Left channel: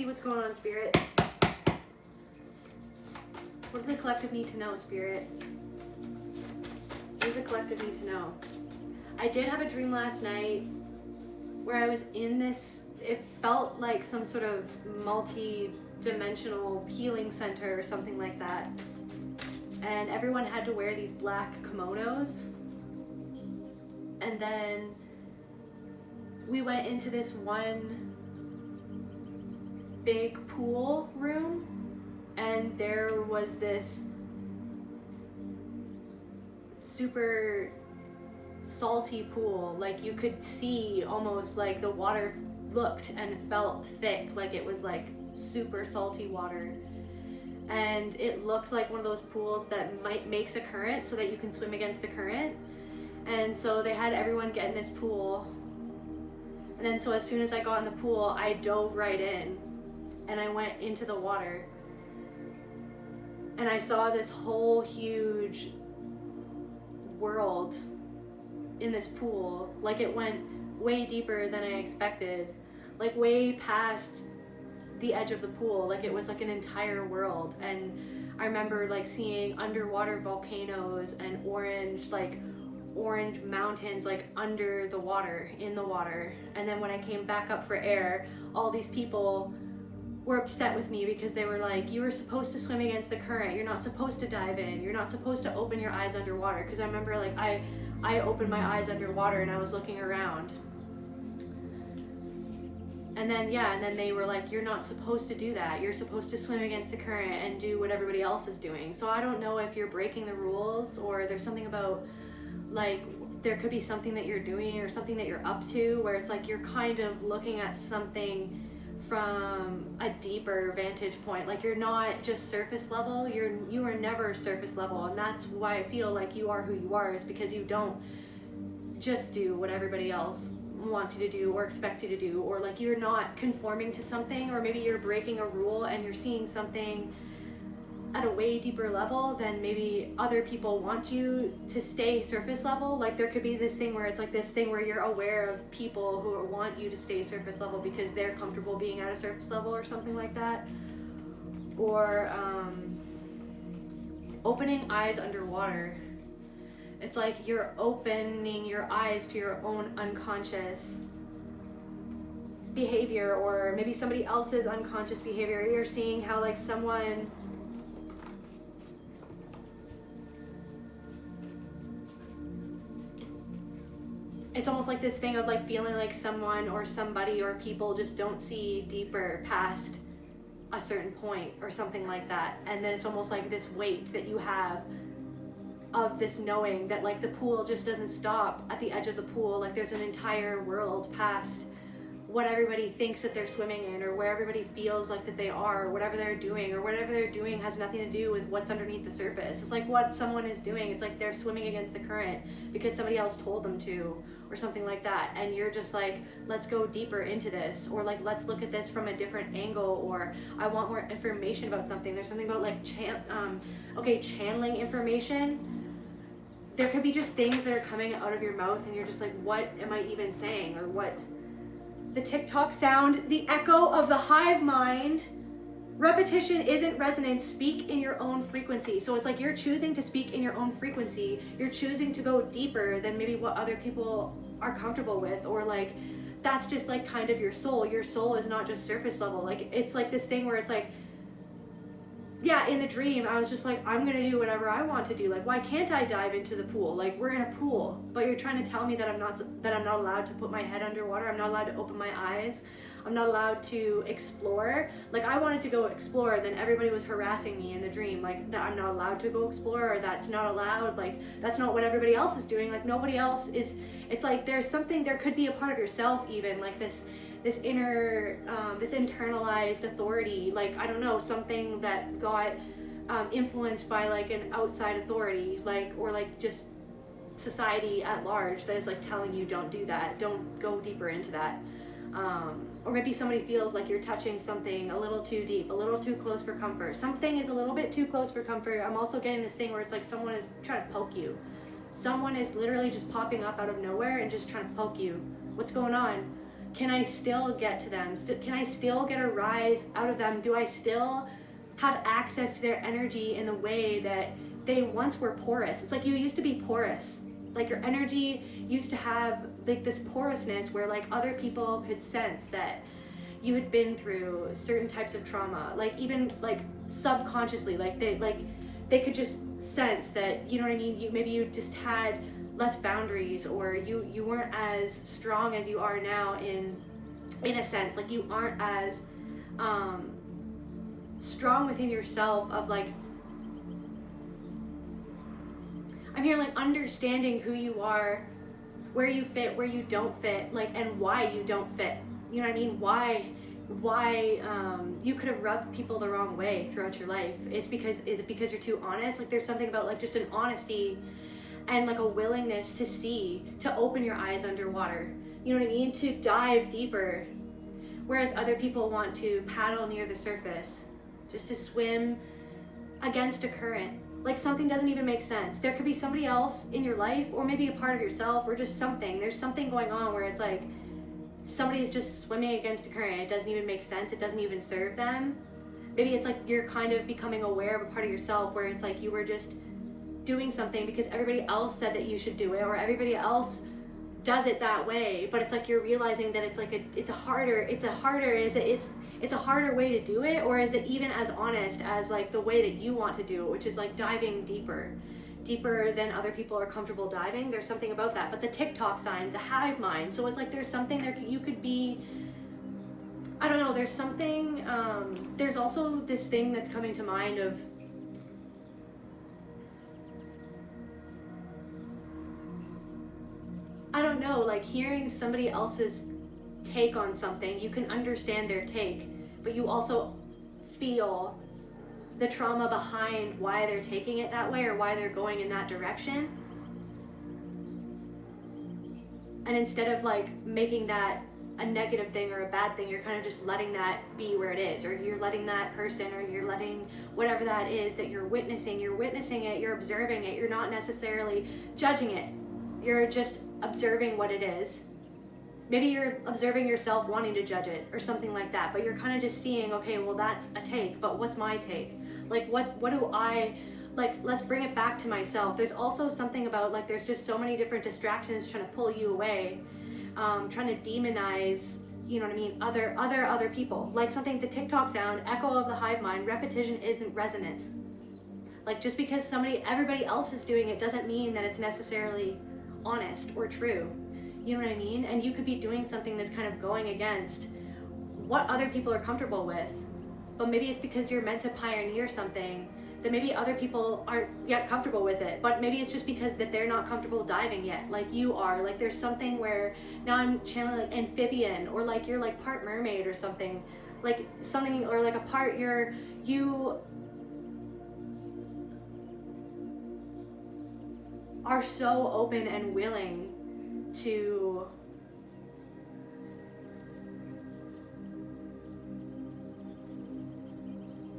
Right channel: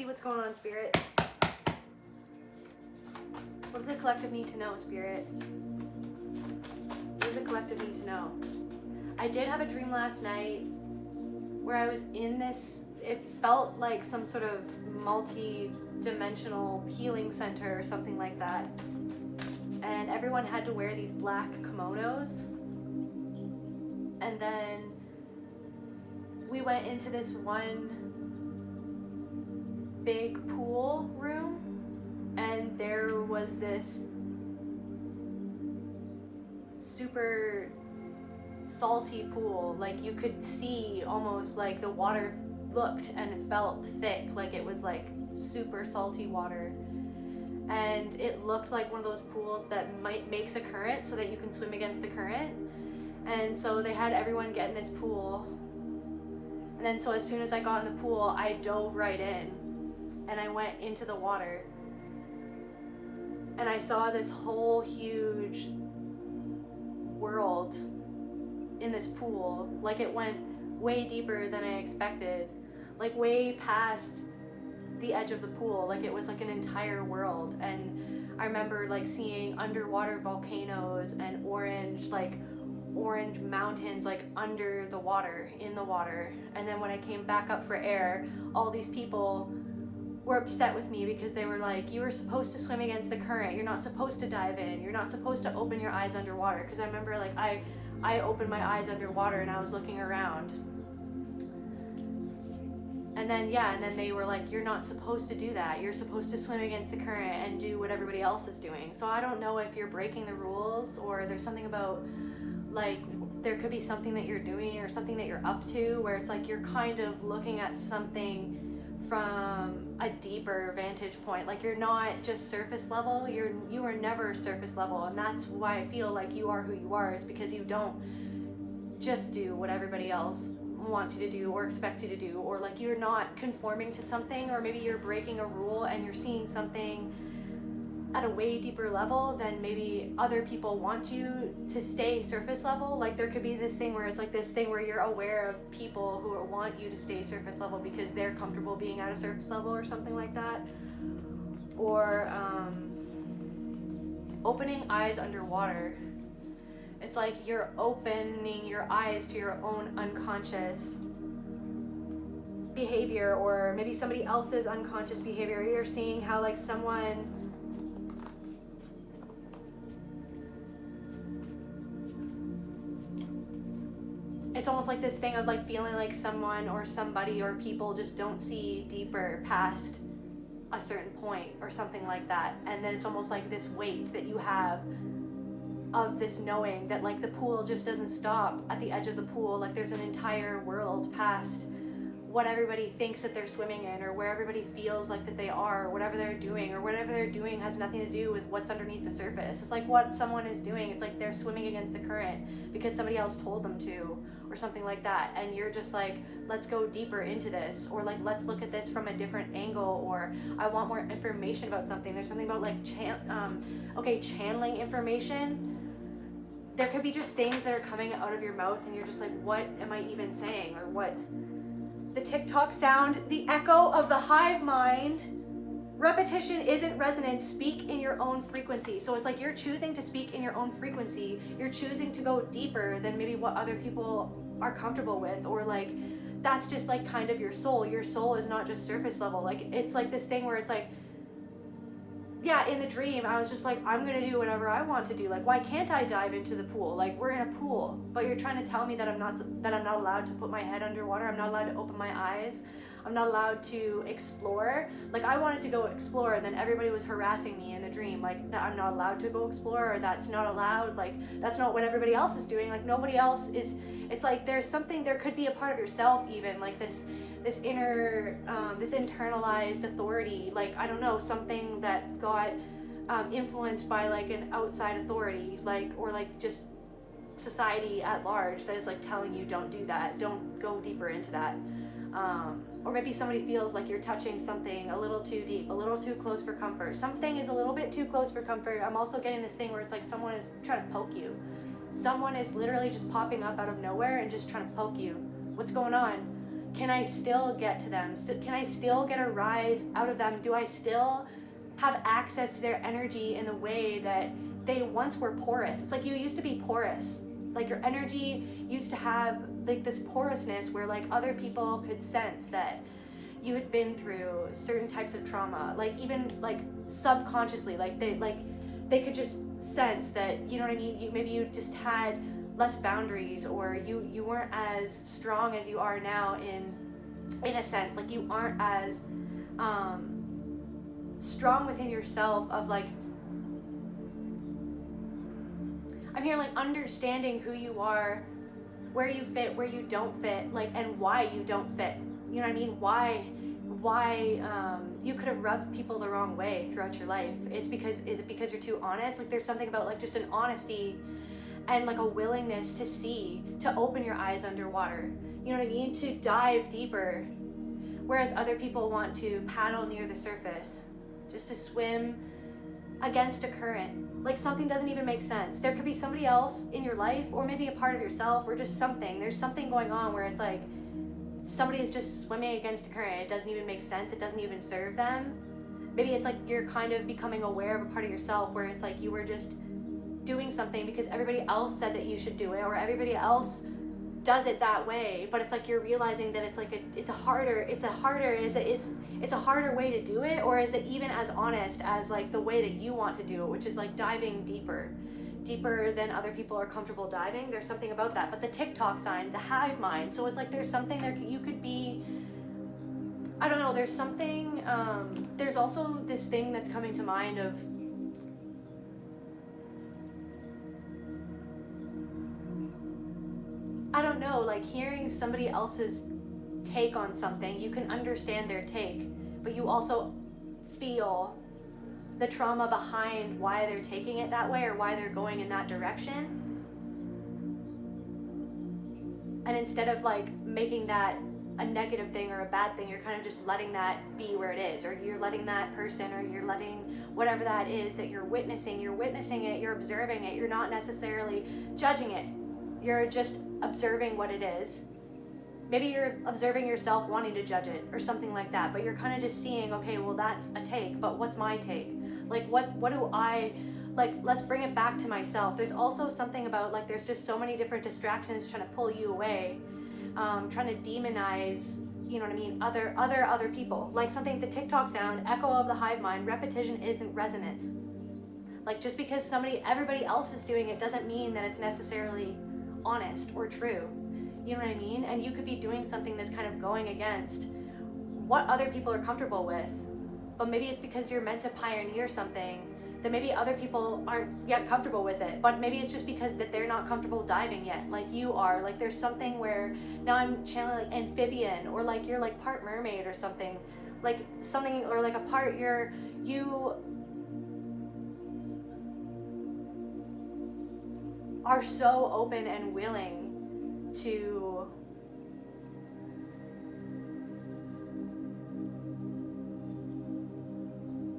see what's going on, Spirit. What does the collective need to know, Spirit? What does the collective need to know? I did have a dream last night where I was in this, it felt like some sort of multi-dimensional healing center or something like that. And everyone had to wear these black kimonos. And then we went into this one big pool room, and there was this super salty pool. Like you could see almost like the water looked and felt thick, like it was like super salty water. And it looked like one of those pools that makes a current so that you can swim against the current. And so they had everyone get in this pool. And then so as soon as I got in the pool, I dove right in and I went into the water. And I saw this whole huge world in this pool. Like it went way deeper than I expected, like way past the edge of the pool. Like it was like an entire world. And I remember like seeing underwater volcanoes and orange mountains like under the water, in the water. And then when I came back up for air, all these people were upset with me because they were like, you were supposed to swim against the current, you're not supposed to dive in, you're not supposed to open your eyes underwater. Because I remember like I opened my eyes underwater and I was looking around. And then they were like, you're not supposed to do that. You're supposed to swim against the current and do what everybody else is doing. So I don't know if you're breaking the rules, or there's something about like, there could be something that you're doing or something that you're up to where it's like you're kind of looking at something from a deeper vantage point. Like you're not just surface level, you are never surface level. And that's why I feel like you are who you are, is because you don't just do what everybody else wants you to do or expects you to do, or like you're not conforming to something, or maybe you're breaking a rule and you're seeing something at a way deeper level than maybe other people want you to stay surface level. Like there could be this thing where it's like this thing where you're aware of people who want you to stay surface level because they're comfortable being at a surface level or something like that. Or opening eyes underwater. It's like you're opening your eyes to your own unconscious behavior, or maybe somebody else's unconscious behavior. You're seeing how like someone it's almost like this thing of like feeling like someone or somebody or people just don't see deeper past a certain point or something like that. And then it's almost like this weight that you have of this knowing that like the pool just doesn't stop at the edge of the pool. Like there's an entire world past what everybody thinks that they're swimming in, or where everybody feels like that they are, or whatever they're doing, or whatever they're doing has nothing to do with what's underneath the surface. It's like what someone is doing, it's like they're swimming against the current because somebody else told them to, or something like that. And you're just like, let's go deeper into this, or like let's look at this from a different angle, or I want more information about something. There's something about like channeling information. There could be just things that are coming out of your mouth and you're just like, what am I even saying? Or what? The TikTok sound, the echo of the hive mind. Repetition isn't resonance. Speak in your own frequency. So it's like you're choosing to speak in your own frequency. You're choosing to go deeper than maybe what other people are comfortable with, or like that's just like kind of your soul. Your soul is not just surface level. Like it's like this thing where it's like, yeah, in the dream, I was just like, I'm gonna do whatever I want to do. Like, why can't I dive into the pool? Like, we're in a pool, but you're trying to tell me that I'm not allowed to put my head underwater. I'm not allowed to open my eyes. I'm not allowed to explore. Like, I wanted to go explore, and then everybody was harassing me in the dream, like that I'm not allowed to go explore, or that's not allowed. Like, that's not what everybody else is doing. Like, nobody else is. It's like there's something. There could be a part of yourself, even like this inner, this internalized authority, like, I don't know, something that got influenced by like an outside authority, like, or like just society at large that is like telling you don't do that, don't go deeper into that. Or maybe somebody feels like you're touching something a little too deep, a little too close for comfort. Something is a little bit too close for comfort. I'm also getting this thing where it's like someone is trying to poke you. Someone is literally just popping up out of nowhere and just trying to poke you. What's going on? can I still get to them? Can I still get a rise out of them? Do I still have access to their energy in a way that they once were porous? It's like you used to be porous. Like your energy used to have like this porousness where like other people could sense that you had been through certain types of trauma, like even like subconsciously, like they could just sense that, you know what I mean, maybe you just had less boundaries, or you weren't as strong as you are now in a sense, like you aren't as strong within yourself of like, I'm here like understanding who you are, where you fit, where you don't fit, like, and why you don't fit. You know what I mean? Why you could have rubbed people the wrong way throughout your life. Is it because you're too honest? Like there's something about like just an honesty and like a willingness to see, to open your eyes underwater. You know what I mean? To dive deeper. Whereas other people want to paddle near the surface, just to swim against a current. Like something doesn't even make sense. There could be somebody else in your life, or maybe a part of yourself, or just something. There's something going on where it's like somebody is just swimming against a current. It doesn't even make sense. It doesn't even serve them. Maybe it's like you're kind of becoming aware of a part of yourself where it's like you were just doing something because everybody else said that you should do it, or everybody else does it that way. But it's like you're realizing that it's like it's a harder way to do it, or is it even as honest as like the way that you want to do it, which is like diving deeper than other people are comfortable diving. There's something about that. But the TikTok sign, the hive mind, so it's like there's something there. You could be, I don't know, there's something, there's also this thing that's coming to mind of, I don't know, like hearing somebody else's take on something. You can understand their take, but you also feel the trauma behind why they're taking it that way, or why they're going in that direction. And instead of like making that a negative thing or a bad thing, you're kind of just letting that be where it is, or you're letting that person, or you're letting whatever that is that you're witnessing it, you're observing it. You're not necessarily judging it. You're just observing what it is. Maybe you're observing yourself wanting to judge it or something like that, but you're kind of just seeing, okay, well that's a take, but what's my take? Like what do I, like, let's bring it back to myself. There's also something about like there's just so many different distractions trying to pull you away, trying to demonize, you know what I mean, other people. Like something, the TikTok sound, echo of the hive mind, repetition isn't resonance. Like just because everybody else is doing it doesn't mean that it's necessarily honest or true. You know what I mean? And you could be doing something that's kind of going against what other people are comfortable with, but maybe it's because you're meant to pioneer something that maybe other people aren't yet comfortable with it, but maybe it's just because that they're not comfortable diving yet, like you are. Like there's something where now I'm channeling like amphibian, or like you're like part mermaid or something, or like a part you are so open and willing to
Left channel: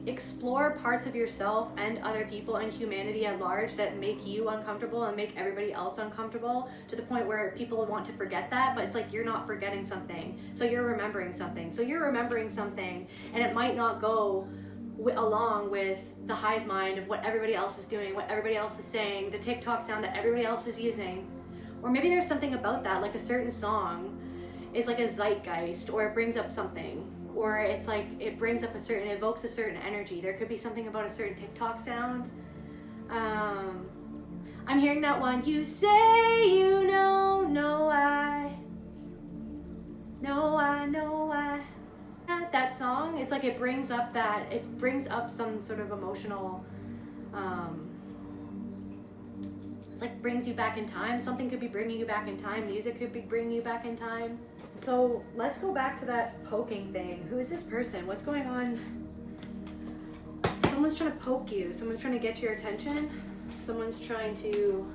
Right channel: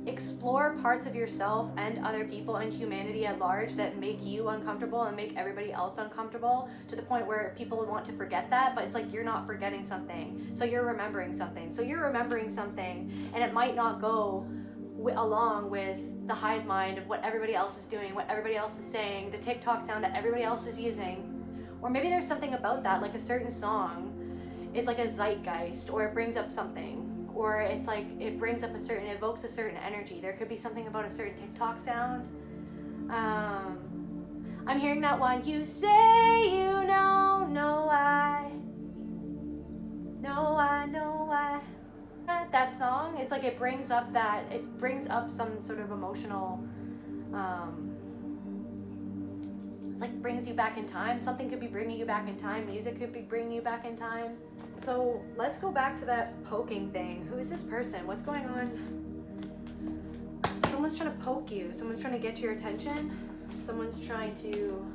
explore parts of yourself and other people and humanity at large that make you uncomfortable and make everybody else uncomfortable, to the point where people want to forget that, but it's like you're not forgetting something, so you're remembering something. So you're remembering something, and it might not go along with the hive mind of what everybody else is doing, what everybody else is saying, the TikTok sound that everybody else is using. Or maybe there's something about that, like a certain song is like a zeitgeist, or it brings up something, or it's like it evokes a certain energy. There could be something about a certain TikTok sound. I'm hearing that one, you say you know I. That song, it's like it brings up some sort of emotional, it's like brings you back in time. Something could be bringing you back in time. Music could be bringing you back in time. So let's go back to that poking thing. Who is this person? What's going on? Someone's trying to poke you. Someone's trying to get your attention. Someone's trying to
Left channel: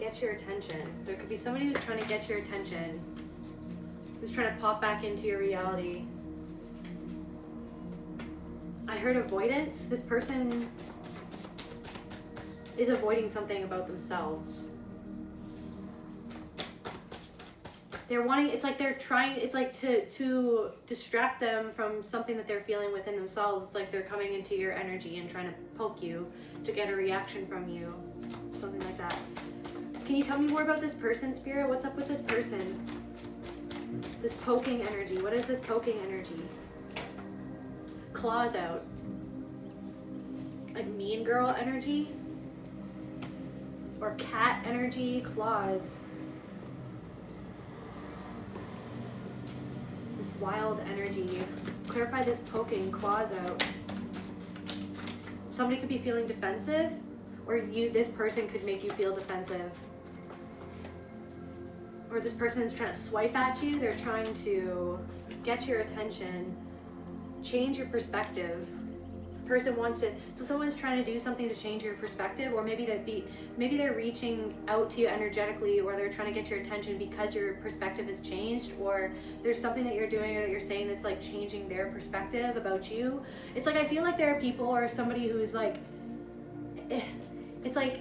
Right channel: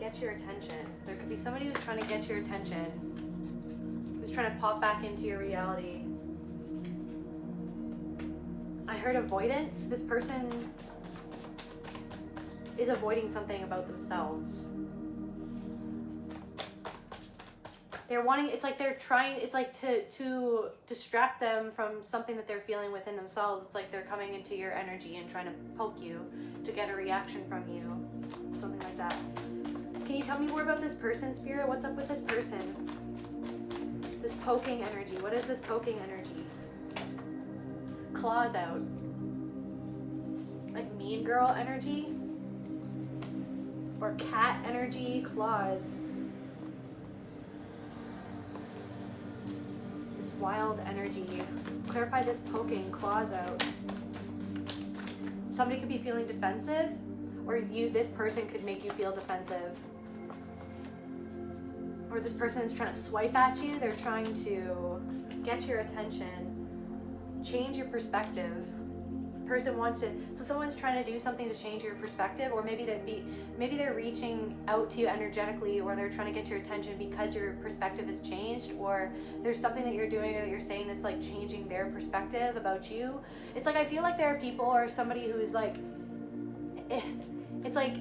get your attention. There could be somebody who's trying to get your attention, who's trying to pop back into your reality. I heard avoidance. This person is avoiding something about themselves. They're wanting, it's like they're trying, it's like to distract them from something that they're feeling within themselves. It's like they're coming into your energy and trying to poke you to get a reaction from you, something like that. Can you tell me more about this person, Spirit? What's up with this person? This poking energy. What is this poking energy? Claws out. Like mean girl energy? Or cat energy, claws. This wild energy. Clarify this poking, claws out. Somebody could be feeling defensive, or this person could make you feel defensive. Or this person is trying to swipe at you. They're trying to get your attention, change your perspective. This person wants to, so someone's trying to do something to change your perspective, or maybe they're reaching out to you energetically, or they're trying to get your attention because your perspective has changed, or there's something that you're doing or that you're saying that's like changing their perspective about you. It's like, I feel like there are people or somebody who's like, it's like,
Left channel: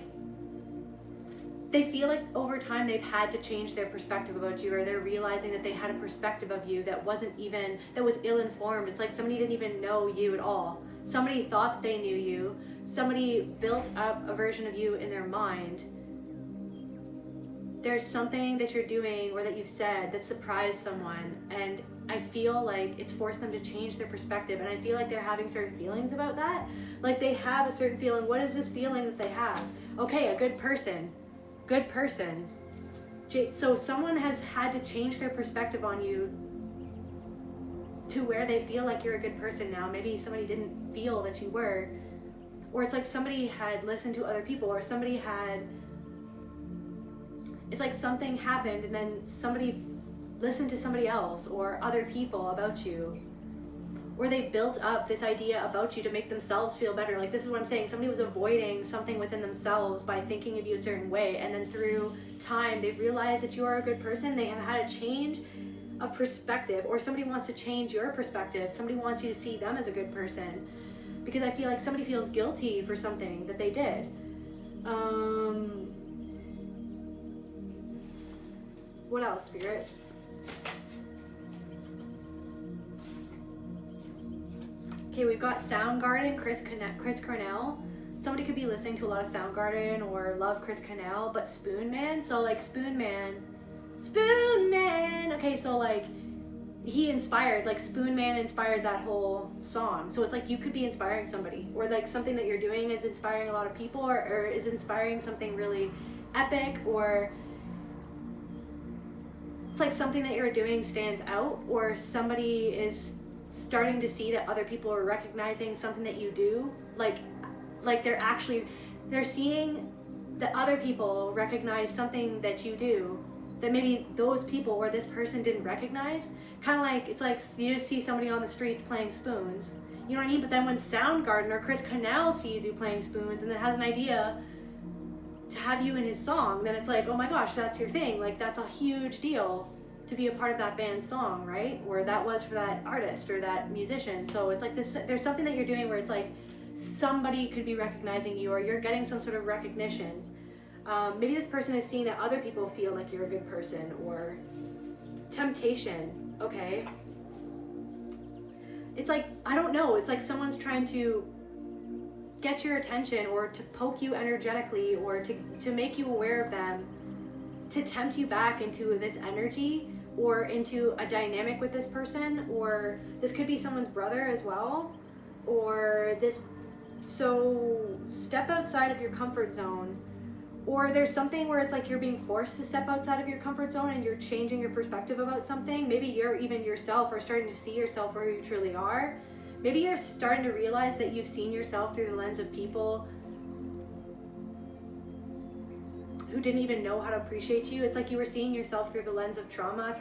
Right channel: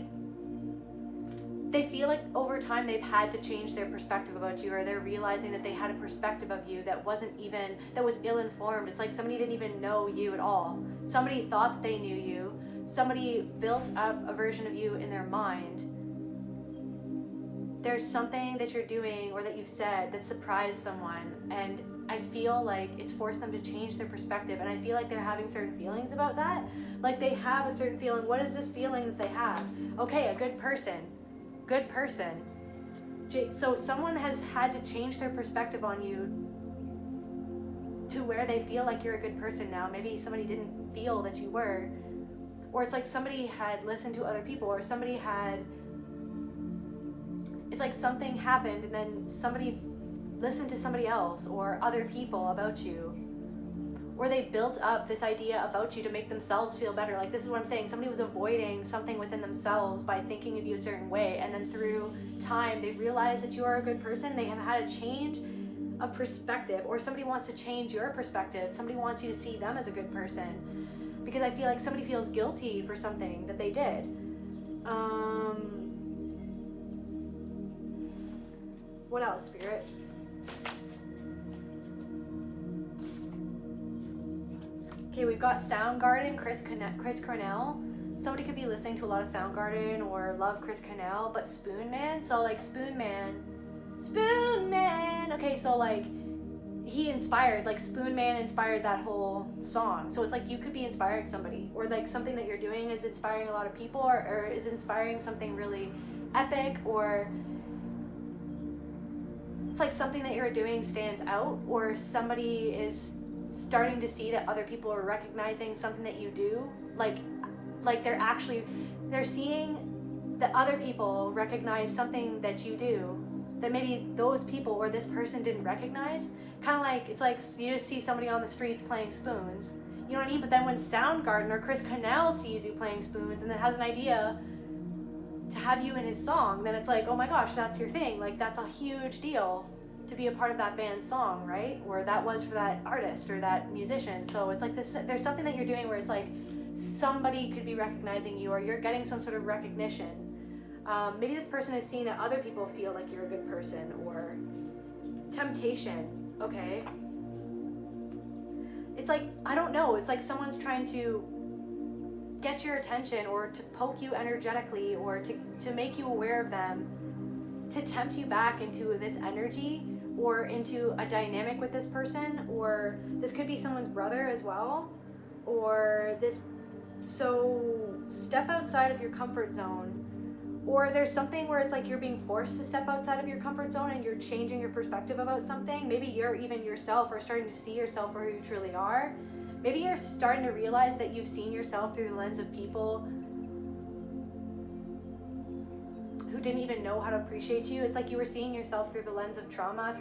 they feel like over time they've had to change their perspective about you, or they're realizing that they had a perspective of you that was ill-informed. It's like somebody didn't even know you at all. Somebody thought they knew you. Somebody built up a version of you in their mind. There's something that you're doing or that you've said that surprised someone, and I feel like it's forced them to change their perspective, and I feel like they're having certain feelings about that. Like they have a certain feeling. What is this feeling that they have? Okay, a good person. Good person. So someone has had to change their perspective on you to where they feel like you're a good person now. Maybe somebody didn't feel that you were. Or it's like somebody had listened to other people, or somebody had, it's like something happened and then somebody listened to somebody else or other people about you. Or they built up this idea about you to make themselves feel better. Like, this is what I'm saying. Somebody was avoiding something within themselves by thinking of you a certain way. And then through time, they realize that you are a good person. They have had a change of perspective. Or somebody wants to change your perspective. Somebody wants you to see them as a good person. Because I feel like somebody feels guilty for something that they did. What else, Spirit? Okay, we've got Soundgarden, Chris Cornell. Somebody could be listening to a lot of Soundgarden or love Chris Cornell, but Spoon Man. So like Spoon Man. Okay, so like he inspired, like Spoon Man inspired that whole song. So it's like you could be inspiring somebody, or like something that you're doing is inspiring a lot of people, or is inspiring something really epic, or it's like something that you're doing stands out, or somebody is starting to see that other people are recognizing something that you do, like they're seeing that other people recognize something that you do that maybe those people or this person didn't recognize. Kind of like, it's like you just see somebody on the streets playing spoons, you know what I mean? But then when Soundgarden or Chris Cornell sees you playing spoons and then has an idea to have you in his song, then it's like, oh my gosh, that's your thing. Like, that's a huge deal to be a part of that band's song, right? Or that was for that artist or that musician. So it's like this, there's something that you're doing where it's like somebody could be recognizing you, or you're getting some sort of recognition. Maybe this person is seeing that other people feel like you're a good person, or temptation. Okay. It's like, I don't know, it's like someone's trying to get your attention, or to poke you energetically, or to make you aware of them, to tempt you back into this energy, or into a dynamic with this person. Or this could be someone's brother as well, or this. So step outside of your comfort zone. Or there's something where it's like you're being forced to step outside of your comfort zone, and you're changing your perspective about something. Maybe you're even yourself, or starting to see yourself for who you truly are. Maybe you're starting to realize that you've seen yourself through the lens of people who didn't even know how to appreciate you. It's like you were seeing yourself through the lens of trauma,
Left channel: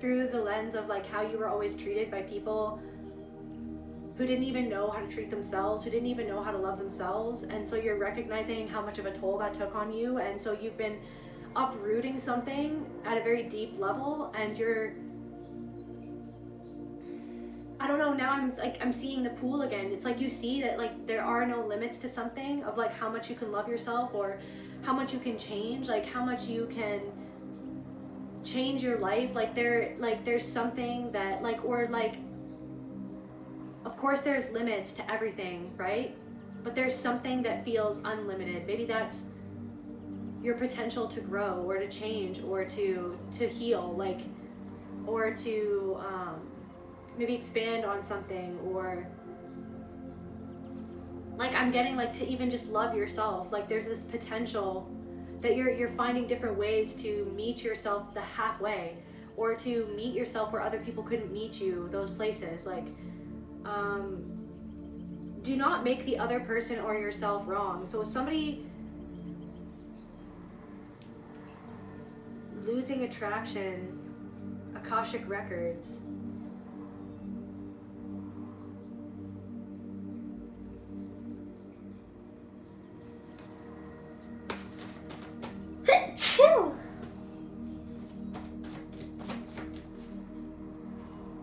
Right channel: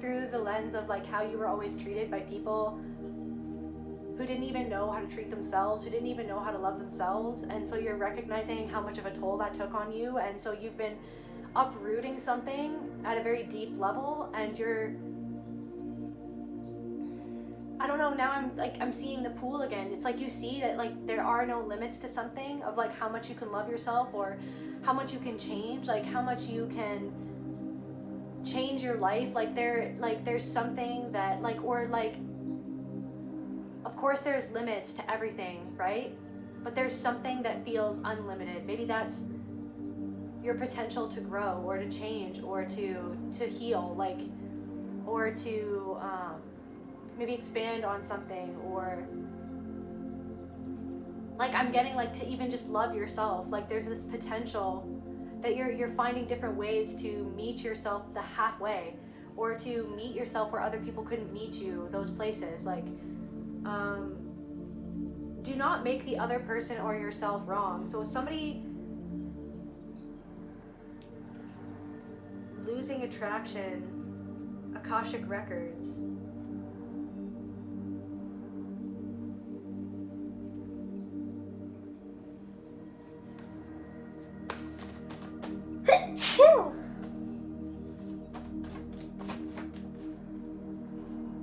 through the lens of like how you were always treated by people who didn't even know how to treat themselves, who didn't even know how to love themselves. And so you're recognizing how much of a toll that took on you. And so you've been uprooting something at a very deep level, and you're, I don't know, now I'm seeing the pool again. It's like you see that like there are no limits to something, of like how much you can love yourself, or how much you can change, like how much you can change your life, like there's something that or of course there's limits to everything, right? But there's something that feels unlimited. Maybe that's your potential to grow or to change or to heal, or to maybe expand on something, or I'm getting to even just love yourself. There's this potential that you're finding different ways to meet yourself the halfway, or to meet yourself where other people couldn't meet you, those places. Do not make the other person or yourself wrong. So somebody losing attraction, Akashic records.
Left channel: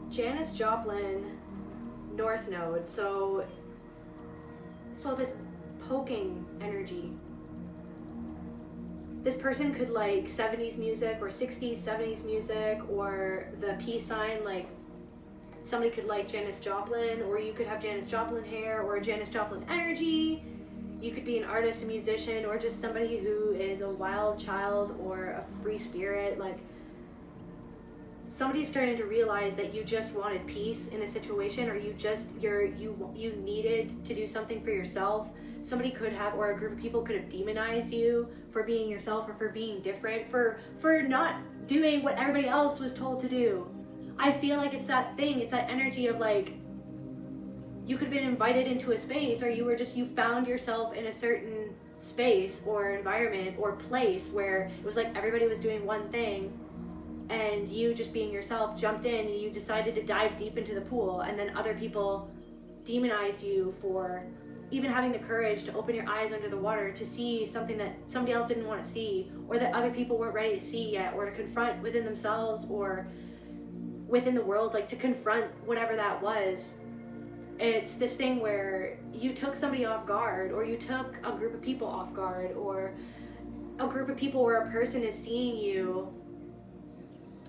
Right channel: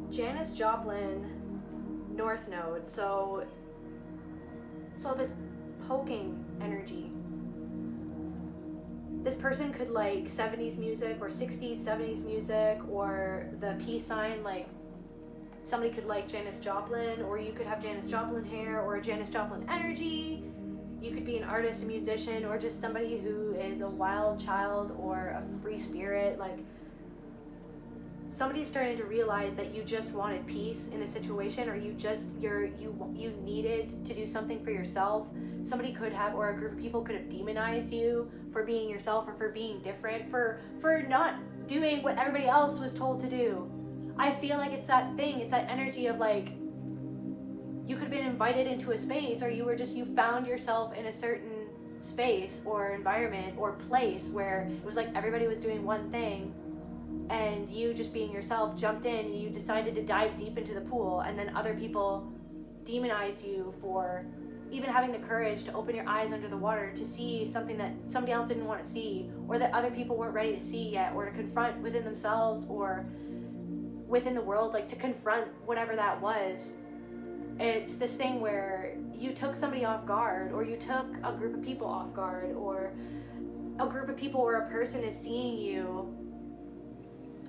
Janis Joplin, North Node. So this poking energy. This person could 70s music or 60s, 70s music, or the peace sign. Somebody could like Janis Joplin, or you could have Janis Joplin hair or Janis Joplin energy. You could be an artist, a musician, or just somebody who is a wild child or a free spirit. Somebody's starting to realize that you just wanted peace in a situation, or you needed to do something for yourself. Somebody could have, or a group of people could have demonized you for being yourself, or for being different, for not doing what everybody else was told to do. I feel like it's that thing, it's that energy of you could have been invited into a space, or you found yourself in a certain space or environment or place where it was everybody was doing one thing, and you, just being yourself, jumped in and you decided to dive deep into the pool, and then other people demonized you for even having the courage to open your eyes under the water to see something that somebody else didn't want to see, or that other people weren't ready to see yet, or to confront within themselves or within the world, to confront whatever that was. It's this thing where you took somebody off guard, or you took a group of people off guard, or a group of people where a person is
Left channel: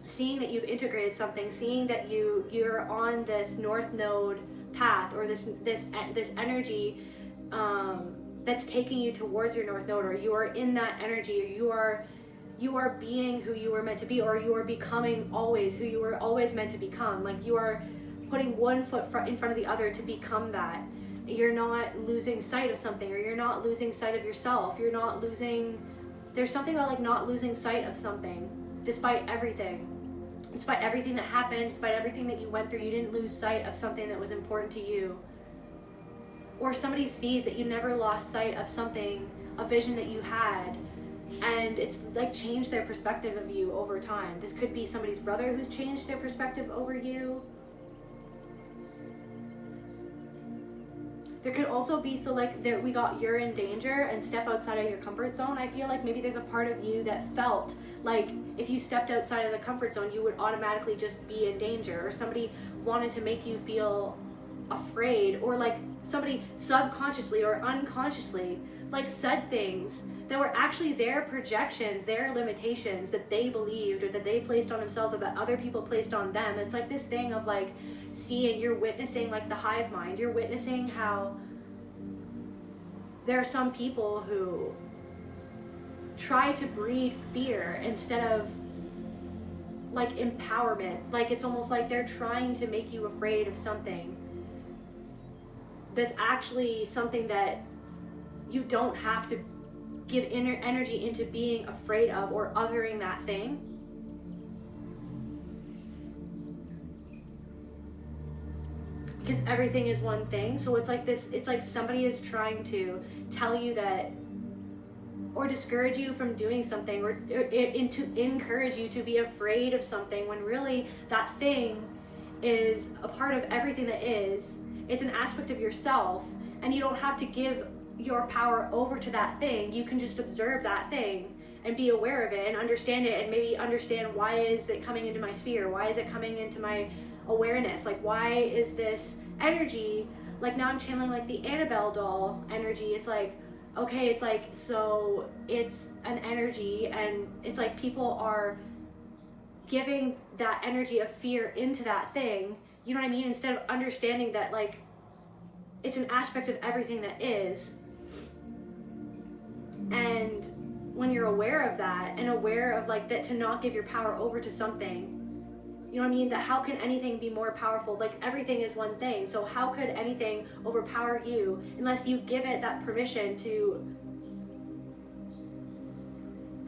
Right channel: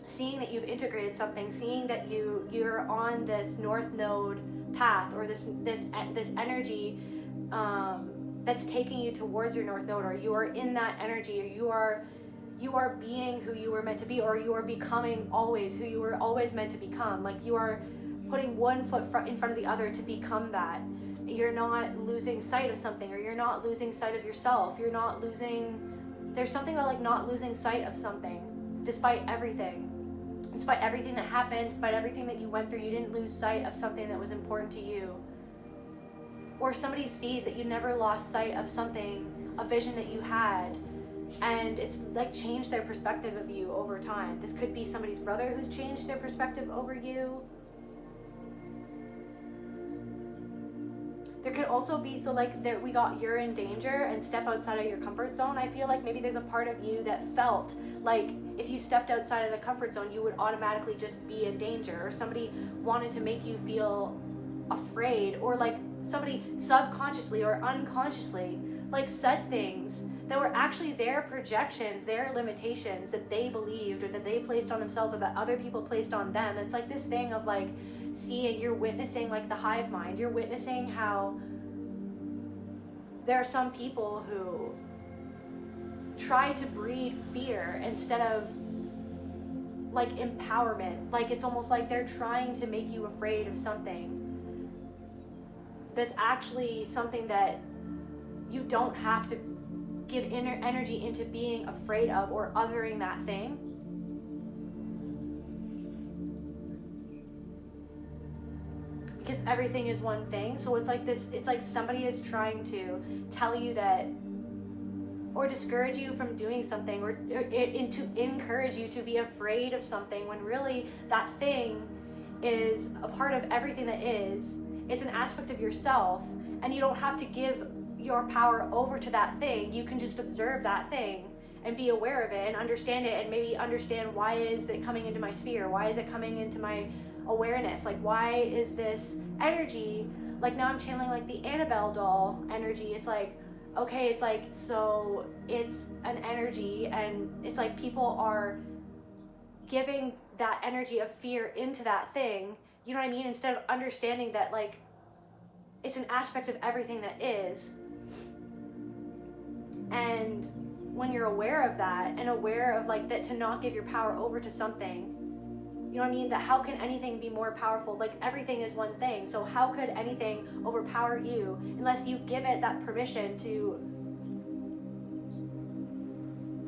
seeing that you've integrated something, seeing that you're on this North Node path, or this energy that's taking you towards your North Node, or you are in that energy, or you are being who you were meant to be, or you are becoming always who you were always meant to become. You are putting one foot in front of the other to become that. You're not losing sight of something, or you're not losing sight of yourself. There's something about not losing sight of something, despite everything. Despite everything that happened, despite everything that you went through, you didn't lose sight of something that was important to you. Or somebody sees that you never lost sight of something, a vision that you had, and it's changed their perspective of you over time. This could be somebody's brother who's changed their perspective over you. There could also be, we got you're in danger and step outside of your comfort zone. I feel maybe there's a part of you that felt if you stepped outside of the comfort zone, you would automatically just be in danger, or somebody wanted to make you feel afraid, or somebody subconsciously or unconsciously said things that were actually their projections, their limitations that they believed, or that they placed on themselves, or that other people placed on them. It's this thing of seeing, you're witnessing the hive mind. You're witnessing how there are some people who try to breed fear instead of empowerment. It's almost they're trying to make you afraid of something that's actually something that you don't have to give energy into being afraid of or othering that thing. Because everything is one thing. So it's somebody is trying to tell you that, or discourage you from doing something, or to encourage you to be afraid of something, when really that thing is a part of everything that is. It's an aspect of yourself, and you don't have to give your power over to that thing. You can just observe that thing and be aware of it and understand it, and maybe understand, why is it coming into my sphere? Why is it coming into my awareness? Why is this energy, now I'm channeling the Annabelle doll energy. It's okay, it's so it's an energy, and it's people are giving that energy of fear into that thing, you know what I mean? Instead of understanding that like it's an aspect of everything that is. And when you're aware of that and aware of like that, to not give your power over to something, you know what I mean? That how can anything be more powerful? Like everything is one thing. So how could anything overpower you unless you give it that permission to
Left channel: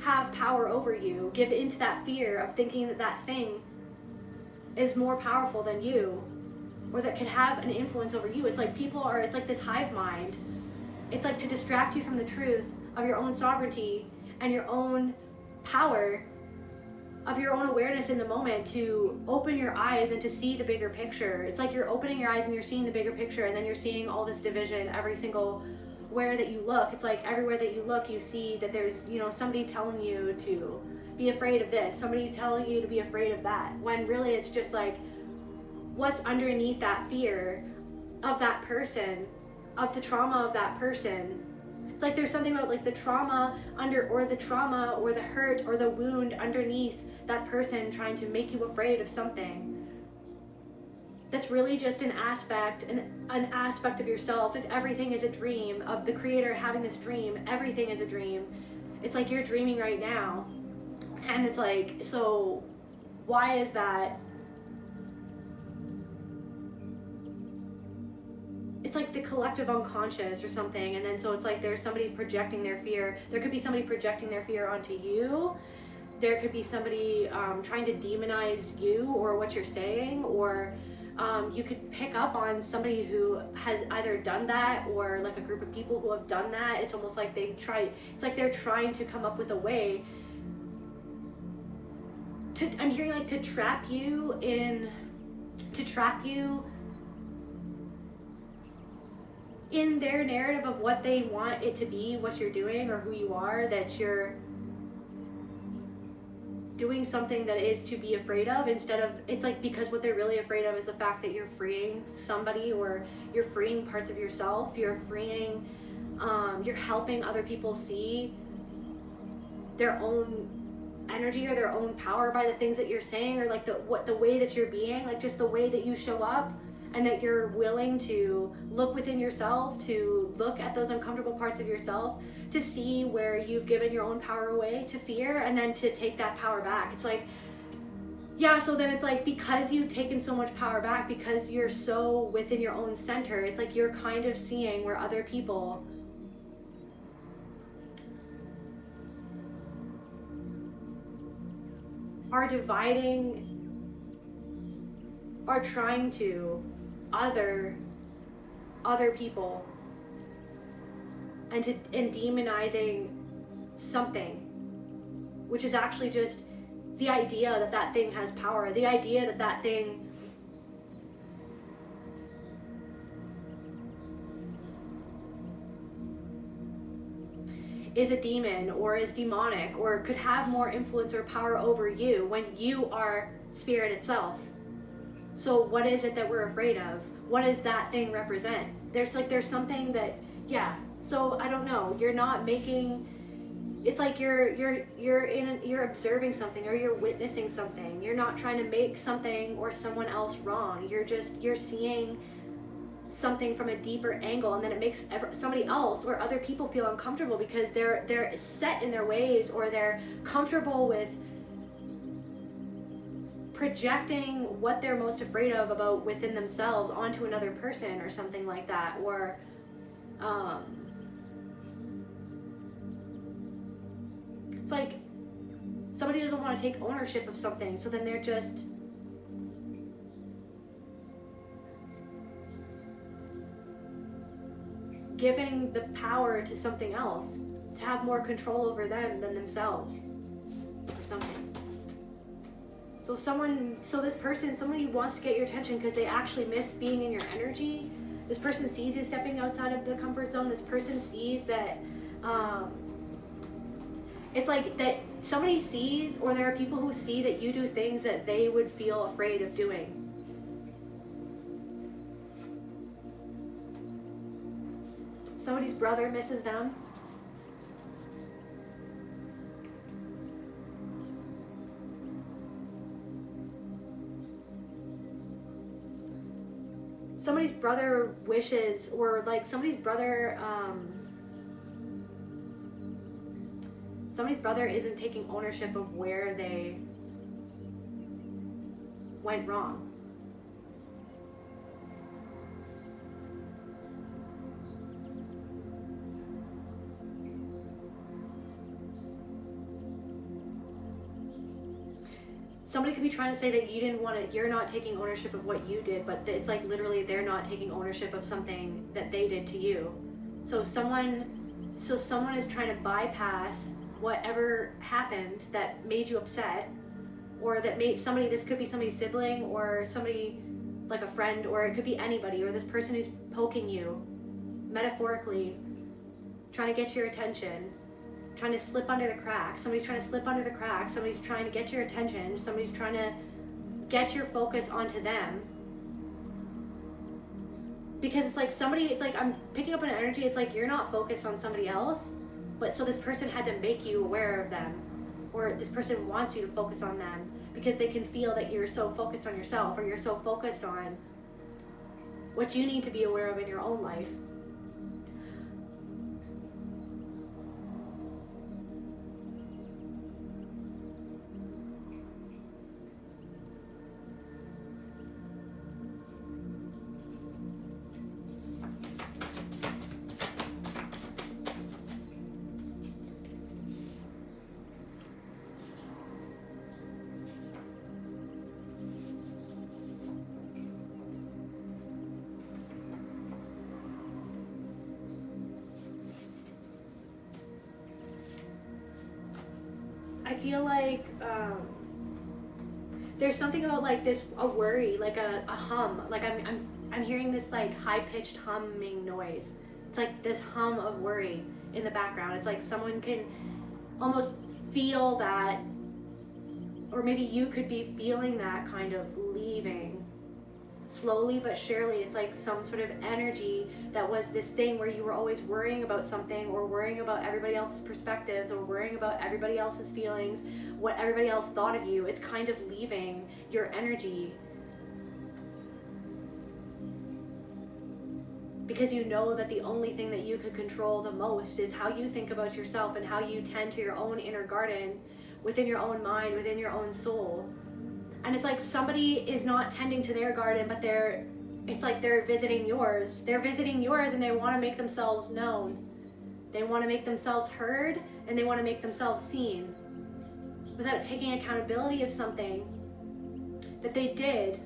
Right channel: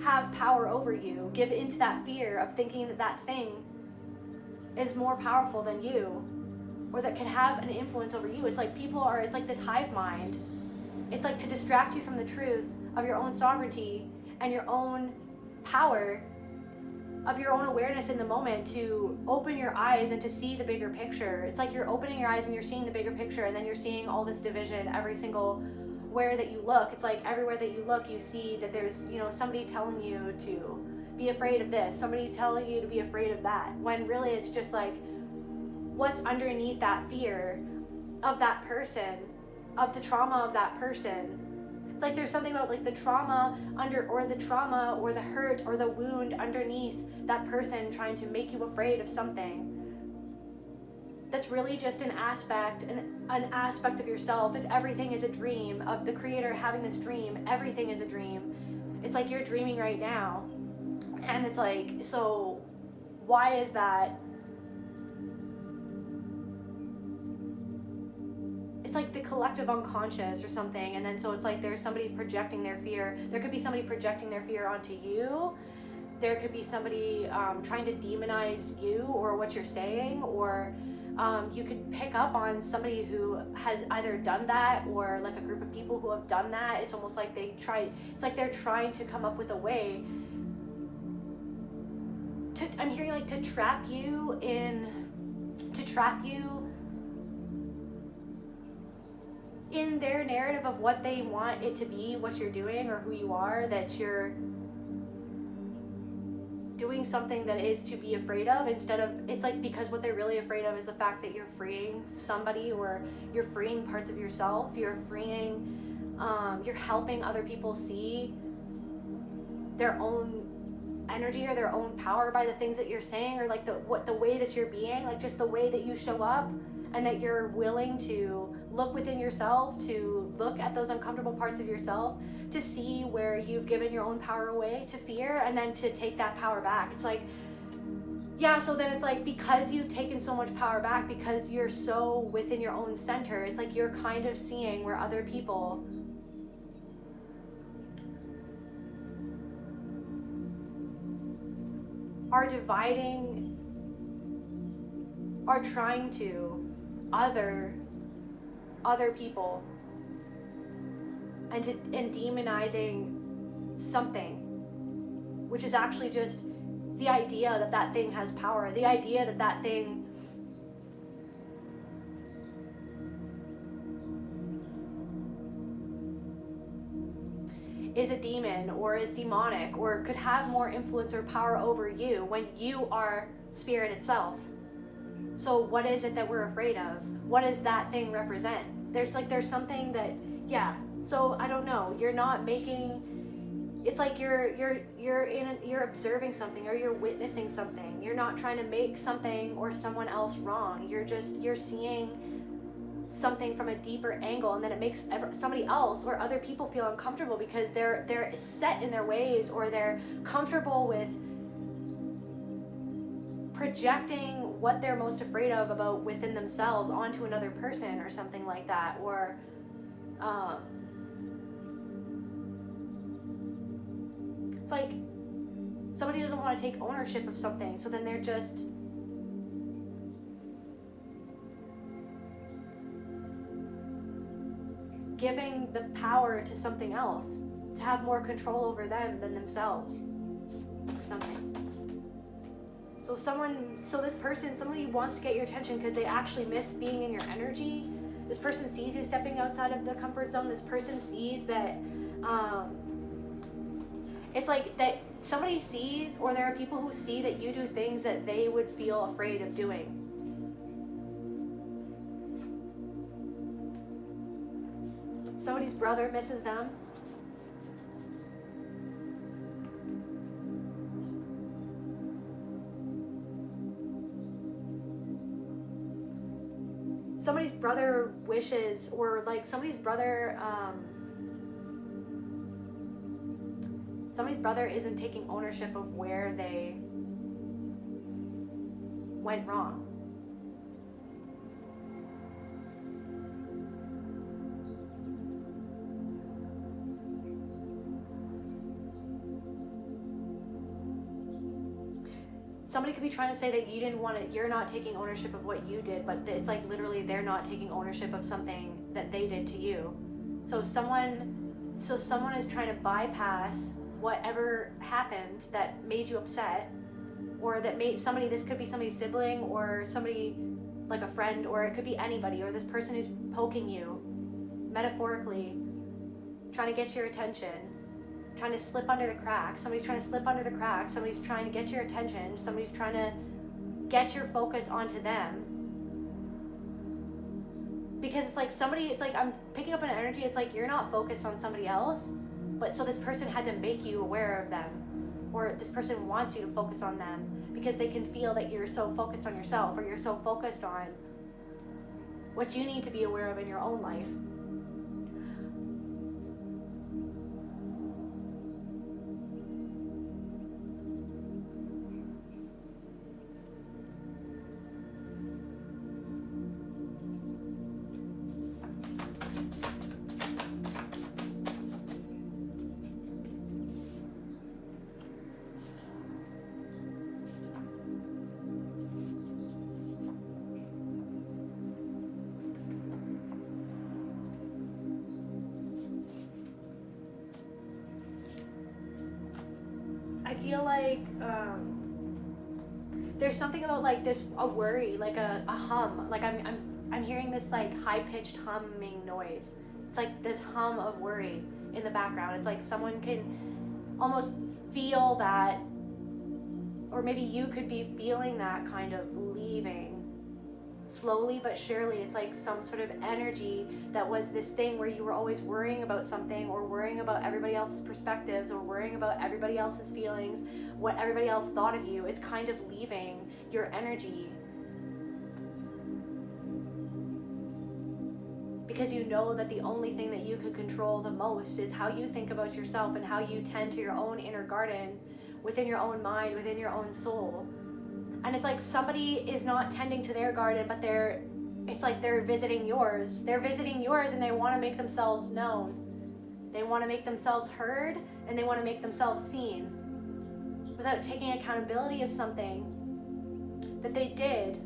have power over you? Give into that fear of thinking that that thing is more powerful than you, or that could have an influence over you. It's like it's like this hive mind. It's like to distract you from the truth of your own sovereignty and your own power, of your own awareness in the moment, to open your eyes and to see the bigger picture. It's like you're opening your eyes and you're seeing the bigger picture, and then you're seeing all this division every single where that you look. It's like everywhere that you look, you see that there's, you know, somebody telling you to be afraid of this, somebody telling you to be afraid of that, when really it's just like what's underneath that fear of that person, of the trauma of that person. It's like there's something about like the trauma or the hurt or the wound underneath that person trying to make you afraid of something. That's really just an aspect of yourself. If everything is a dream of the creator having this dream, everything is a dream. It's like you're dreaming right now. And it's like, so why is that? It's like the collective unconscious or something. And then so it's like there's somebody projecting their fear. There could be somebody projecting their fear onto you. There could be somebody trying to demonize you or what you're saying, or you could pick up on somebody who has either done that, or like a group of people who have done that. It's almost like it's like they're trying to come up with a way to, I'm hearing like to trap you in their narrative of what they want it to be, what you're doing or who you are, that you're doing something that is to be afraid of, instead of, it's like, because what they're really afraid of is the fact that you're freeing somebody, or you're freeing parts of yourself, you're helping other people see their own energy or their own power by the things that you're saying, or like the way that you're being, like just the way that you show up, and that you're willing to look within yourself, to look at those uncomfortable parts of yourself, to see where you've given your own power away to fear, and then to take that power back. It's like, yeah, so then it's like, because you've taken so much power back, because you're so within your own center, it's like you're kind of seeing where other people are dividing, are trying to other people, and demonizing something, which is actually just the idea that that thing has power, the idea that that thing is a demon or is demonic or could have more influence or power over you when you are spirit itself. So what is it that we're afraid of? What does that thing represent? There's something that, yeah. So I don't know. You're not making. It's like you're observing something, or you're witnessing something. You're not trying to make something or someone else wrong. You're seeing something from a deeper angle, and then it makes somebody else or other people feel uncomfortable because they're set in their ways, or they're comfortable with projecting what they're most afraid of about within themselves onto another person or something like that, or it's like somebody doesn't want to take ownership of something, so then they're just giving the power to something else to have more control over them than themselves or something. So somebody wants to get your attention because they actually miss being in your energy. This person sees you stepping outside of the comfort zone. This person sees that it's like that somebody sees, or there are people who see that you do things that they would feel afraid of doing. Somebody's brother misses them. brother wishes, or like somebody's brother isn't taking ownership of where they went wrong. Somebody could be trying to say that you're not taking ownership of what you did, but it's like literally they're not taking ownership of something that they did to you. So someone is trying to bypass whatever happened that made you upset, or that made somebody, this could be somebody's sibling, or somebody like a friend, or it could be anybody, or this person who's poking you, metaphorically, trying to get your attention, trying to slip under the cracks. Somebody's trying to slip under the cracks. Somebody's trying to get your attention. Somebody's trying to get your focus onto them. Because it's like I'm picking up an energy, it's like you're not focused on somebody else, but so this person had to make you aware of them, or this person wants you to focus on them because they can feel that you're so focused on yourself, or you're so focused on what you need to be aware of in your own life. I feel like there's something about like this, a worry, like a hum, like I'm hearing this like high-pitched humming noise. It's like this hum of worry in the background. It's like someone can almost feel that, or maybe you could be feeling that kind of leaving slowly but surely. It's like some sort of energy that was this thing where you were always worrying about something, or worrying about everybody else's perspectives, or worrying about everybody else's feelings, what everybody else thought of you. It's kind of leaving your energy because you know that the only thing that you could control the most is how you think about yourself and how you tend to your own inner garden within your own mind, within your own soul. And it's like somebody is not tending to their garden, but it's like they're visiting yours. They're visiting yours, and they want to make themselves known. They want to make themselves heard, and they want to make themselves seen without taking accountability of something that they did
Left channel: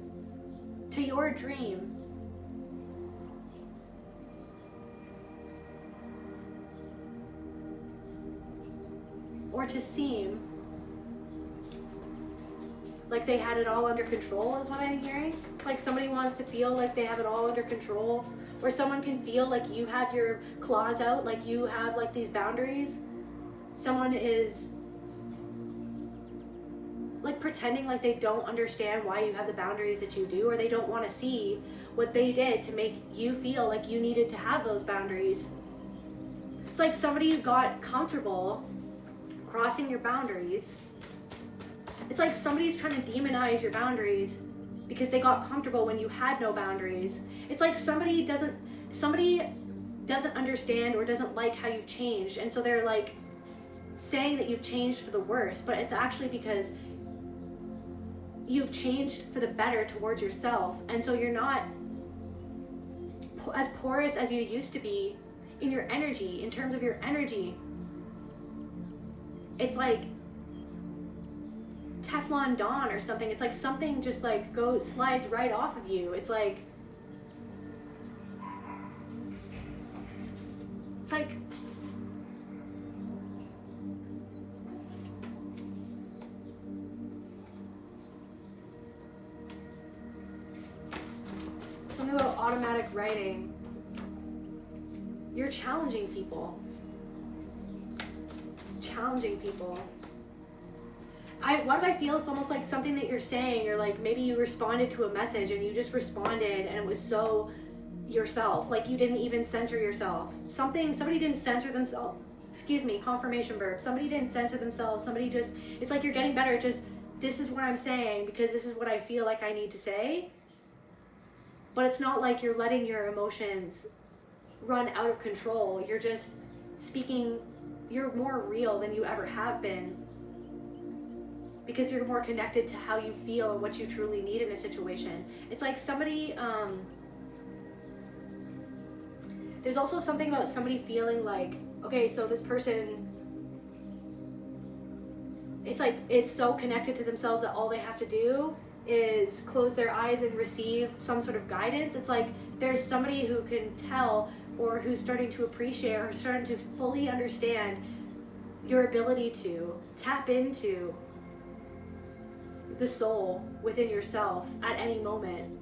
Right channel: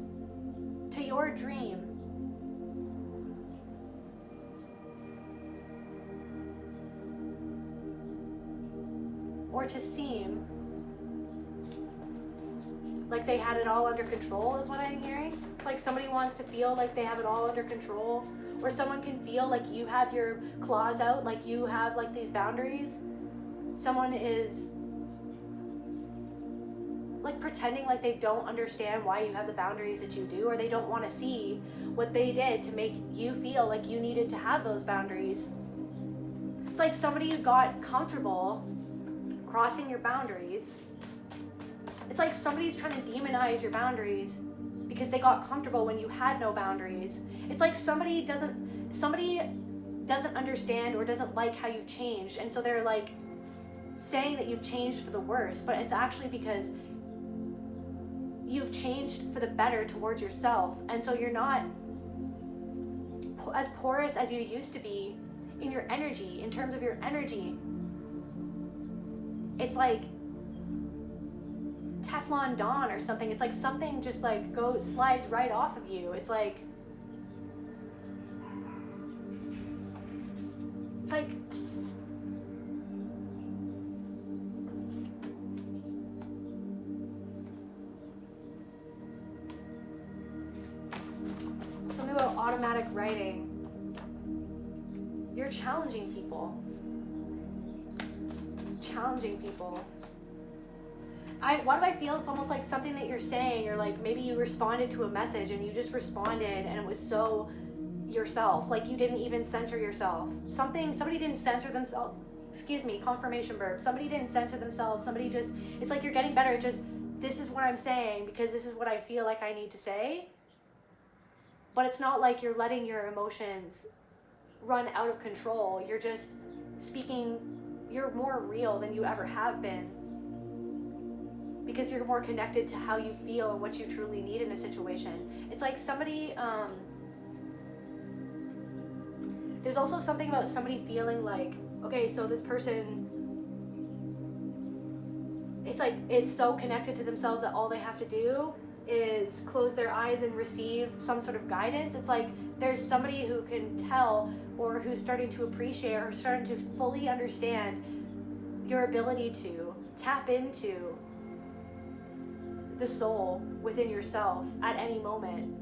to your dream. Or to seem like they had it all under control, is what I'm hearing. It's like somebody wants to feel like they have it all under control, or someone can feel like you have your claws out, like you have like these boundaries. Someone is like pretending like they don't understand why you have the boundaries that you do, or they don't want to see what they did to make you feel like you needed to have those boundaries. It's like somebody got comfortable crossing your boundaries. It's like somebody's trying to demonize your boundaries because they got comfortable when you had no boundaries. It's like somebody doesn't understand or doesn't like how you've changed, and so they're like saying that you've changed for the worse, but it's actually because you've changed for the better towards yourself, and so you're not as porous as you used to be in your energy, in terms of your energy. It's like Teflon Don or something. It's like something just like slides right off of you. It's like something about automatic writing. You're challenging people. Why do I feel it's almost like something that you're saying, or like maybe you responded to a message and you just responded and it was so yourself, like you didn't even censor yourself. Somebody didn't censor themselves. Excuse me, confirmation verb. Somebody didn't censor themselves. Somebody just, it's like you're getting better. Just, this is what I'm saying because this is what I feel like I need to say. but it's not like you're letting your emotions run out of control. You're just speaking, you're more real than you ever have been, because you're more connected to how you feel and what you truly need in a situation. It's like somebody, there's also something about somebody feeling like, okay, so this person, it's like, is so connected to themselves that all they have to do is close their eyes and receive some sort of guidance. It's like there's somebody who can tell, or who's starting to appreciate, or starting to fully understand your ability to tap into the soul within yourself at any moment,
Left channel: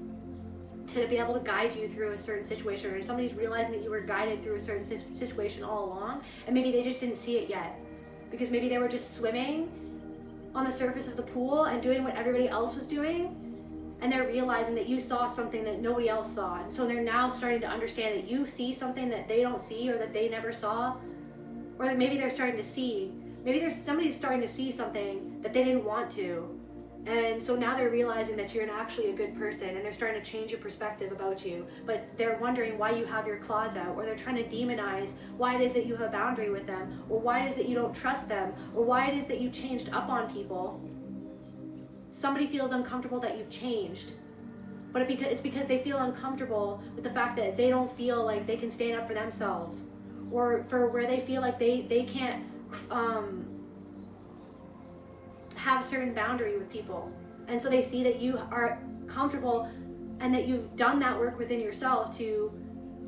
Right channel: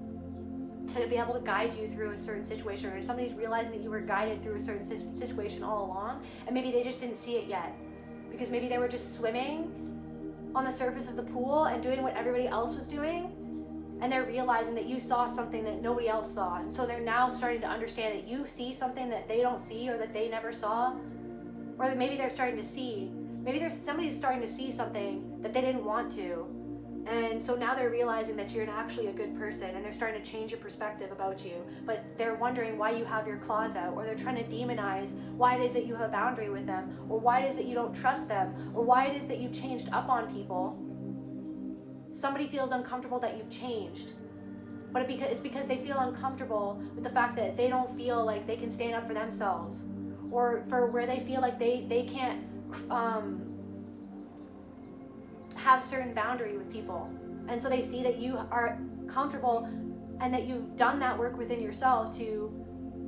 to be able to guide you through a certain situation, or somebody's realizing that you were guided through a certain situation all along, and maybe they just didn't see it yet, because maybe they were just swimming on the surface of the pool and doing what everybody else was doing, and they're realizing that you saw something that nobody else saw, and so they're now starting to understand that you see something that they don't see, or that they never saw, or that maybe they're starting to see, maybe there's somebody's starting to see something that they didn't want to. And so now they're realizing that you're actually a good person, and they're starting to change your perspective about you, but they're wondering why you have your claws out, or they're trying to demonize why it is that you have a boundary with them, or why it is that you don't trust them, or why it is that you changed up on people. Somebody feels uncomfortable that you've changed, but it's because they feel uncomfortable with the fact that they don't feel like they can stand up for themselves, or for where they feel like they can't have a certain boundary with people. And so they see that you are comfortable, and that you've done that work within yourself to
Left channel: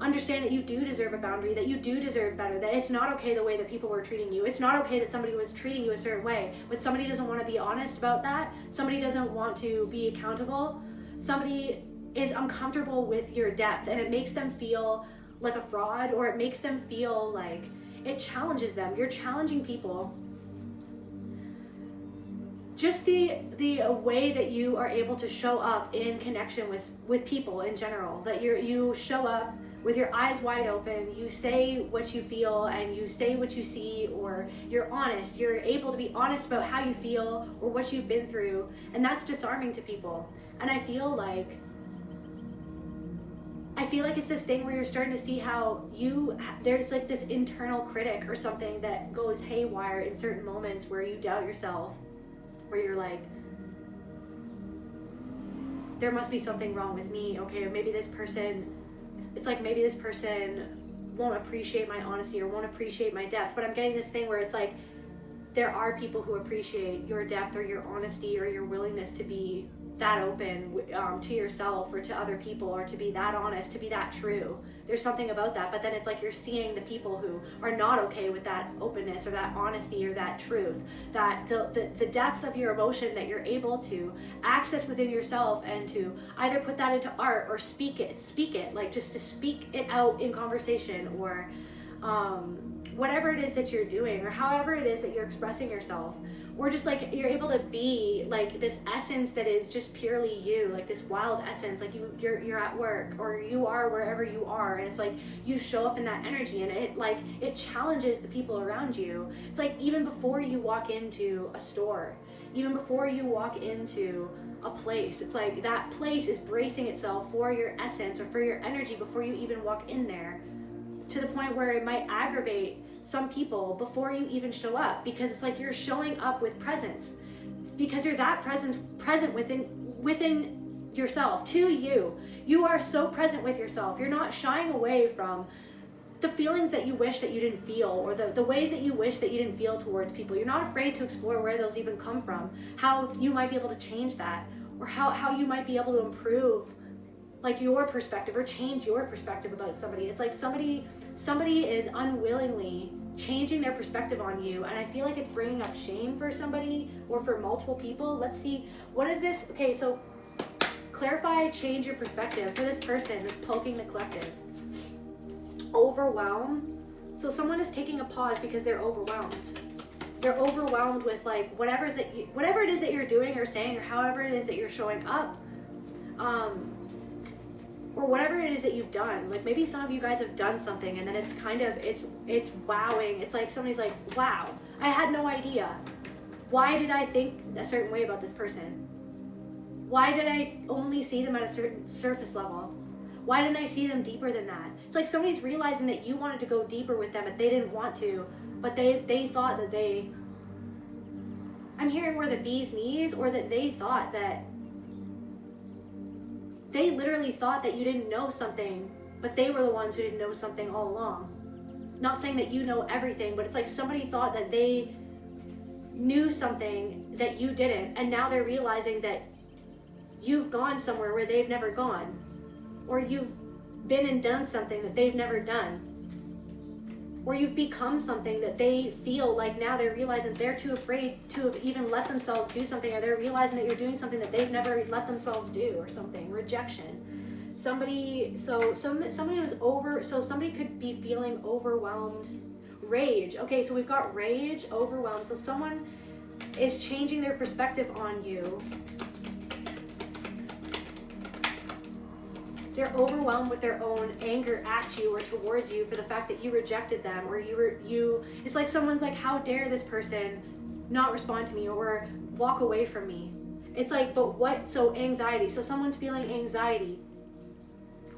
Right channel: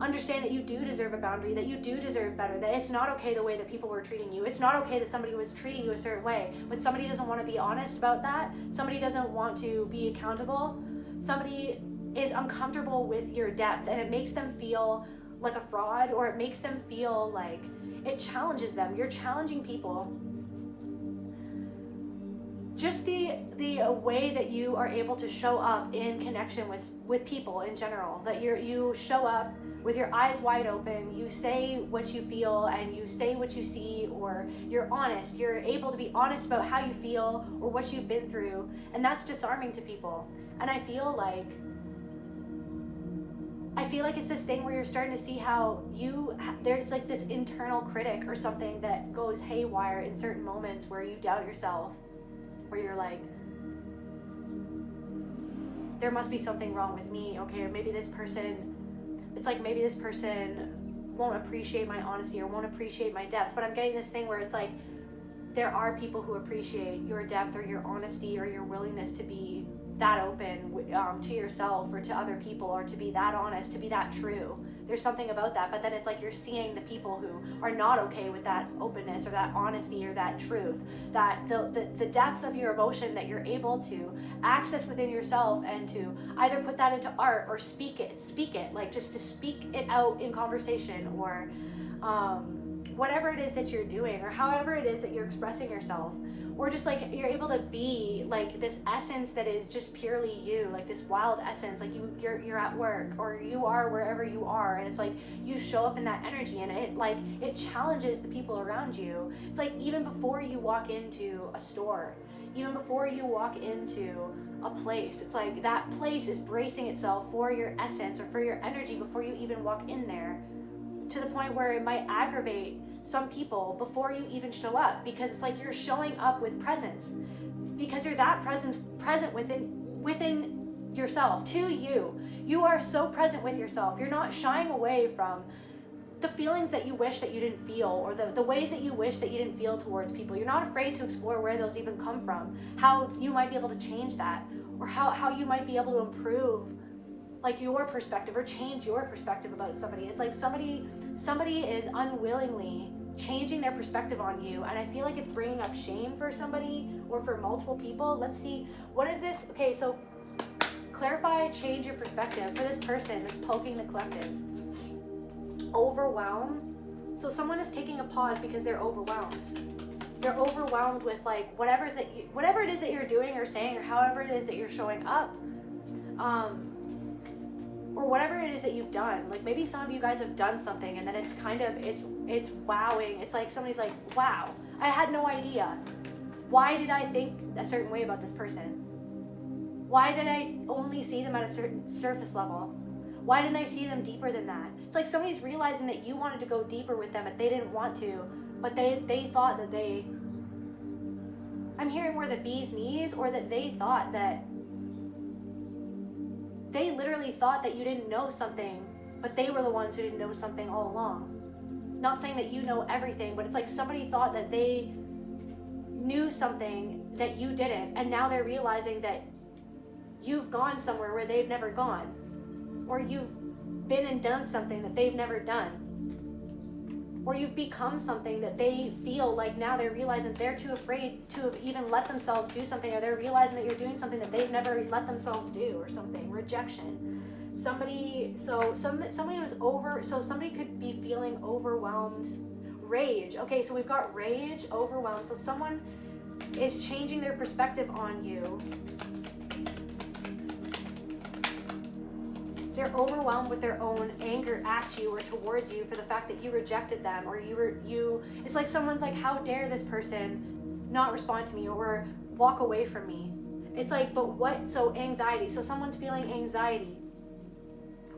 understand that you do deserve a boundary, that you do deserve better, that it's not okay the way that people were treating you. It's not okay that somebody was treating you a certain way. When somebody doesn't want to be honest about that, somebody doesn't want to be accountable, somebody is uncomfortable with your depth, and it makes them feel like a fraud, or it makes them feel like it challenges them. You're challenging people. Just the way that you are able to show up in connection with people in general, that you show up with your eyes wide open, you say what you feel, and you say what you see, or you're honest, you're able to be honest about how you feel or what you've been through, and that's disarming to people. And I feel like it's this thing where you're starting to see how there's like this internal critic or something that goes haywire in certain moments where you doubt yourself, where you're like, there must be something wrong with me. Okay, maybe this person won't appreciate my honesty, or won't appreciate my depth. But I'm getting this thing where it's like, there are people who appreciate your depth, or your honesty, or your willingness to be that open to yourself, or to other people, or to be that honest, to be that true. There's something about that. But then it's like you're seeing the people who are not okay with that openness, or that honesty, or that truth, that the depth of your emotion that you're able to access within yourself, and to either put that into art, or speak it, like just to speak it out in conversation, or whatever it is that you're doing, or however it is that you're expressing yourself. Or just like you're able to be like this essence that is just purely you, like this wild essence, like you're at work, or you are wherever you are, and it's like you show up in that energy, and it challenges the people around you. It's like even before you walk into a store, even before you walk into a place, it's like that place is bracing itself for your essence, or for your energy, before you even walk in there, to the point where it might aggravate some people before you even show up, because it's like you're showing up with presence, because you're that present within yourself. To you are so present with yourself. You're not shying away from the feelings that you wish that you didn't feel, or the ways that you wish that you didn't feel towards people. You're not afraid to explore where those even come from, how you might be able to change that, or how you might be able to improve like your perspective, or change your perspective about somebody. It's like somebody is unwillingly changing their perspective on you, and I feel like it's bringing up shame for somebody, or for multiple people. Let's see, what is this? Okay, so clarify, change your perspective for this person that's poking the collective. Overwhelm. So someone is taking a pause because they're overwhelmed. They're overwhelmed with like whatever it is that you're doing or saying, or however it is that you're showing up, or whatever it is that you've done. Like maybe some of you guys have done something, and then it's kind of, it's wowing. It's like somebody's like, wow, I had no idea. Why did I think a certain way about this person? Why did I only see them at a certain surface level? Why didn't I see them deeper than that? It's like somebody's realizing that you wanted to go deeper with them, but they didn't want to, but they thought that I'm hearing where the bee's knees, or that they thought that, they literally thought that you didn't know something, but they were the ones who didn't know something all along. Not saying that you know everything, but it's like somebody thought that they knew something that you didn't, and now they're realizing that you've gone somewhere where they've never gone, or you've been and done something that they've never done, or you've become something that they feel like now they're realizing they're too afraid to have even let themselves do something, or they're realizing that you're doing something that they've never let themselves do, or something. Rejection. Somebody could be feeling overwhelmed. Rage. Okay, so we've got rage, overwhelmed. So someone is changing their perspective on you. They're overwhelmed with their own anger at you or towards you for the fact that you rejected them, or it's like someone's like, how dare this person not respond to me or walk away from me? It's like, but what? So anxiety. So someone's feeling anxiety.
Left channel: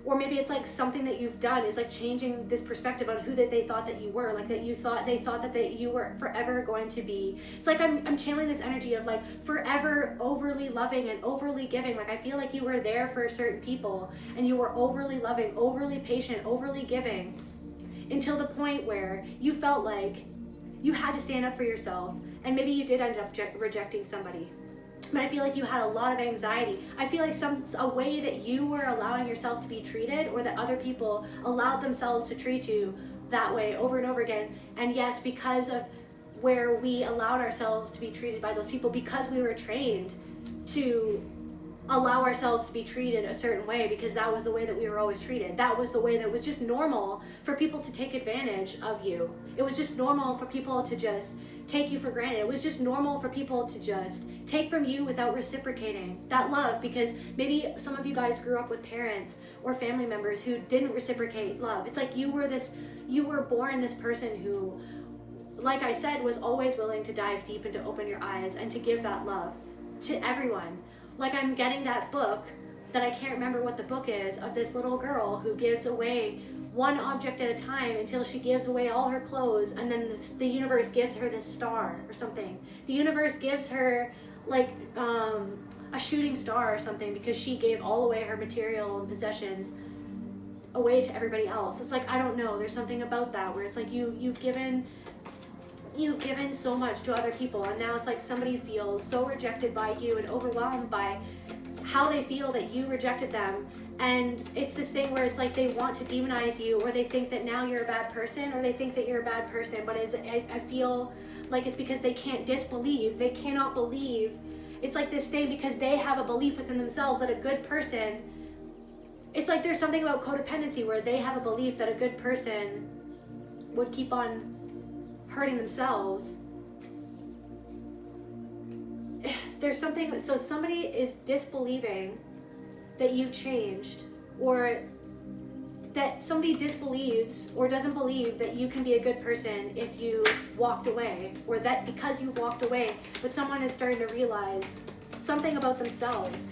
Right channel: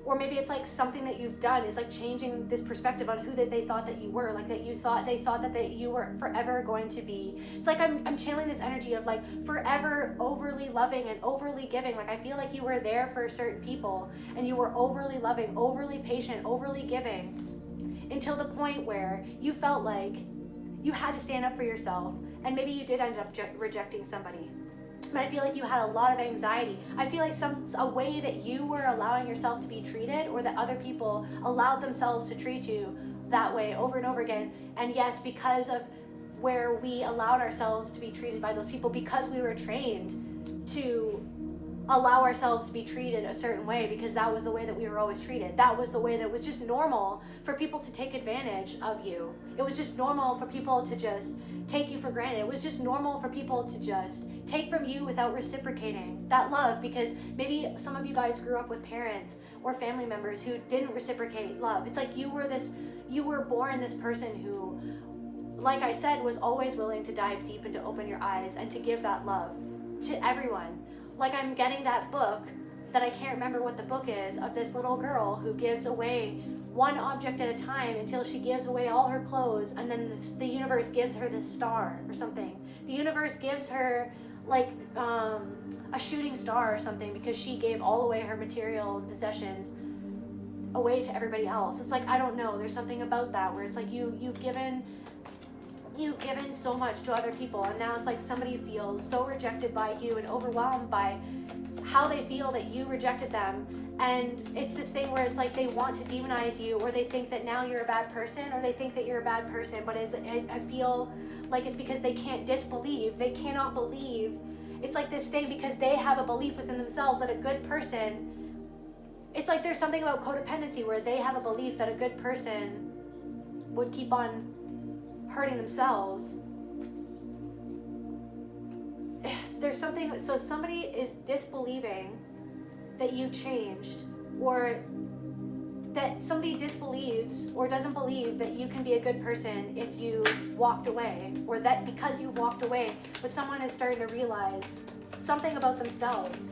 Or maybe it's like something that you've done is like changing this perspective on who that they thought that you were, like that they thought that you were forever going to be. It's like I'm channeling this energy of like forever overly loving and overly giving. Like I feel like you were there for certain people and you were overly loving, overly patient, overly giving, until the point where you felt like you had to stand up for yourself, and maybe you did end up rejecting somebody. But I feel like you had a lot of anxiety. I feel like a way that you were allowing yourself to be treated, or that other people allowed themselves to treat you that way over and over again. And yes, because of where we allowed ourselves to be treated by those people, because we were trained to allow ourselves to be treated a certain way, because that was the way that we were always treated. That was the way that was just normal for people to take advantage of you. It was just normal for people to just take you for granted. It was just normal for people to just take from you without reciprocating that love, because maybe some of you guys grew up with parents or family members who didn't reciprocate love. It's like you were born this person who, like I said, was always willing to dive deep and to open your eyes and to give that love to everyone. Like I'm getting that book that I can't remember what the book is, of this little girl who gives away one object at a time until she gives away all her clothes, and then the universe gives her this star or something. The universe gives her like a shooting star or something, because she gave all away her material possessions away to everybody else. It's like, I don't know, there's something about that where it's like you've given so much to other people, and now it's like somebody feels so rejected by you and overwhelmed by how they feel that you rejected them. And it's this thing where it's like they want to demonize you, or they think that now you're a bad person, or they think that you're a bad person, but I feel like it's because they can't disbelieve, they cannot believe. It's like this thing because they have a belief within themselves that a good person, it's like there's something about codependency where they have a belief that a good person would keep on hurting themselves. There's something, so somebody is disbelieving that you've changed, or that somebody disbelieves or doesn't believe that you can be a good person if you walked away, or that because you walked away, but someone is starting to realize something about themselves.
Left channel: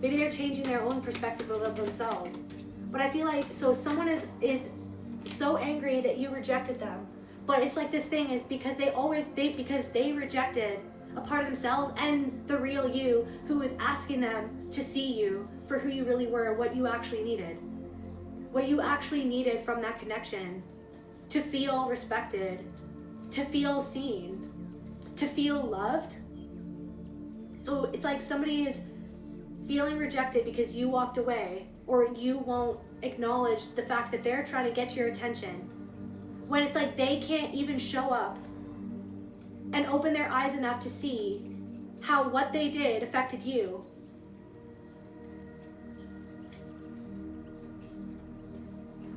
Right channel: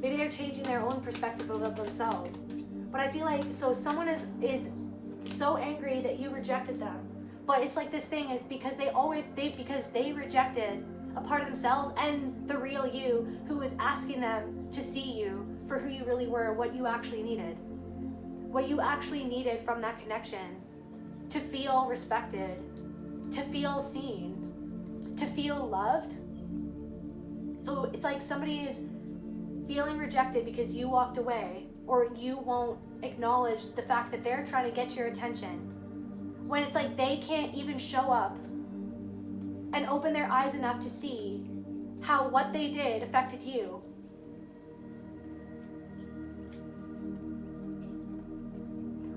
Maybe they're changing their own perspective about themselves. But I feel like, so someone is so angry that you rejected them, but it's like this thing is because they rejected a part of themselves and the real you, who is asking them to see you for who you really were, what you actually needed. What you actually needed from that connection, to feel respected, to feel seen, to feel loved. So it's like somebody is feeling rejected because you walked away, or you won't acknowledge the fact that they're trying to get your attention, when it's like they can't even show up and open their eyes enough to see how what they did affected you.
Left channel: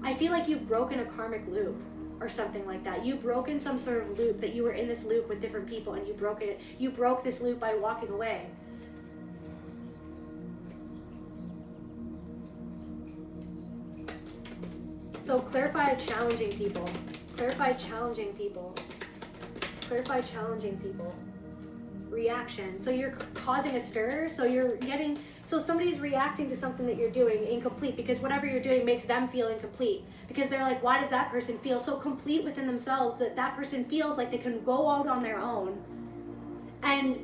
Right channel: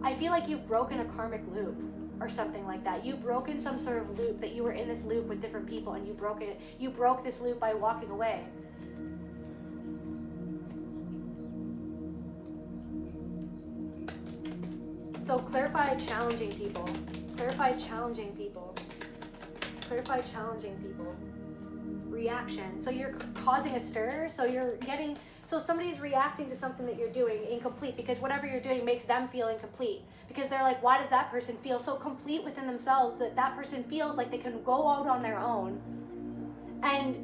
I feel like you've broken a karmic loop or something like that. You've broken some sort of loop, that you were in this loop with different people and you broke it. You broke this loop by walking away. So clarify challenging people. Clarify challenging people. Clarify challenging people. Reaction. So you're causing a stir. So So somebody's reacting to something that you're doing incomplete because whatever you're doing makes them feel incomplete. Because they're like, why does that person feel so complete within themselves that that person feels like they can go out on their own and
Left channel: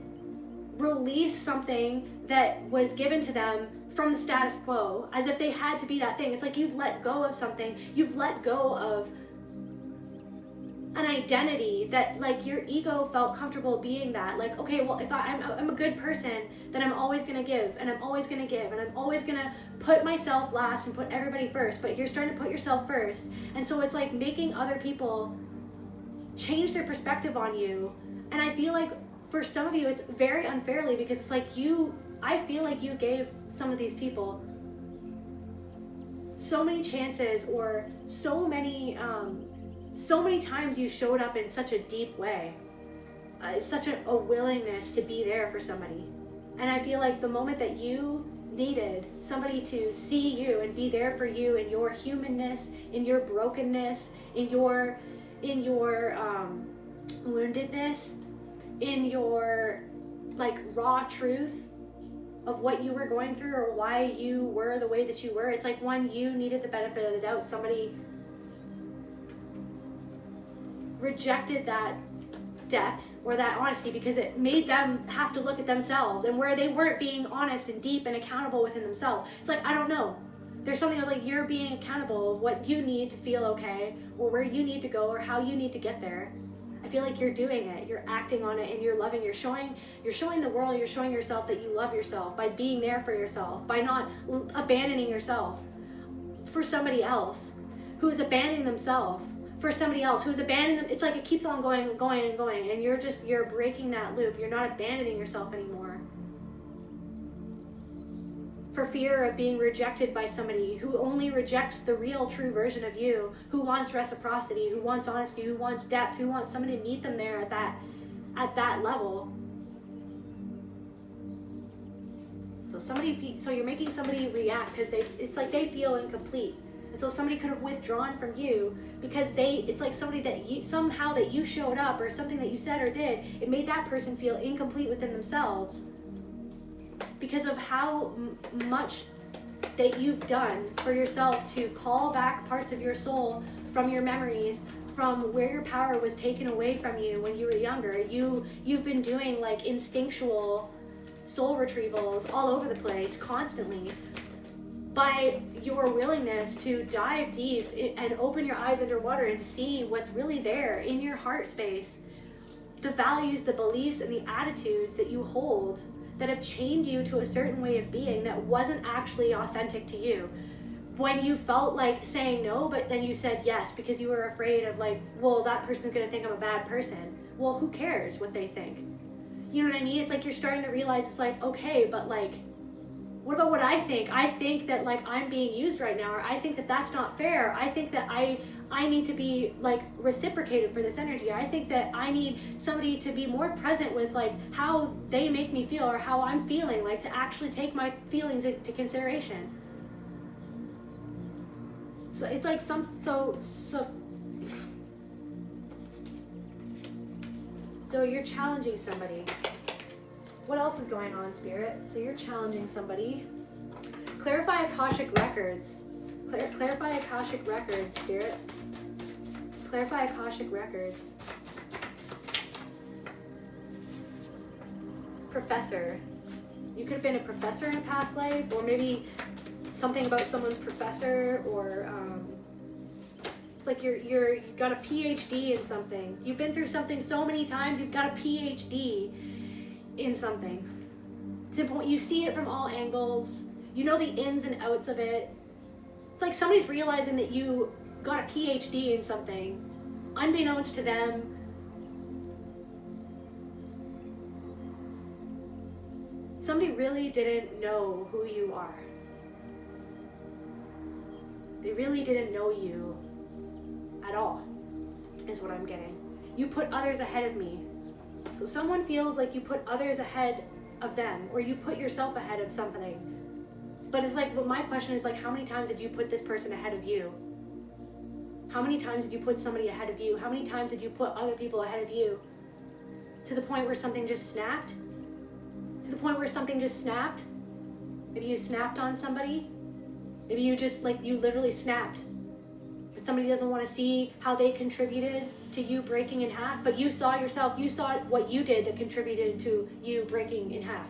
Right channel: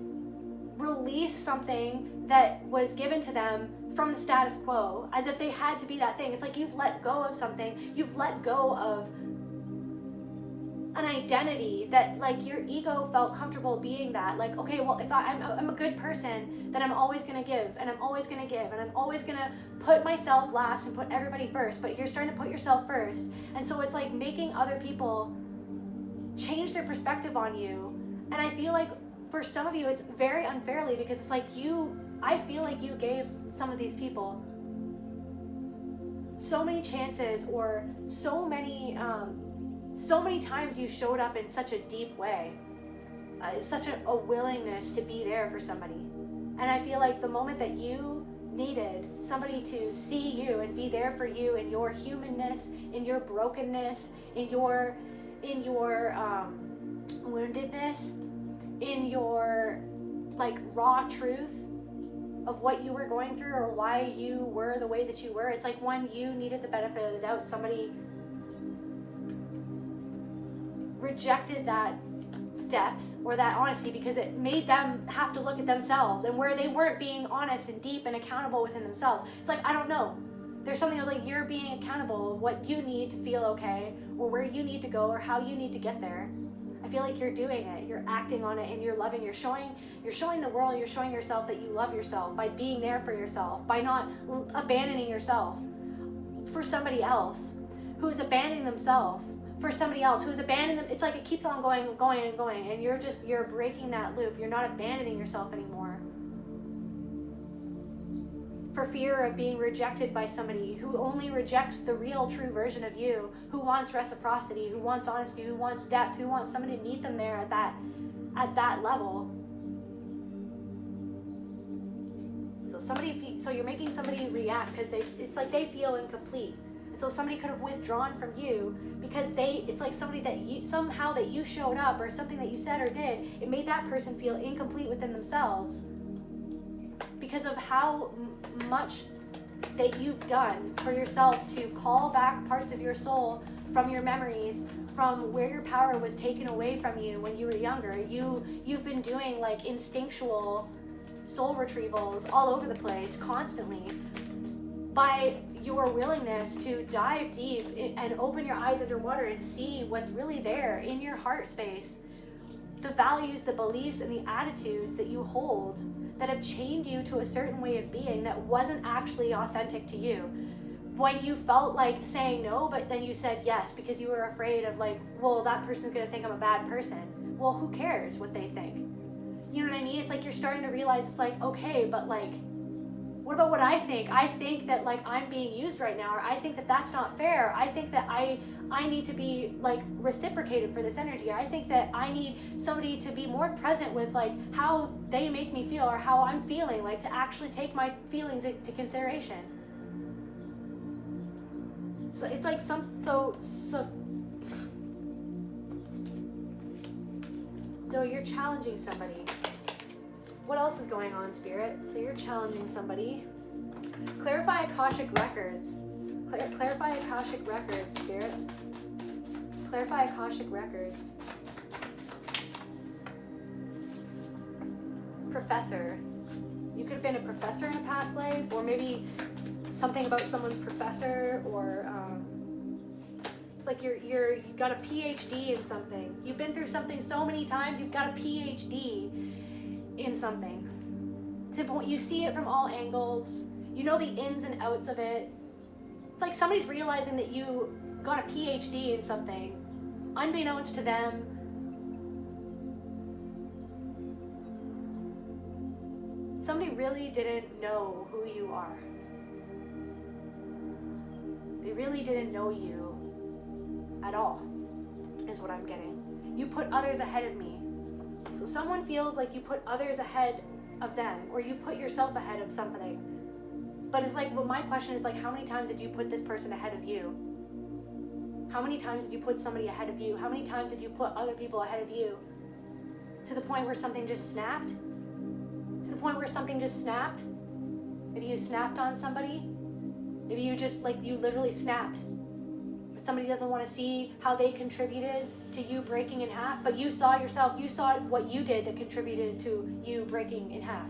release something that was given to them from the status quo, as if they had to be that thing. It's like you've let go of something. You've let go of an identity that like your ego felt comfortable being that. Like, okay, well, if I'm a good person, then I'm always gonna give, and I'm always gonna give, and I'm always gonna put myself last and put everybody first. But you're starting to put yourself first, and so it's like making other people change their perspective on you. And I feel like for some of you, it's very unfairly, because it's like I feel like you gave some of these people so many chances, or so many times you showed up in such a deep way, such a willingness to be there for somebody. And I feel like the moment that you needed somebody to see you and be there for you in your humanness, in your brokenness, in your woundedness, in your like raw truth of what you were going through or why you were the way that you were, it's like when you needed the benefit of the doubt, somebody rejected that depth or that honesty because it made them have to look at themselves, and where they weren't being honest and deep and accountable within themselves. It's like, I don't know, there's something like you're being accountable of what you need to feel okay, or where you need to go, or how you need to get there. I feel like you're doing it, you're acting on it, and you're loving, you're showing the world, you're showing yourself that you love yourself by being there for yourself, by not abandoning yourself for somebody else who's abandoning themselves for somebody else who's abandoning them. It's like it keeps on going and going and going, and you're breaking that loop. You're not abandoning yourself anymore for fear of being rejected by somebody who only rejects the real true version of you, who wants reciprocity, who wants honesty, who wants depth, who wants somebody to meet them there at that level. So you're making somebody react because it's like they feel incomplete. And so somebody could have withdrawn from you because it's like somebody that somehow that you showed up, or something that you said or did, it made that person feel incomplete within themselves because of how much that you've done for yourself to call back parts of your soul from your memories, from where your power was taken away from you when you were younger. You've been doing like instinctual soul retrievals all over the place constantly by your willingness to dive deep and open your eyes underwater and see what's really there in your heart space, the values, the beliefs, and the attitudes that you hold that have chained you to a certain way of being that wasn't actually authentic to you. When you felt like saying no, but then you said yes because you were afraid of like, well, that person's gonna think I'm a bad person. Well, who cares what they think? You know what I mean? It's like you're starting to realize it's like, okay, but like, what about what I think? I think that like I'm being used right now, or I think that that's not fair. I think that I need to be like reciprocated for this energy. I think that I need somebody to be more present with like how they make me feel or how I'm feeling, like to actually take my feelings into consideration. So it's like so you're challenging somebody. What else is going on, Spirit? So you're challenging somebody. Clarify Akashic records. Clarify Akashic records, Spirit. Clarify Akashic records. Professor. You could have been a professor in a past life, or maybe something about someone's professor, or it's like you got a PhD in something. You've been through something so many times, you've got a PhD in something. You see it from all angles. You know the ins and outs of it. It's like somebody's realizing that you got a PhD in something, unbeknownst to them. Somebody really didn't know who you are. They really didn't know you at all, is what I'm getting. You put others ahead of me. So someone feels like you put others ahead of them, or you put yourself ahead of something. But it's like, well, my question is like, how many times did you put this person ahead of you? How many times did you put somebody ahead of you? How many times did you put other people ahead of you? To the point where something just snapped? To the point where something just snapped? Maybe you snapped on somebody. Maybe you just, like, you literally snapped. But somebody doesn't want to see how they contributed to you breaking in half, but you saw yourself, you saw what you did that contributed to you breaking in half.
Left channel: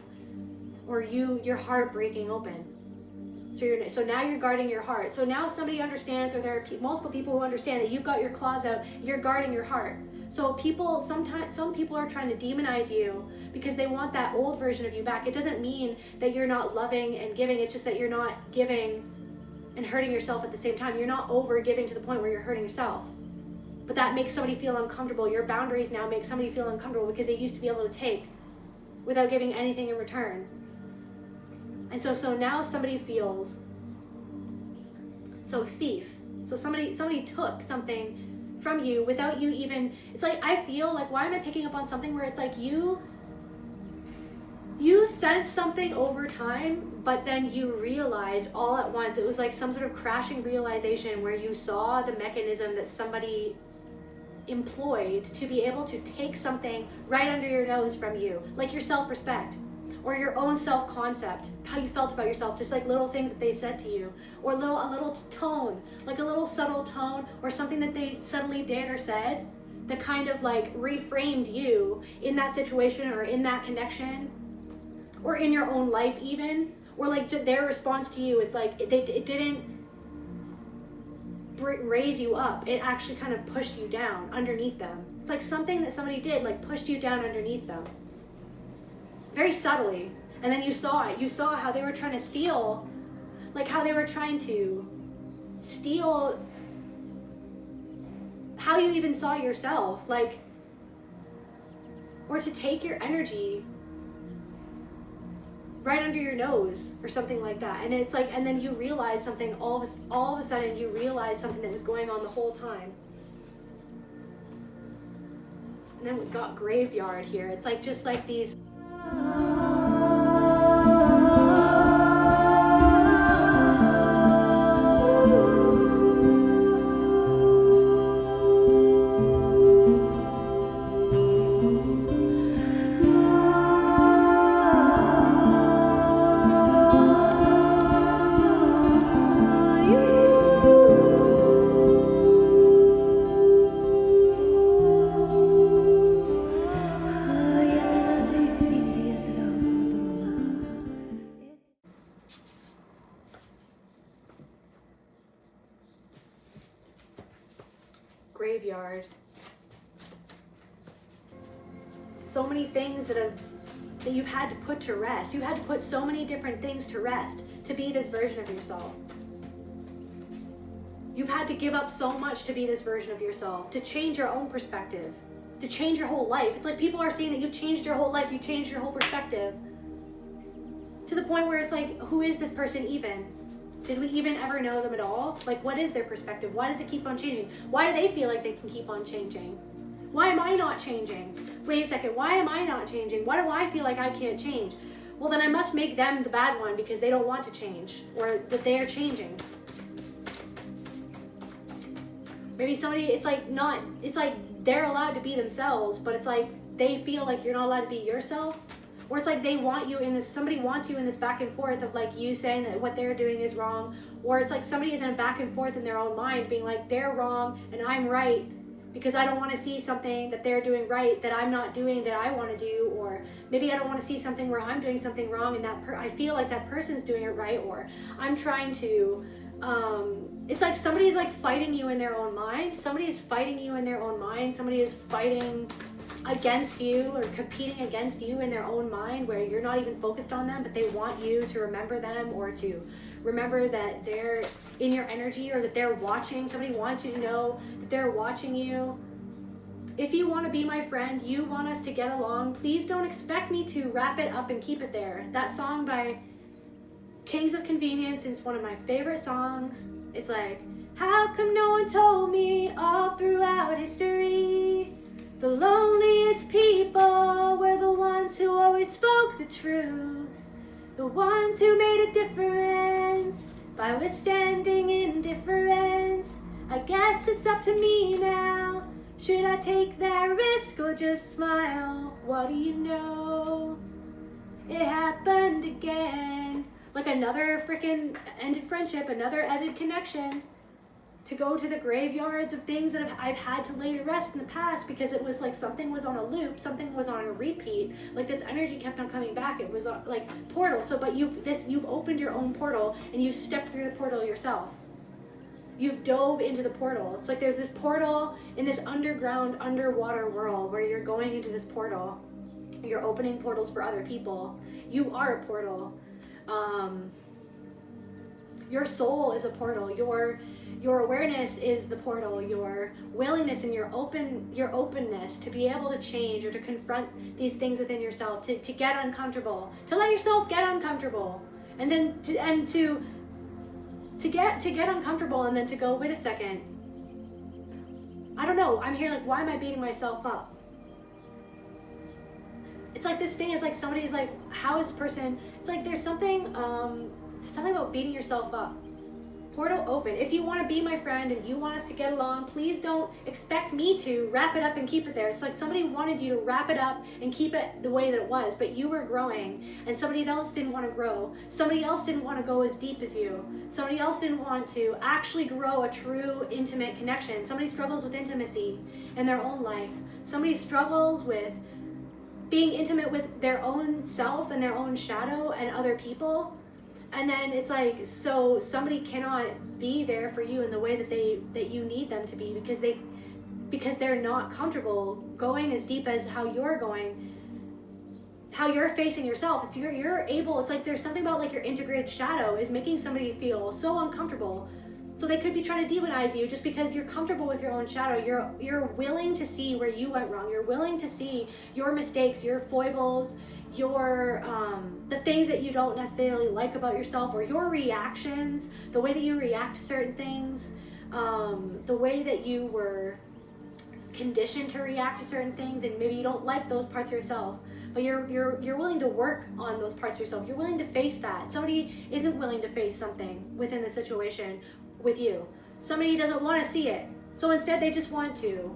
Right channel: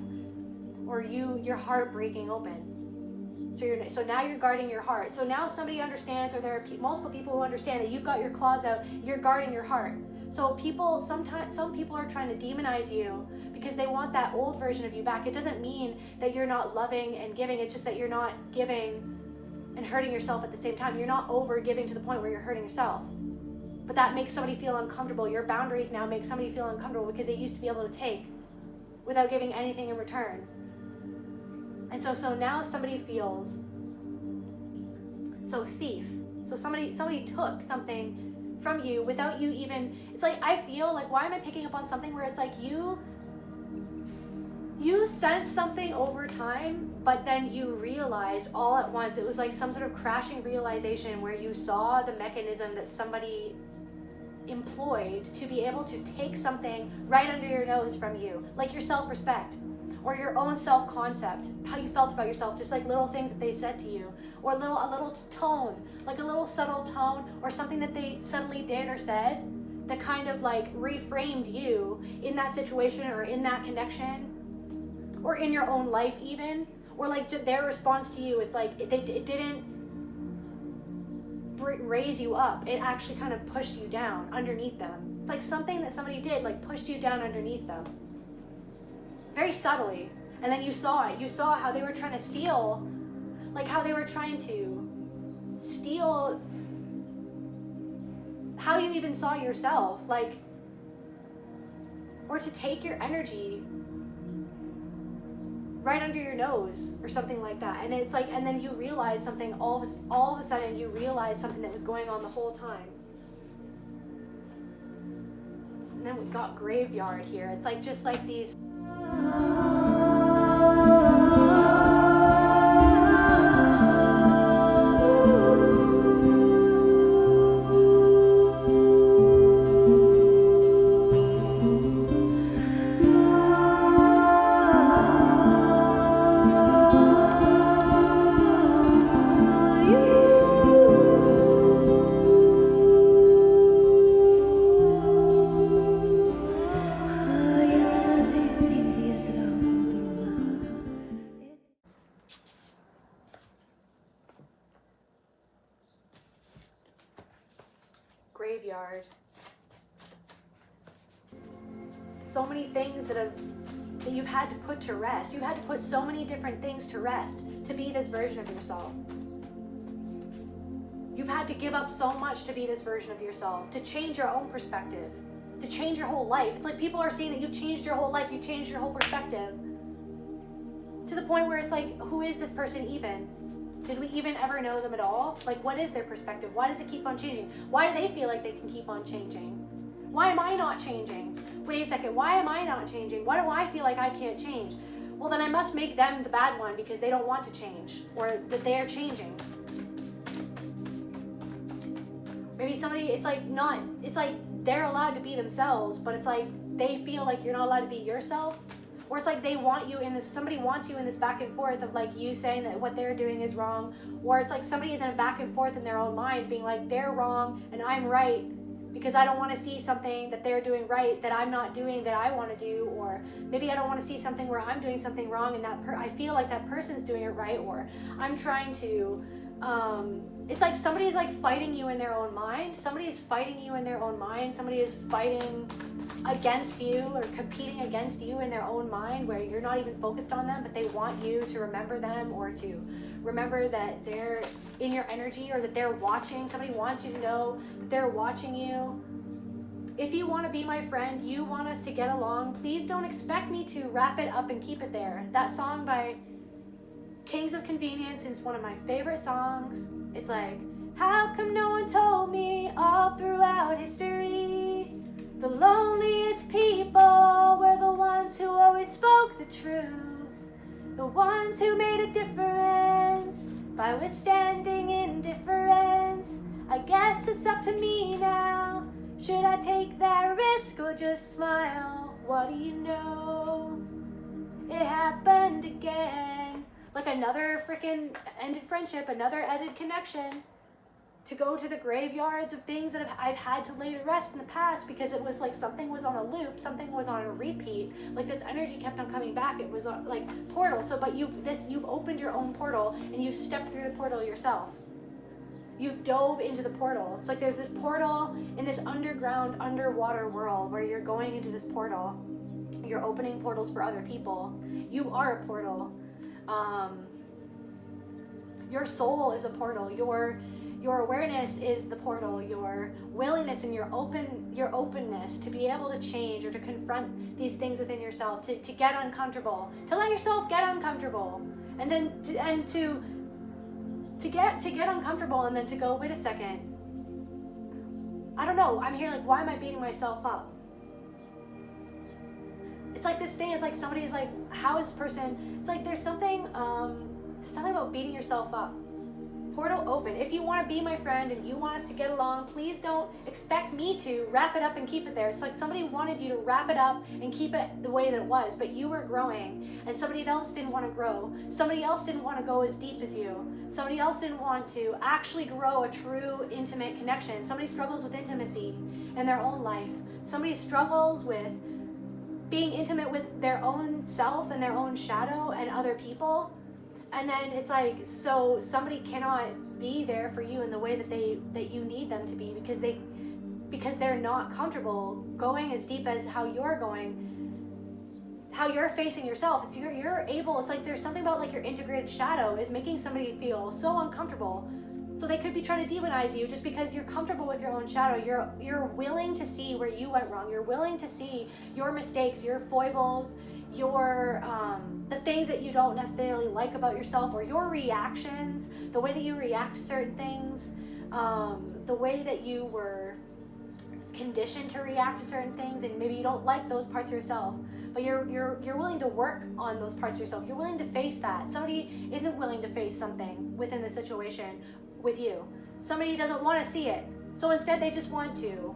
Or your heart breaking open. So now you're guarding your heart. So now somebody understands, or there are multiple people who understand that you've got your claws out, you're guarding your heart. So some people are trying to demonize you because they want that old version of you back. It doesn't mean that you're not loving and giving, it's just that you're not giving and hurting yourself at the same time. You're not over giving to the point where you're hurting yourself. But that makes somebody feel uncomfortable. Your boundaries now make somebody feel uncomfortable because they used to be able to take without giving anything in return. And so now somebody feels so thief. So somebody took something from you without you even, it's like, I feel like, why am I picking up on something where it's like you sense something over time, but then you realize all at once. It was like some sort of crashing realization where you saw the mechanism that somebody employed to be able to take something right under your nose from you, like your self-respect or your own self-concept, how you felt about yourself, just like little things that they said to you, or a little tone, like a little subtle tone, or something that they suddenly did or said that kind of like reframed you in that situation or in that connection, or in your own life even, or like their response to you. It's like it didn't raise you up, it actually kind of pushed you down underneath them. It's like something that somebody did, like pushed you down underneath them, very subtly. And then you saw it. You saw how they were trying to steal, like how they were trying to steal how you even saw yourself, like, or to take your energy right under your nose or something like that. And it's like, and then you realize something, all of a sudden you realize something that was going on the whole time. And then we've got graveyard here. It's like, just like these graveyard. So many things that you've had to put to rest. You had to put so many different things to rest to be this version of yourself. You've had to give up so much to be this version of yourself, to change your own perspective, to change your whole life. It's like people are seeing that you've changed your whole life, you changed your whole perspective, to the point where it's like, who is this person even? Did we even ever know them at all? Like, what is their perspective? Why does it keep on changing? Why do they feel like they can keep on changing? Why am I not changing? Wait a second, why am I not changing? Why do I feel like I can't change? Well, then I must make them the bad one because they don't want to change, or that they are changing. Maybe somebody, it's like they're allowed to be themselves, but it's like they feel like you're not allowed to be yourself. Or it's like they want you in this, somebody wants you in this back and forth of like you saying that what they're doing is wrong. Or it's like somebody is in a back and forth in their own mind being like, they're wrong and I'm right because I don't want to see something that they're doing right that I'm not doing that I want to do. Or maybe I don't want to see something where I'm doing something wrong and I feel like that person's doing it right. Or I'm trying to, it's like somebody is like fighting you in their own mind. Somebody is fighting you in their own mind. Somebody is fighting against you or competing against you in their own mind, where you're not even focused on them, but they want you to remember them, or to remember that they're in your energy, or that they're watching. Somebody wants you to know that they're watching you. If you want to be my friend, you want us to get along, please don't expect me to wrap it up and keep it there. That song by Kings of Convenience, it's one of my favorite songs. It's like, how come no one told me all throughout history? The loneliest people were the ones who always spoke the truth, the ones who made a difference by withstanding indifference. I guess it's up to me now. Should I take that risk or just smile? What do you know? It happened again. like another freaking ended friendship, another ended connection, to go to the graveyards of things that I've had to lay to rest in the past, because it was like something was on a loop, something was on a repeat, like this energy kept on coming back. It was like portal. So but you've opened your own portal, and you stepped through the portal yourself. You've dove into the portal. It's like there's this portal in this underground, underwater world where you're going into this portal. You're opening portals for other people. You are a portal. Your soul is a portal. Your awareness is the portal. Your willingness and your openness to be able to change or to confront these things within yourself, to get uncomfortable, to let yourself get uncomfortable, and then to get uncomfortable, and then to go, wait a second, I don't know, I'm here, like, why am I beating myself up? It's like this thing is like somebody's like, how is this person, it's like there's something about beating yourself up. Portal open. If you want to be my friend and you want us to get along, please don't expect me to wrap it up and keep it there. It's like somebody wanted you to wrap it up and keep it the way that it was, but you were growing, and somebody else didn't want to grow. Somebody else didn't want to go as deep as you. Somebody else didn't want to actually grow a true intimate connection. Somebody struggles with intimacy in their own life. Somebody struggles with being intimate with their own self and their own shadow and other people. And then it's like, so somebody cannot be there for you in the way that you need them to be, because they're not comfortable going as deep as how you're going, how you're facing yourself. It's you're able. It's like there's something about like your integrated shadow is making somebody feel so uncomfortable. So they could be trying to demonize you just because you're comfortable with your own shadow. You're willing to see where you went wrong. You're willing to see your mistakes, your foibles, your the things that you don't necessarily like about yourself, or your reactions, the way that you react to certain things, the way that you were conditioned to react to certain things, and maybe you don't like those parts of yourself, but you're willing to work on those parts of yourself. You're willing to face that. Somebody isn't willing to face something within the situation with you. Somebody doesn't want to see it, so instead they just want to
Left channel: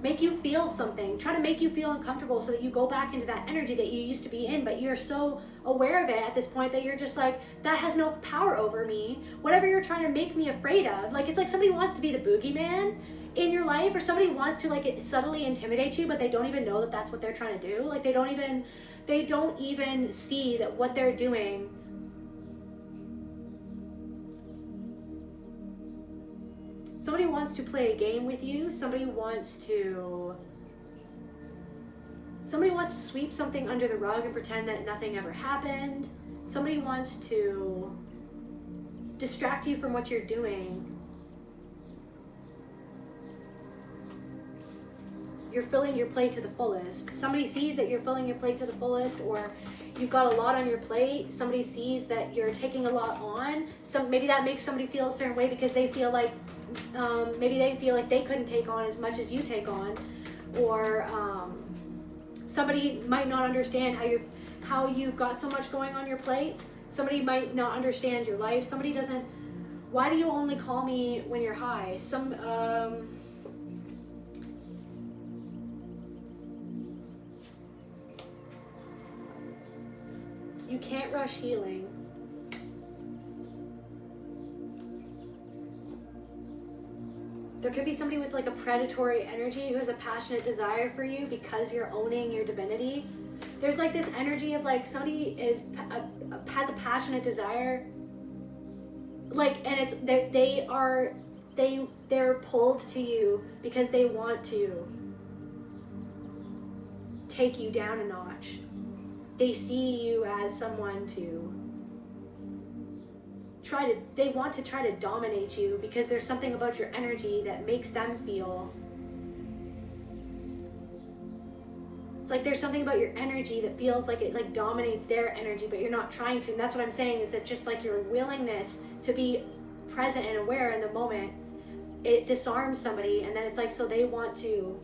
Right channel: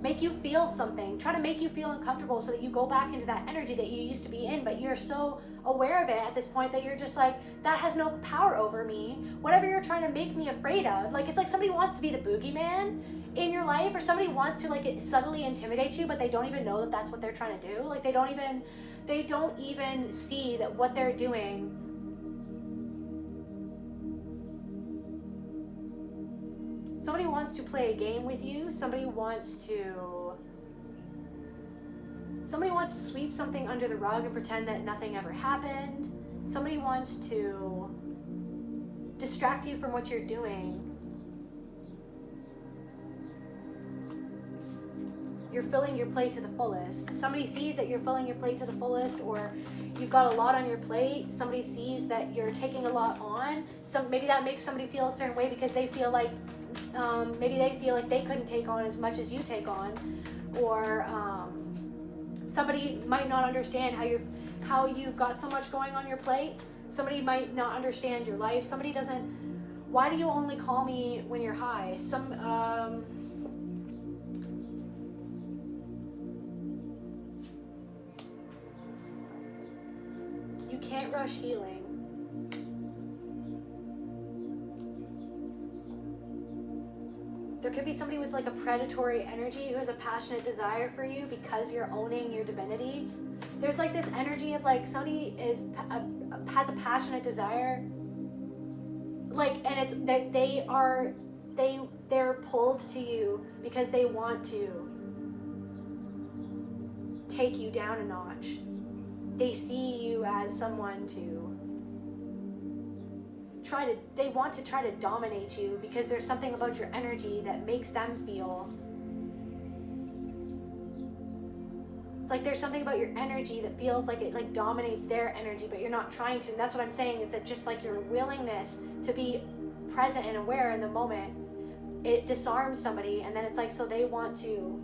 make you feel something, try to make you feel uncomfortable so that you go back into that energy that you used to be in, but you're so aware of it at this point that you're just like, that has no power over me. Whatever you're trying to make me afraid of, like, it's like somebody wants to be the boogeyman in your life, or somebody wants to like subtly intimidate you, but they don't even know that that's what they're trying to do. Like they don't even see that what they're doing somebody wants to play a game with you. Somebody wants to sweep something under the rug and pretend that nothing ever happened. Somebody wants to distract you from what you're doing. You're filling your plate to the fullest. Somebody sees that you're filling your plate to the fullest, or you've got a lot on your plate. Somebody sees that you're taking a lot on. Maybe that makes somebody feel a certain way because they feel like maybe they feel like they couldn't take on as much as you take on, or somebody might not understand how you've got so much going on your plate. Somebody might not understand your life. Somebody doesn't. Why do you only call me when you're high? You can't rush healing. There could be somebody with like a predatory energy who has a passionate desire for you because you're owning your divinity. There's like this energy of like somebody has a passionate desire, like, and it's they're pulled to you because they want to take you down a notch. They see you as someone they want to try to dominate you because there's something about your energy that makes them feel. It's like there's something about your energy that feels like it like dominates their energy, but you're not trying to. And that's what I'm saying, is that just like your willingness to be present and aware in the moment, it disarms somebody, and then it's like, so they want to.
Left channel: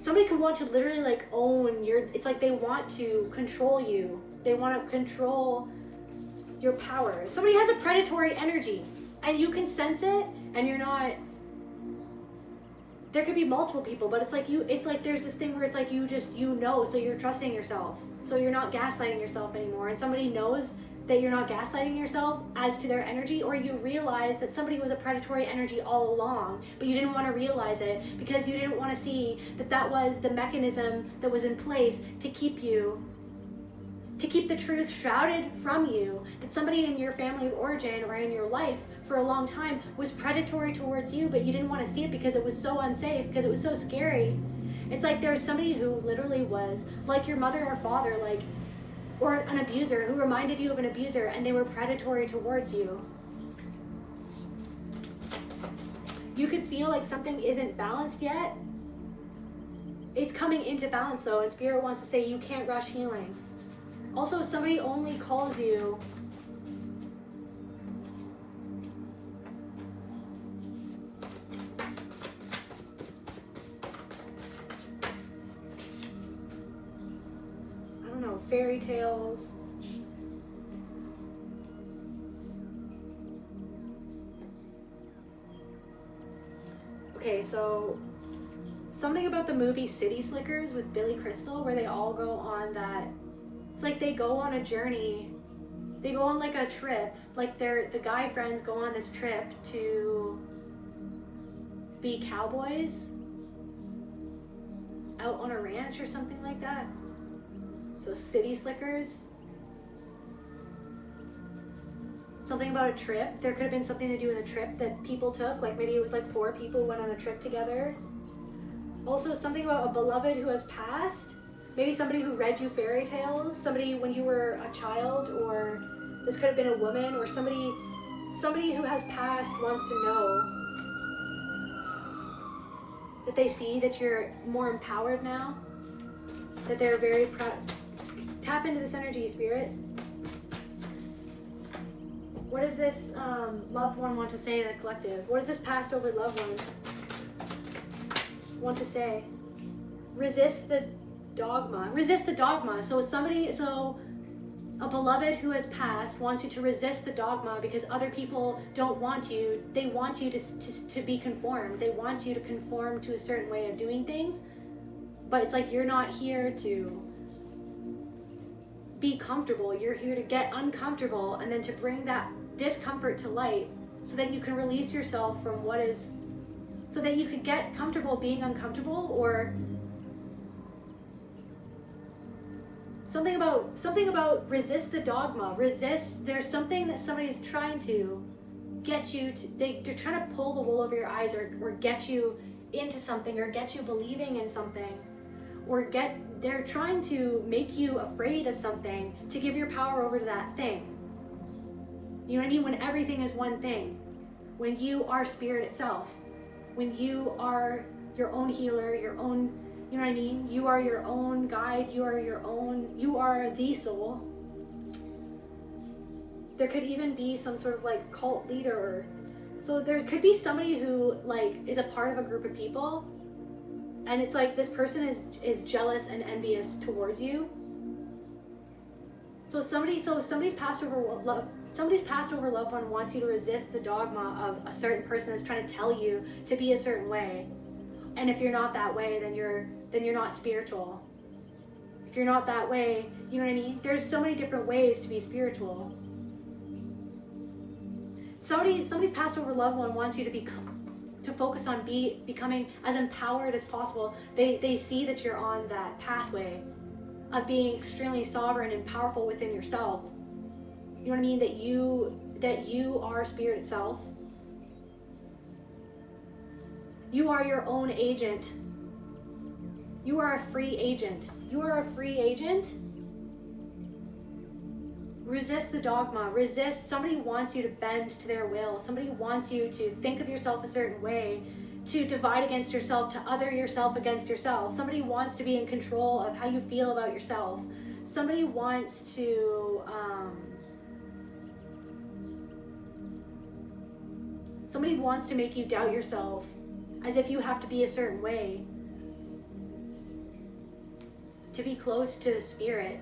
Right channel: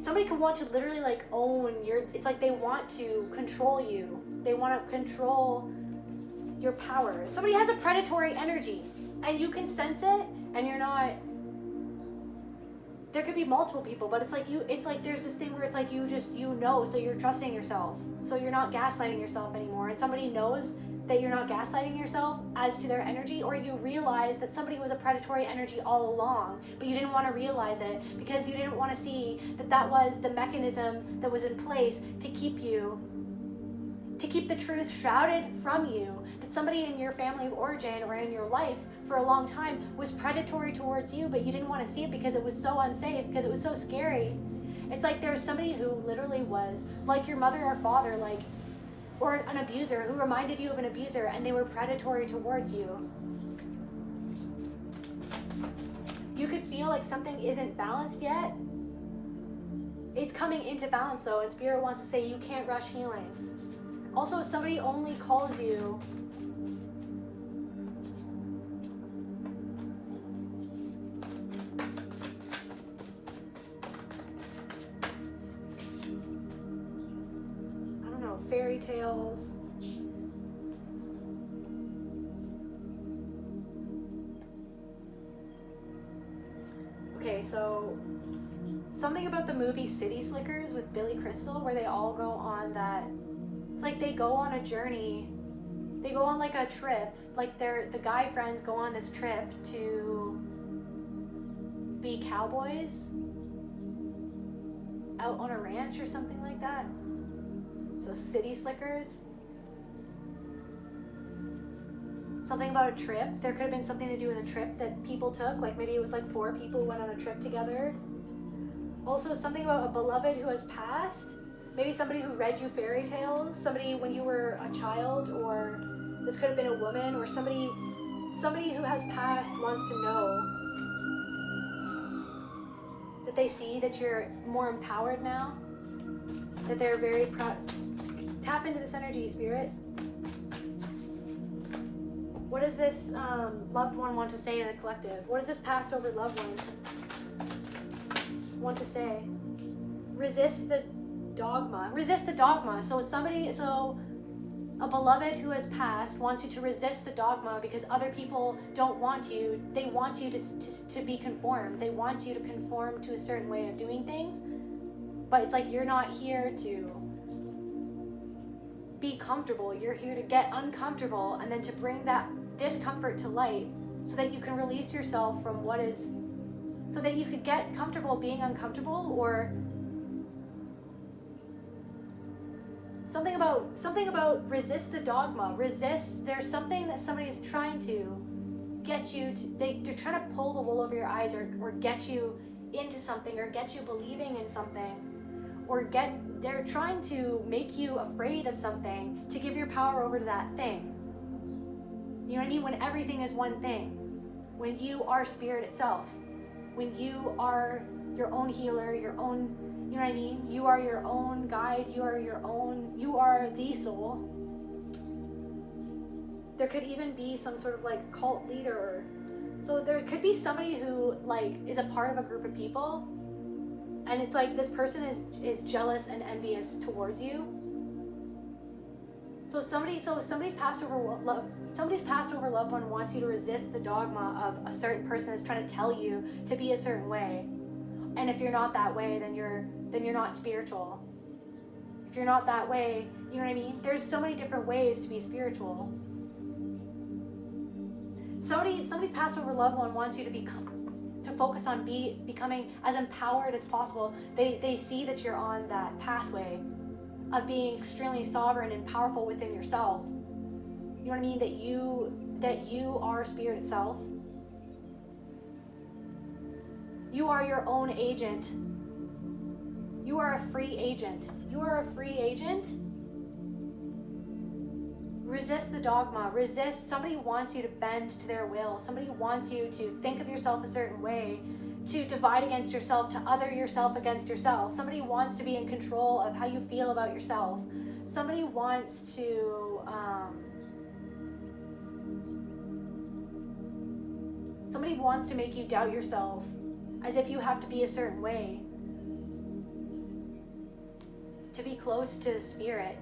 Somebody could want to literally like own it's like they want to control you. They want to control your power. Somebody has a predatory energy and you can sense it, and you're not there could be multiple people, but it's like there's this thing where it's like you know, so you're trusting yourself, so you're not gaslighting yourself anymore, and somebody knows that you're not gaslighting yourself as to their energy, or you realize that somebody was a predatory energy all along, but you didn't want to realize it because you didn't want to see that was the mechanism that was in place to keep the truth shrouded from you, that somebody in your family of origin or in your life for a long time was predatory towards you, but you didn't want to see it because it was so unsafe, because it was so scary. It's like there's somebody who literally was like your mother or father, like, or an abuser who reminded you of an abuser, and they were predatory towards you. You could feel like something isn't balanced yet. It's coming into balance though, and Spirit wants to say you can't rush healing. Also, somebody only calls you fairy tales. Okay, so something about the movie City Slickers with Billy Crystal, where they all go on that, it's like they go on a journey, they go on like a trip, like the guy friends go on this trip to be cowboys out on a ranch or something like that. So City Slickers. Something about a trip. There could have been something to do with a trip that people took. Like maybe it was like 4 people went on a trip together. Also something about a beloved who has passed. Maybe somebody who read you fairy tales. Somebody when you were a child, or this could have been a woman, or somebody who has passed wants to know that they see that you're more empowered now. That they're very proud. Tap into this energy, Spirit. What does this loved one want to say in the collective? What does this passed over loved one want to say? Resist the dogma. Resist the dogma. So a beloved who has passed wants you to resist the dogma because other people don't want you. They want you to be conformed. They want you to conform to a certain way of doing things. But it's like you're not here to be comfortable. You're here to get uncomfortable and then to bring that discomfort to light so that you can release yourself from what is, so that you could get comfortable being uncomfortable, or something about resist the dogma. Resist, there's something that somebody's trying to get you to, they're trying to pull the wool over your eyes, or get you into something, or get you believing in something, or they're trying to make you afraid of something to give your power over to that thing. You know what I mean? When everything is one thing. When you are spirit itself. When you are your own healer, your own, you know what I mean? You are your own guide, you are the soul. There could even be some sort of like cult leader. So there could be somebody who like is a part of a group of people, and it's like this person is jealous and envious towards you. Somebody's passed over loved one wants you to resist the dogma of a certain person that's trying to tell you to be a certain way. And if you're not that way, then you're not spiritual. If you're not that way, you know what I mean? There's so many different ways to be spiritual. Somebody's passed over loved one wants you to focus on becoming as empowered as possible. They see that you're on that pathway of being extremely sovereign and powerful within yourself. You know what I mean? That you are spirit self. You are your own agent. You are a free agent. You are a free agent. Resist the dogma. Resist. Somebody wants you to bend to their will. Somebody wants you to think of yourself a certain way, to divide against yourself, to other yourself against yourself. Somebody wants to be in control of how you feel about yourself. Somebody wants to make you doubt yourself, as if you have to be a certain way to be close to spirit,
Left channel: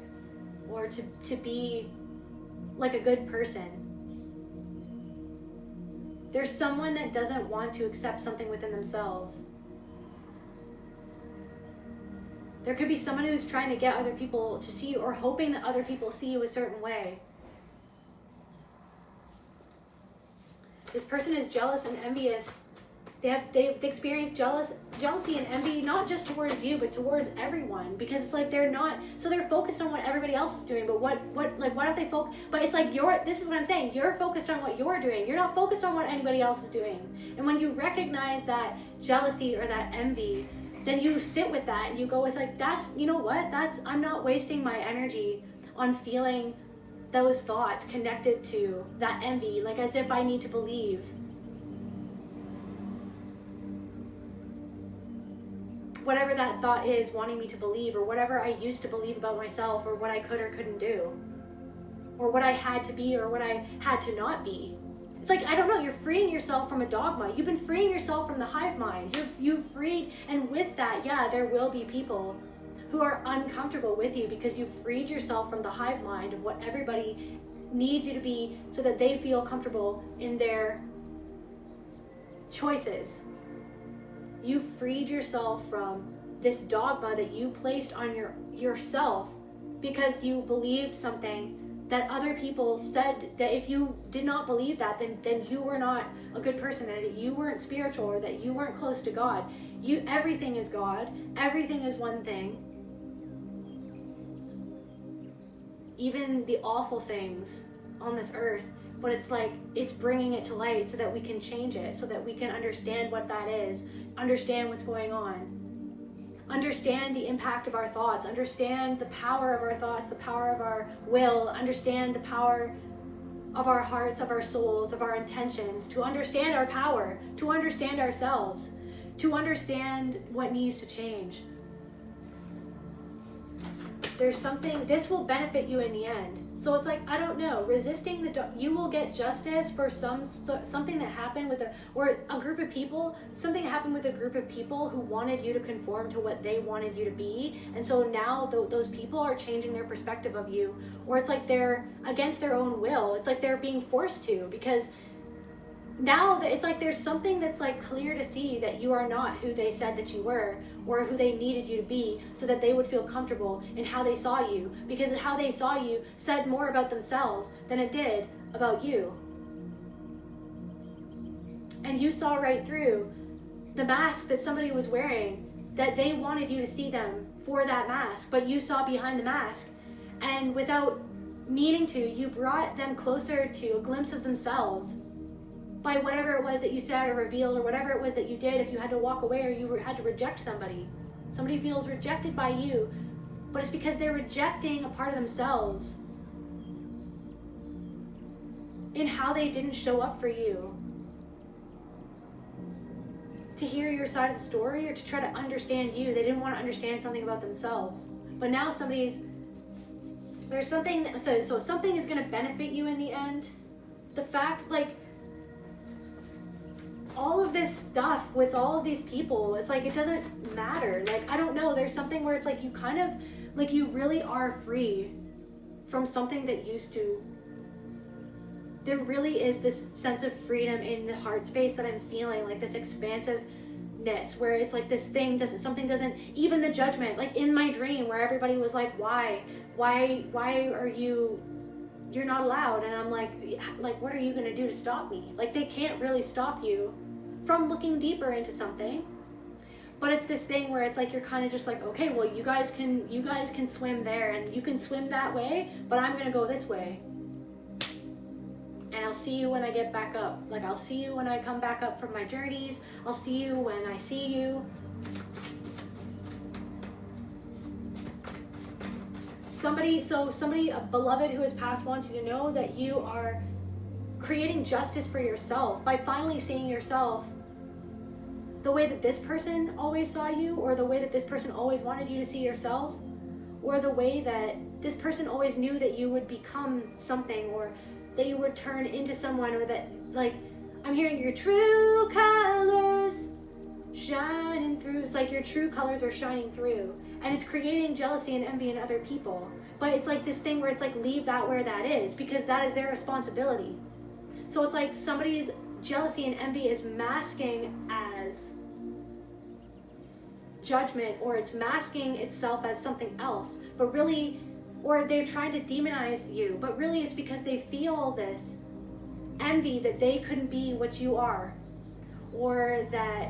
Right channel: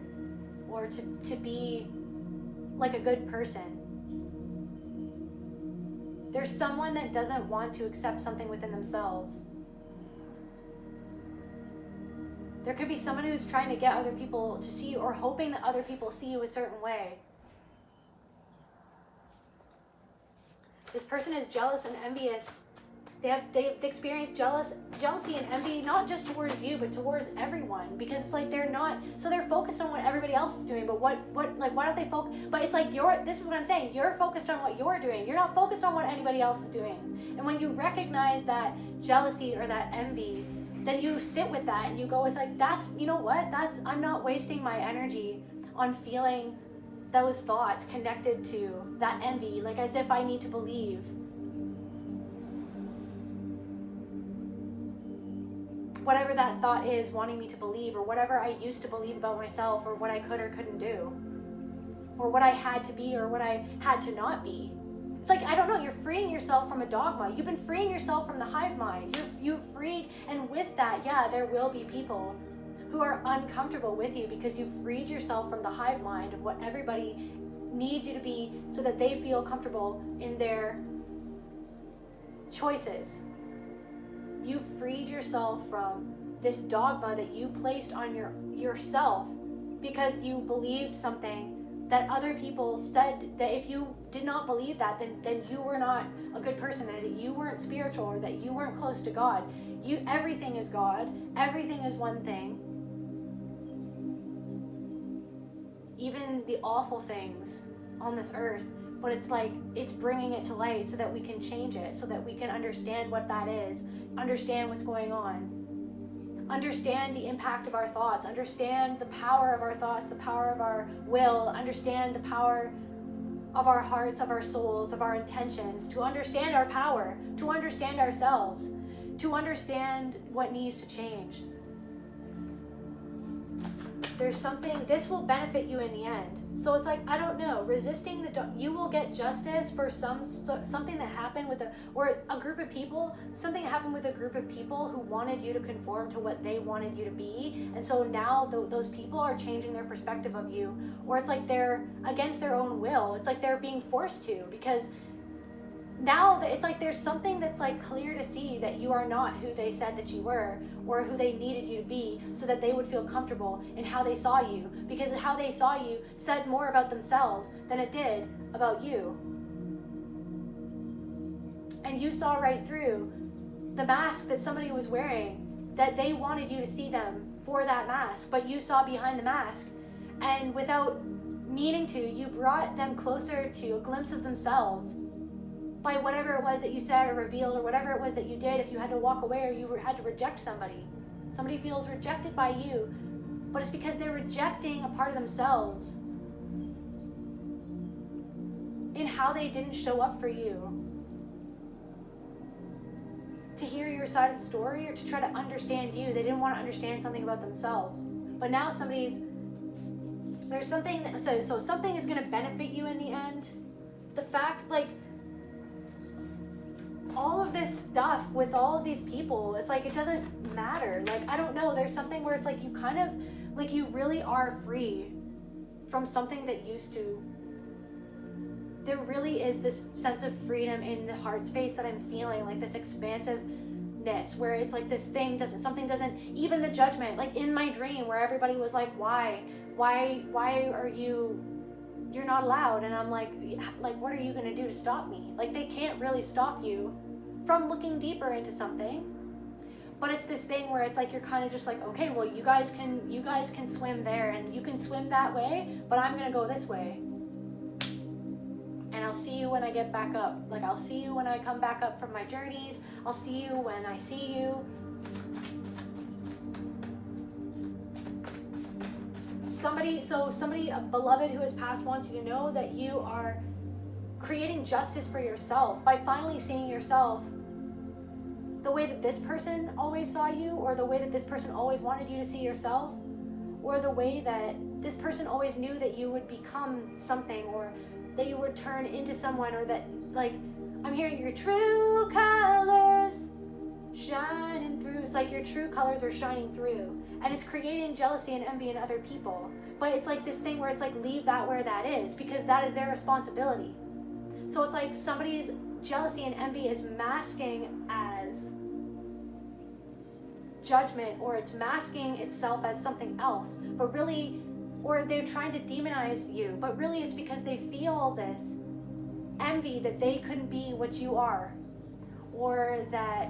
or to be like a good person. There's someone that doesn't want to accept something within themselves. There could be someone who's trying to get other people to see you, or hoping that other people see you a certain way. This person is jealous and envious. They experience jealousy and envy, not just towards you, but towards everyone, because it's like they're focused on what everybody else is doing, but why don't they focus? But it's like this is what I'm saying, you're focused on what you're doing. You're not focused on what anybody else is doing. And when you recognize that jealousy or that envy, then you sit with that and you go with like, I'm not wasting my energy on feeling those thoughts connected to that envy, like as if I need to believe whatever that thought is wanting me to believe, or whatever I used to believe about myself, or what I could or couldn't do, or what I had to be or what I had to not be. It's like, I don't know, you're freeing yourself from a dogma. You've been freeing yourself from the hive mind. You've freed, and with that, yeah, there will be people who are uncomfortable with you because you've freed yourself from the hive mind of what everybody needs you to be so that they feel comfortable in their choices. You freed yourself from this dogma that you placed on yourself because you believed something that other people said, that if you did not believe that, then you were not a good person, or that you weren't spiritual, or that you weren't close to God. Everything is God. Everything is one thing. Even the awful things on this earth, but it's like, it's bringing it to light so that we can change it, so that we can understand what that is, understand what's going on, understand the impact of our thoughts, understand the power of our thoughts, the power of our will, understand the power of our hearts, of our souls, of our intentions, to understand our power, to understand ourselves, to understand what needs to change. There's something, this will benefit you in the end. So it's like, I don't know, resisting you will get justice for something that happened with a group of people, something happened with a group of people who wanted you to conform to what they wanted you to be. And so now those people are changing their perspective of you, or it's like they're against their own will. It's like they're being forced to, because now that it's like there's something that's like clear to see that you are not who they said that you were, or who they needed you to be, so that they would feel comfortable in how they saw you, because how they saw you said more about themselves than it did about you. And you saw right through the mask that somebody was wearing, that they wanted you to see them for that mask, but you saw behind the mask, and without meaning to, you brought them closer to a glimpse of themselves by whatever it was that you said or revealed, or whatever it was that you did. If you had to walk away, or you had to reject somebody feels rejected by you, but it's because they're rejecting a part of themselves in how they didn't show up for you, to hear your side of the story, or to try to understand you. They didn't want to understand something about themselves. But now there's something, so something is going to benefit you in the end. The fact, like, all of this stuff with all of these people, it's like, it doesn't matter. Like, I don't know, there's something where it's like, you kind of, like, you really are free from something that used to, there really is this sense of freedom in the heart space that I'm feeling, like this expansiveness, where it's like this thing something doesn't, even the judgment, like in my dream where everybody was like, why are you're not allowed, and I'm like, what are you gonna do to stop me? Like, they can't really stop you from looking deeper into something. But it's this thing where it's like, you're kind of just like, okay, well, you guys can swim there, and you can swim that way, but I'm gonna go this way. And I'll see you when I get back up. Like, I'll see you when I come back up from my journeys. I'll see you when I see you. Somebody, a beloved who has passed, wants you to know that you are creating justice for yourself by finally seeing yourself the way that this person always saw you, or the way that this person always wanted you to see yourself, or the way that this person always knew that you would become something, or that you would turn into someone, or that, like, I'm hearing your true colors shining through. It's like your true colors are shining through, and it's creating jealousy and envy in other people. But it's like this thing where it's like, leave that where that is, because that is their responsibility. So it's like somebody's jealousy and envy is masking as judgment, or it's masking itself as something else, but really, or they're trying to demonize you, but really it's because they feel this envy that they couldn't be what you are, or that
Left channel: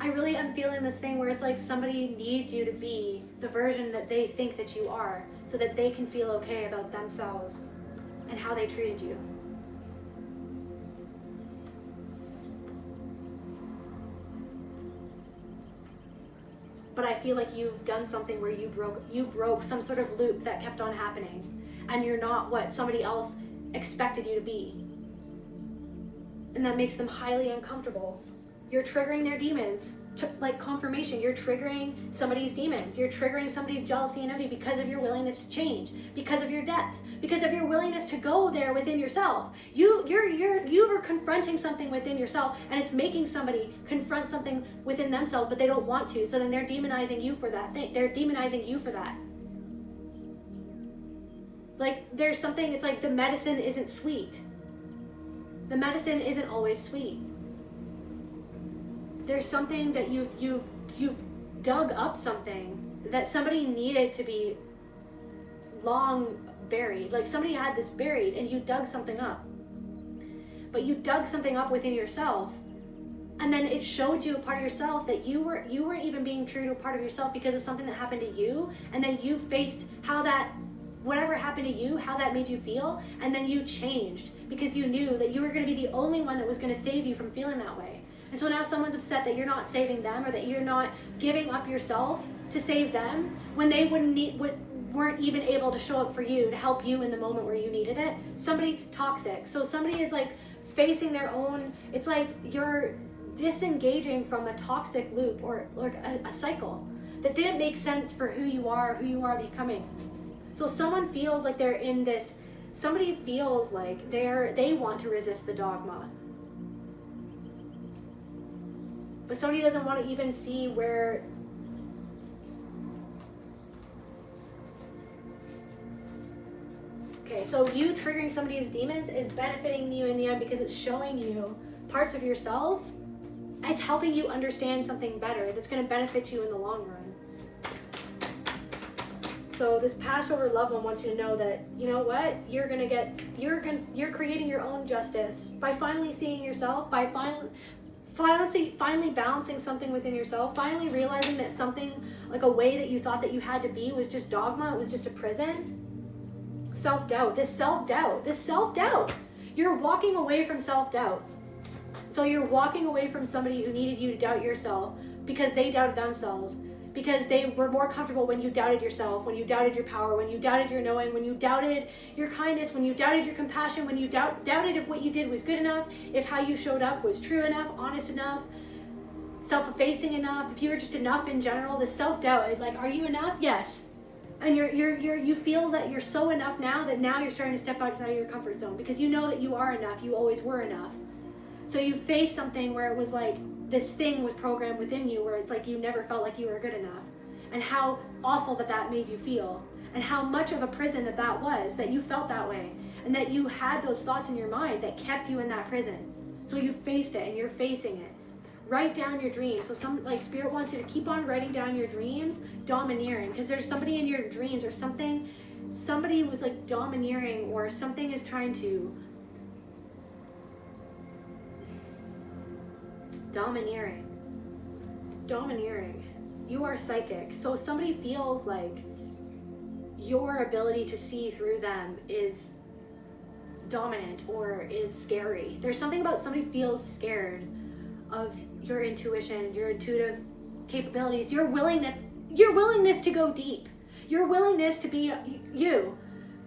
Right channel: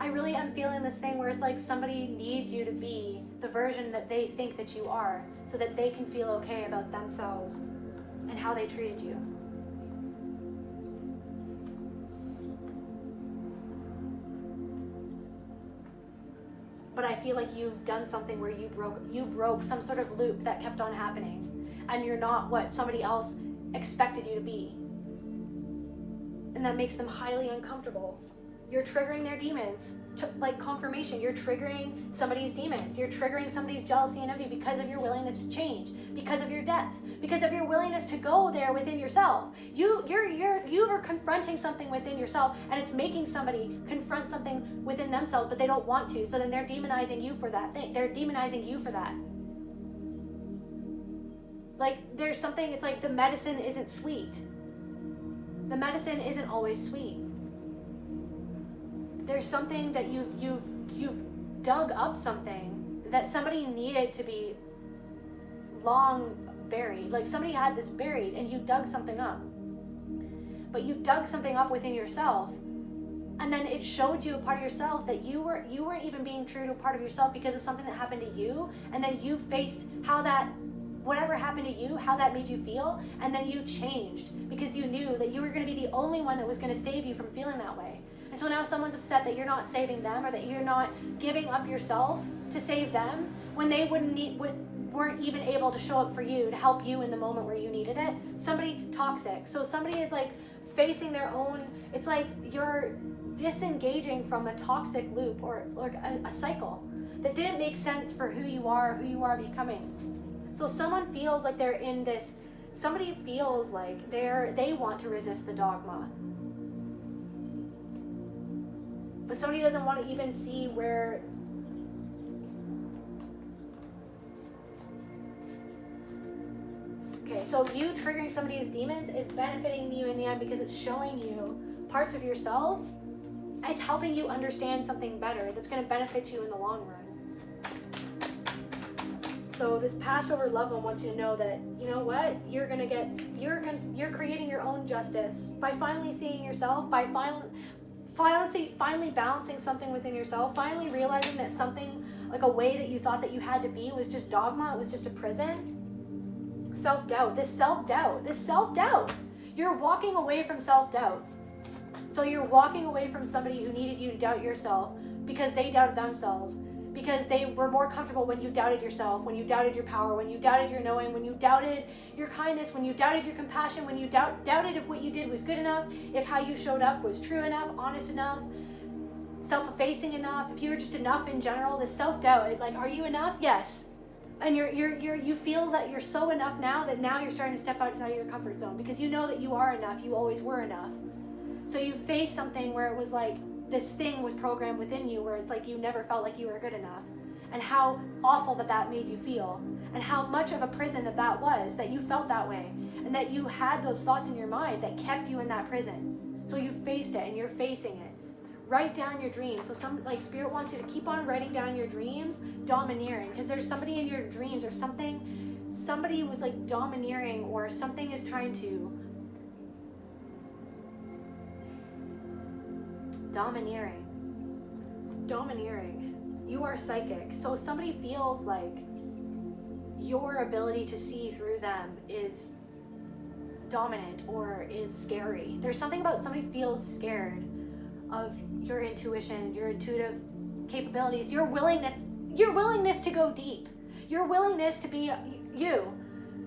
I really am feeling this thing where it's like somebody needs you to be the version that they think that you are, so that they can feel okay about themselves and how they treated you. But I feel like you've done something where you broke some sort of loop that kept on happening, and you're not what somebody else expected you to be. And that makes them highly uncomfortable. You're triggering their demons, like confirmation. You're triggering somebody's demons. You're triggering somebody's jealousy and envy because of your willingness to change, because of your depth, because of your willingness to go there within yourself. You are confronting something within yourself, and it's making somebody confront something within themselves, but they don't want to. So then they're demonizing you for that. They're demonizing you for that. Like there's something. It's like the medicine isn't sweet. The medicine isn't always sweet. There's something that you've dug up, something that somebody needed to be long buried. Like somebody had this buried and you dug something up. But you dug something up within yourself, and then it showed you a part of yourself that you weren't even being true to a part of yourself because of something that happened to you, and then you faced how that, whatever happened to you, how that made you feel, and then you changed because you knew that you were going to be the only one that was going to save you from feeling that way. And so now someone's upset that you're not saving them, or that you're not giving up yourself to save them when they weren't even able to show up for you to help you in the moment where you needed it. Somebody toxic. So somebody is like facing their own, it's like you're disengaging from a toxic loop or a cycle that didn't make sense for who you are becoming. So someone feels like they're in this, somebody feels like they want to resist the dogma. But somebody doesn't want to even see where okay, so you triggering somebody's demons is benefiting you in the end because it's showing you parts of yourself. It's helping you understand something better that's going to benefit you in the long run. So this Passover loved one wants you to know that, you know what, you're creating your own justice by finally seeing yourself, by finally balancing something within yourself, finally realizing that something, like a way that you thought that you had to be, was just dogma, it was just a prison. Self-doubt, this self-doubt. You're walking away from self-doubt. So you're walking away from somebody who needed you to doubt yourself because they doubted themselves, because they were more comfortable when you doubted yourself, when you doubted your power, when you doubted your knowing, when you doubted your kindness, when you doubted your compassion, when you doubted if what you did was good enough, if how you showed up was true enough, honest enough, self-effacing enough, if you were just enough in general. The self-doubt is like, are you enough? Yes. And you feel that you're so enough now that now you're starting to step outside of your comfort zone because you know that you are enough, you always were enough. So you face something where it was like this thing was programmed within you where it's like you never felt like you were good enough, and how awful that made you feel, and how much of a prison that was, that you felt that way, and that you had those thoughts in your mind that kept you in that prison. So you faced it and you're facing it. Write down your dreams. So Spirit wants you to keep on writing down your dreams, domineering, because there's somebody in your dreams or somebody was like domineering, or something is trying to domineering. You are psychic. So somebody feels like your ability to see through them is dominant or is scary. There's something about somebody feels scared of your intuition, your intuitive capabilities, your willingness to go deep, your willingness to be you,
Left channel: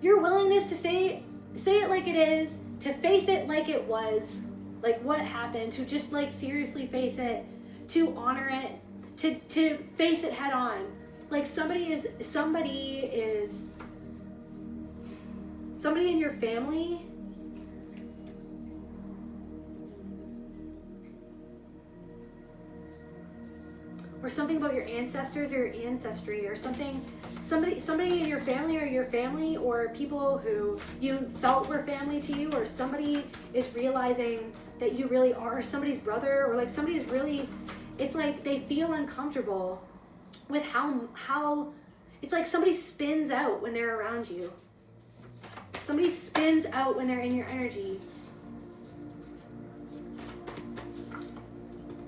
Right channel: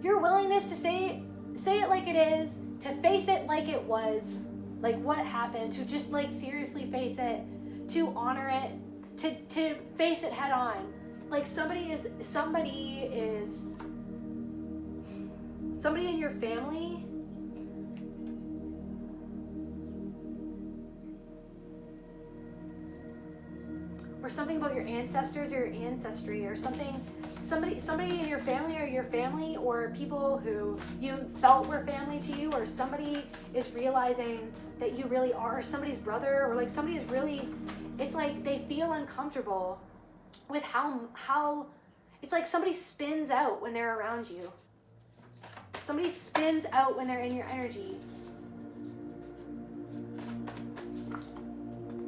your willingness to say it like it is, to face it like it was, like what happened, to just like seriously face it, to honor it, to face it head on. Like somebody in your family or something about your ancestors or your ancestry or something somebody in your family or people who you felt were family to you, or somebody is realizing that you really are somebody's brother, or like somebody is really, it's like they feel uncomfortable with how it's like somebody spins out when they're around you. Somebody spins out when they're in your energy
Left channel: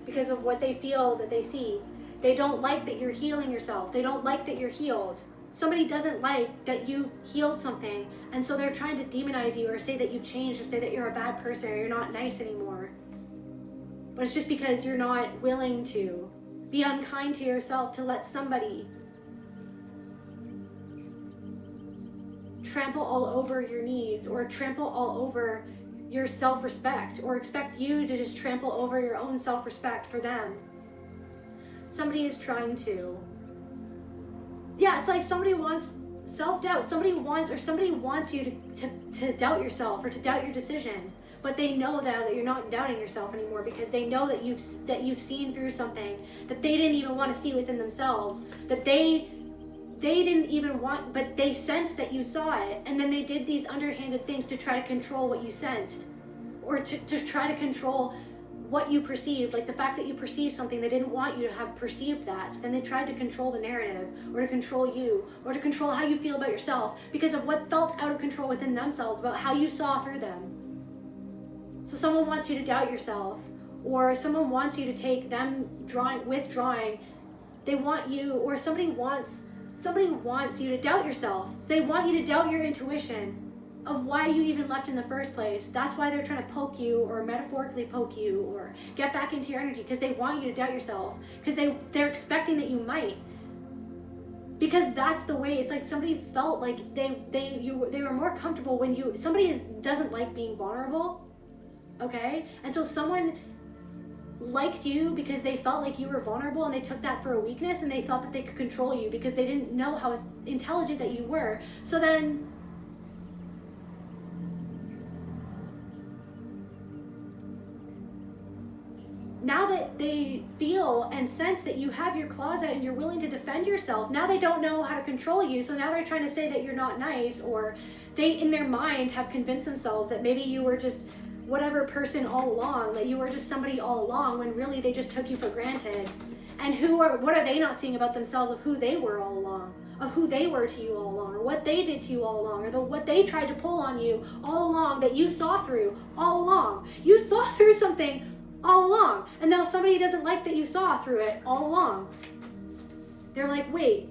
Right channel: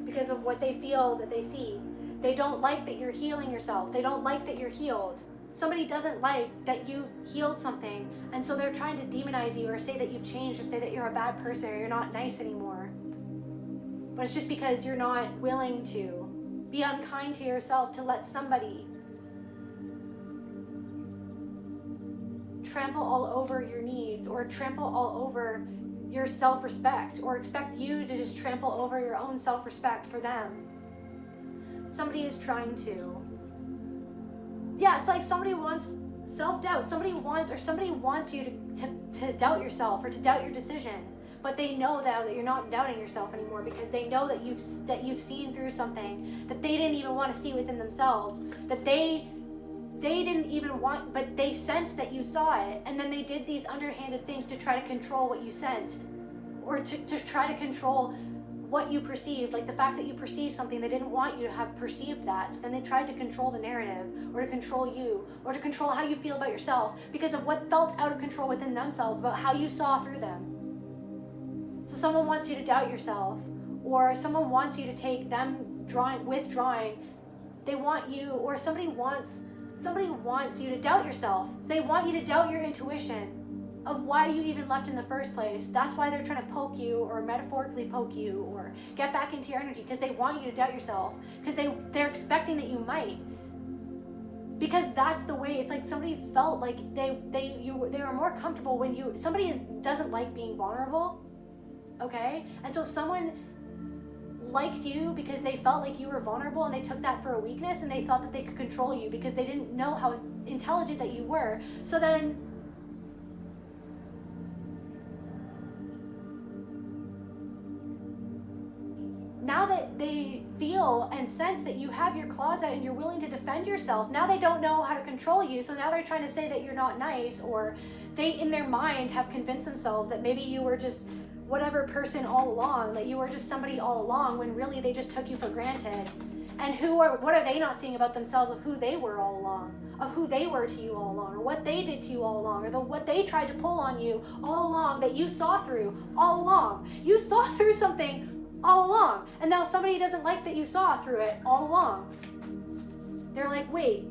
because of what they feel that they see. They don't like that you're healing yourself. They don't like that you're healed. Somebody doesn't like that you've healed something, and so they're trying to demonize you or say that you've changed or say that you're a bad person or you're not nice anymore. But it's just because you're not willing to be unkind to yourself, to let somebody trample all over your needs or trample all over your self-respect, or expect you to just trample over your own self-respect for them. Somebody is trying to, it's like somebody wants self-doubt. Somebody wants you to doubt yourself or to doubt your decision, but they know now that you're not doubting yourself anymore, because they know that you've seen through something that they didn't even want to see within themselves, that they didn't even want, but they sensed that you saw it, and then they did these underhanded things to try to control what you sensed, or to try to control what you perceived. Like the fact that you perceived something, they didn't want you to have perceived that, so then they tried to control the narrative, or to control you, or to control how you feel about yourself because of what felt out of control within themselves about how you saw through them. So someone wants you to doubt yourself, or someone wants you to take them withdrawing. They want you, or somebody wants you to doubt yourself. So they want you to doubt your intuition of why you even left in the first place. That's why they're trying to poke you, or metaphorically poke you, or get back into your energy, because they want you to doubt yourself, because they're expecting that you might, because that's the way. It's like somebody felt like they were more comfortable when somebody doesn't like being vulnerable, okay? And so someone liked you because they felt like you were vulnerable, and they took that for a weakness, and they thought that they could control you because they didn't know how intelligent that you were. So then now that they feel and sense that you have your claws out and you're willing to defend yourself, now they don't know how to control you. So now they're trying to say that you're not nice, or they in their mind have convinced themselves that maybe you were just whatever person all along, that you were just somebody all along, when really they just took you for granted. And what are they not seeing about themselves of who they were all along, of who they were to you all along, or what they did to you all along, or what they tried to pull on you all along that you saw through all along. You saw through something all along, and now somebody doesn't like that you saw through it all along. They're like, wait,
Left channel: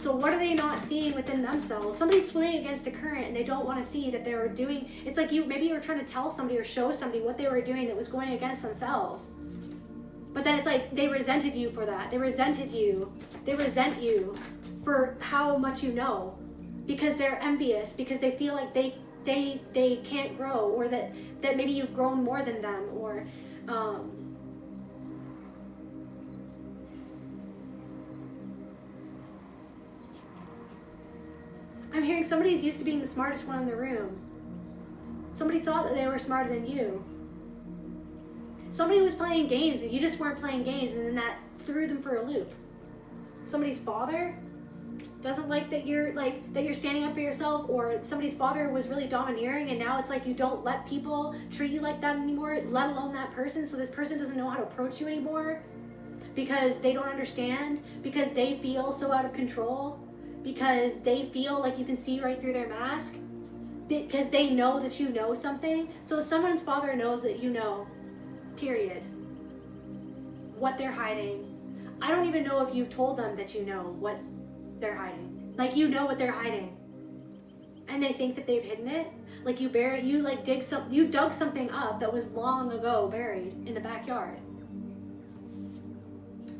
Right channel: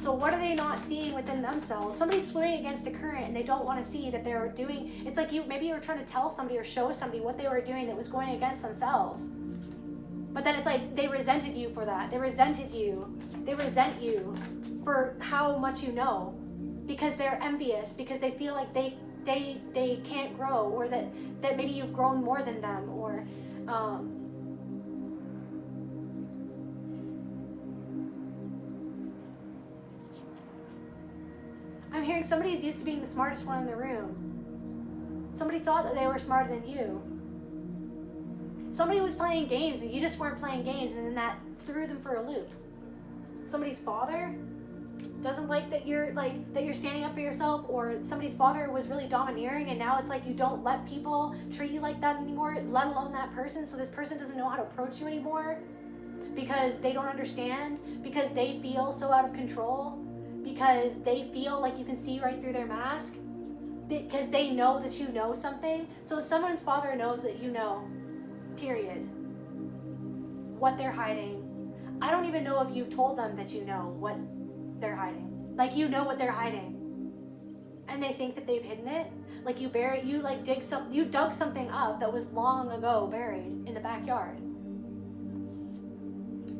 so what are they not seeing within themselves? Somebody's swimming against the current, and they don't want to see that they're doing, it's like maybe you were trying to tell somebody or show somebody what they were doing that was going against themselves. But then it's like they resented you for that. They resent you for how much you know, because they're envious, because they feel like they can't grow, or that maybe you've grown more than them, or I'm hearing somebody's used to being the smartest one in the room. Somebody thought that they were smarter than you. Somebody was playing games and you just weren't playing games, and then that threw them for a loop. Somebody's father doesn't like that you're standing up for yourself, or somebody's father was really domineering, and now it's like you don't let people treat you like that anymore, let alone that person. So this person doesn't know how to approach you anymore because they don't understand, because they feel so out of control, because they feel like you can see right through their mask, because they know that you know something. So someone's father knows that you know, period, what they're hiding. I don't even know if you've told them that you know what they're hiding. Like, you know what they're hiding, and they think that they've hidden it. Like you dug something up that was long ago buried in the backyard.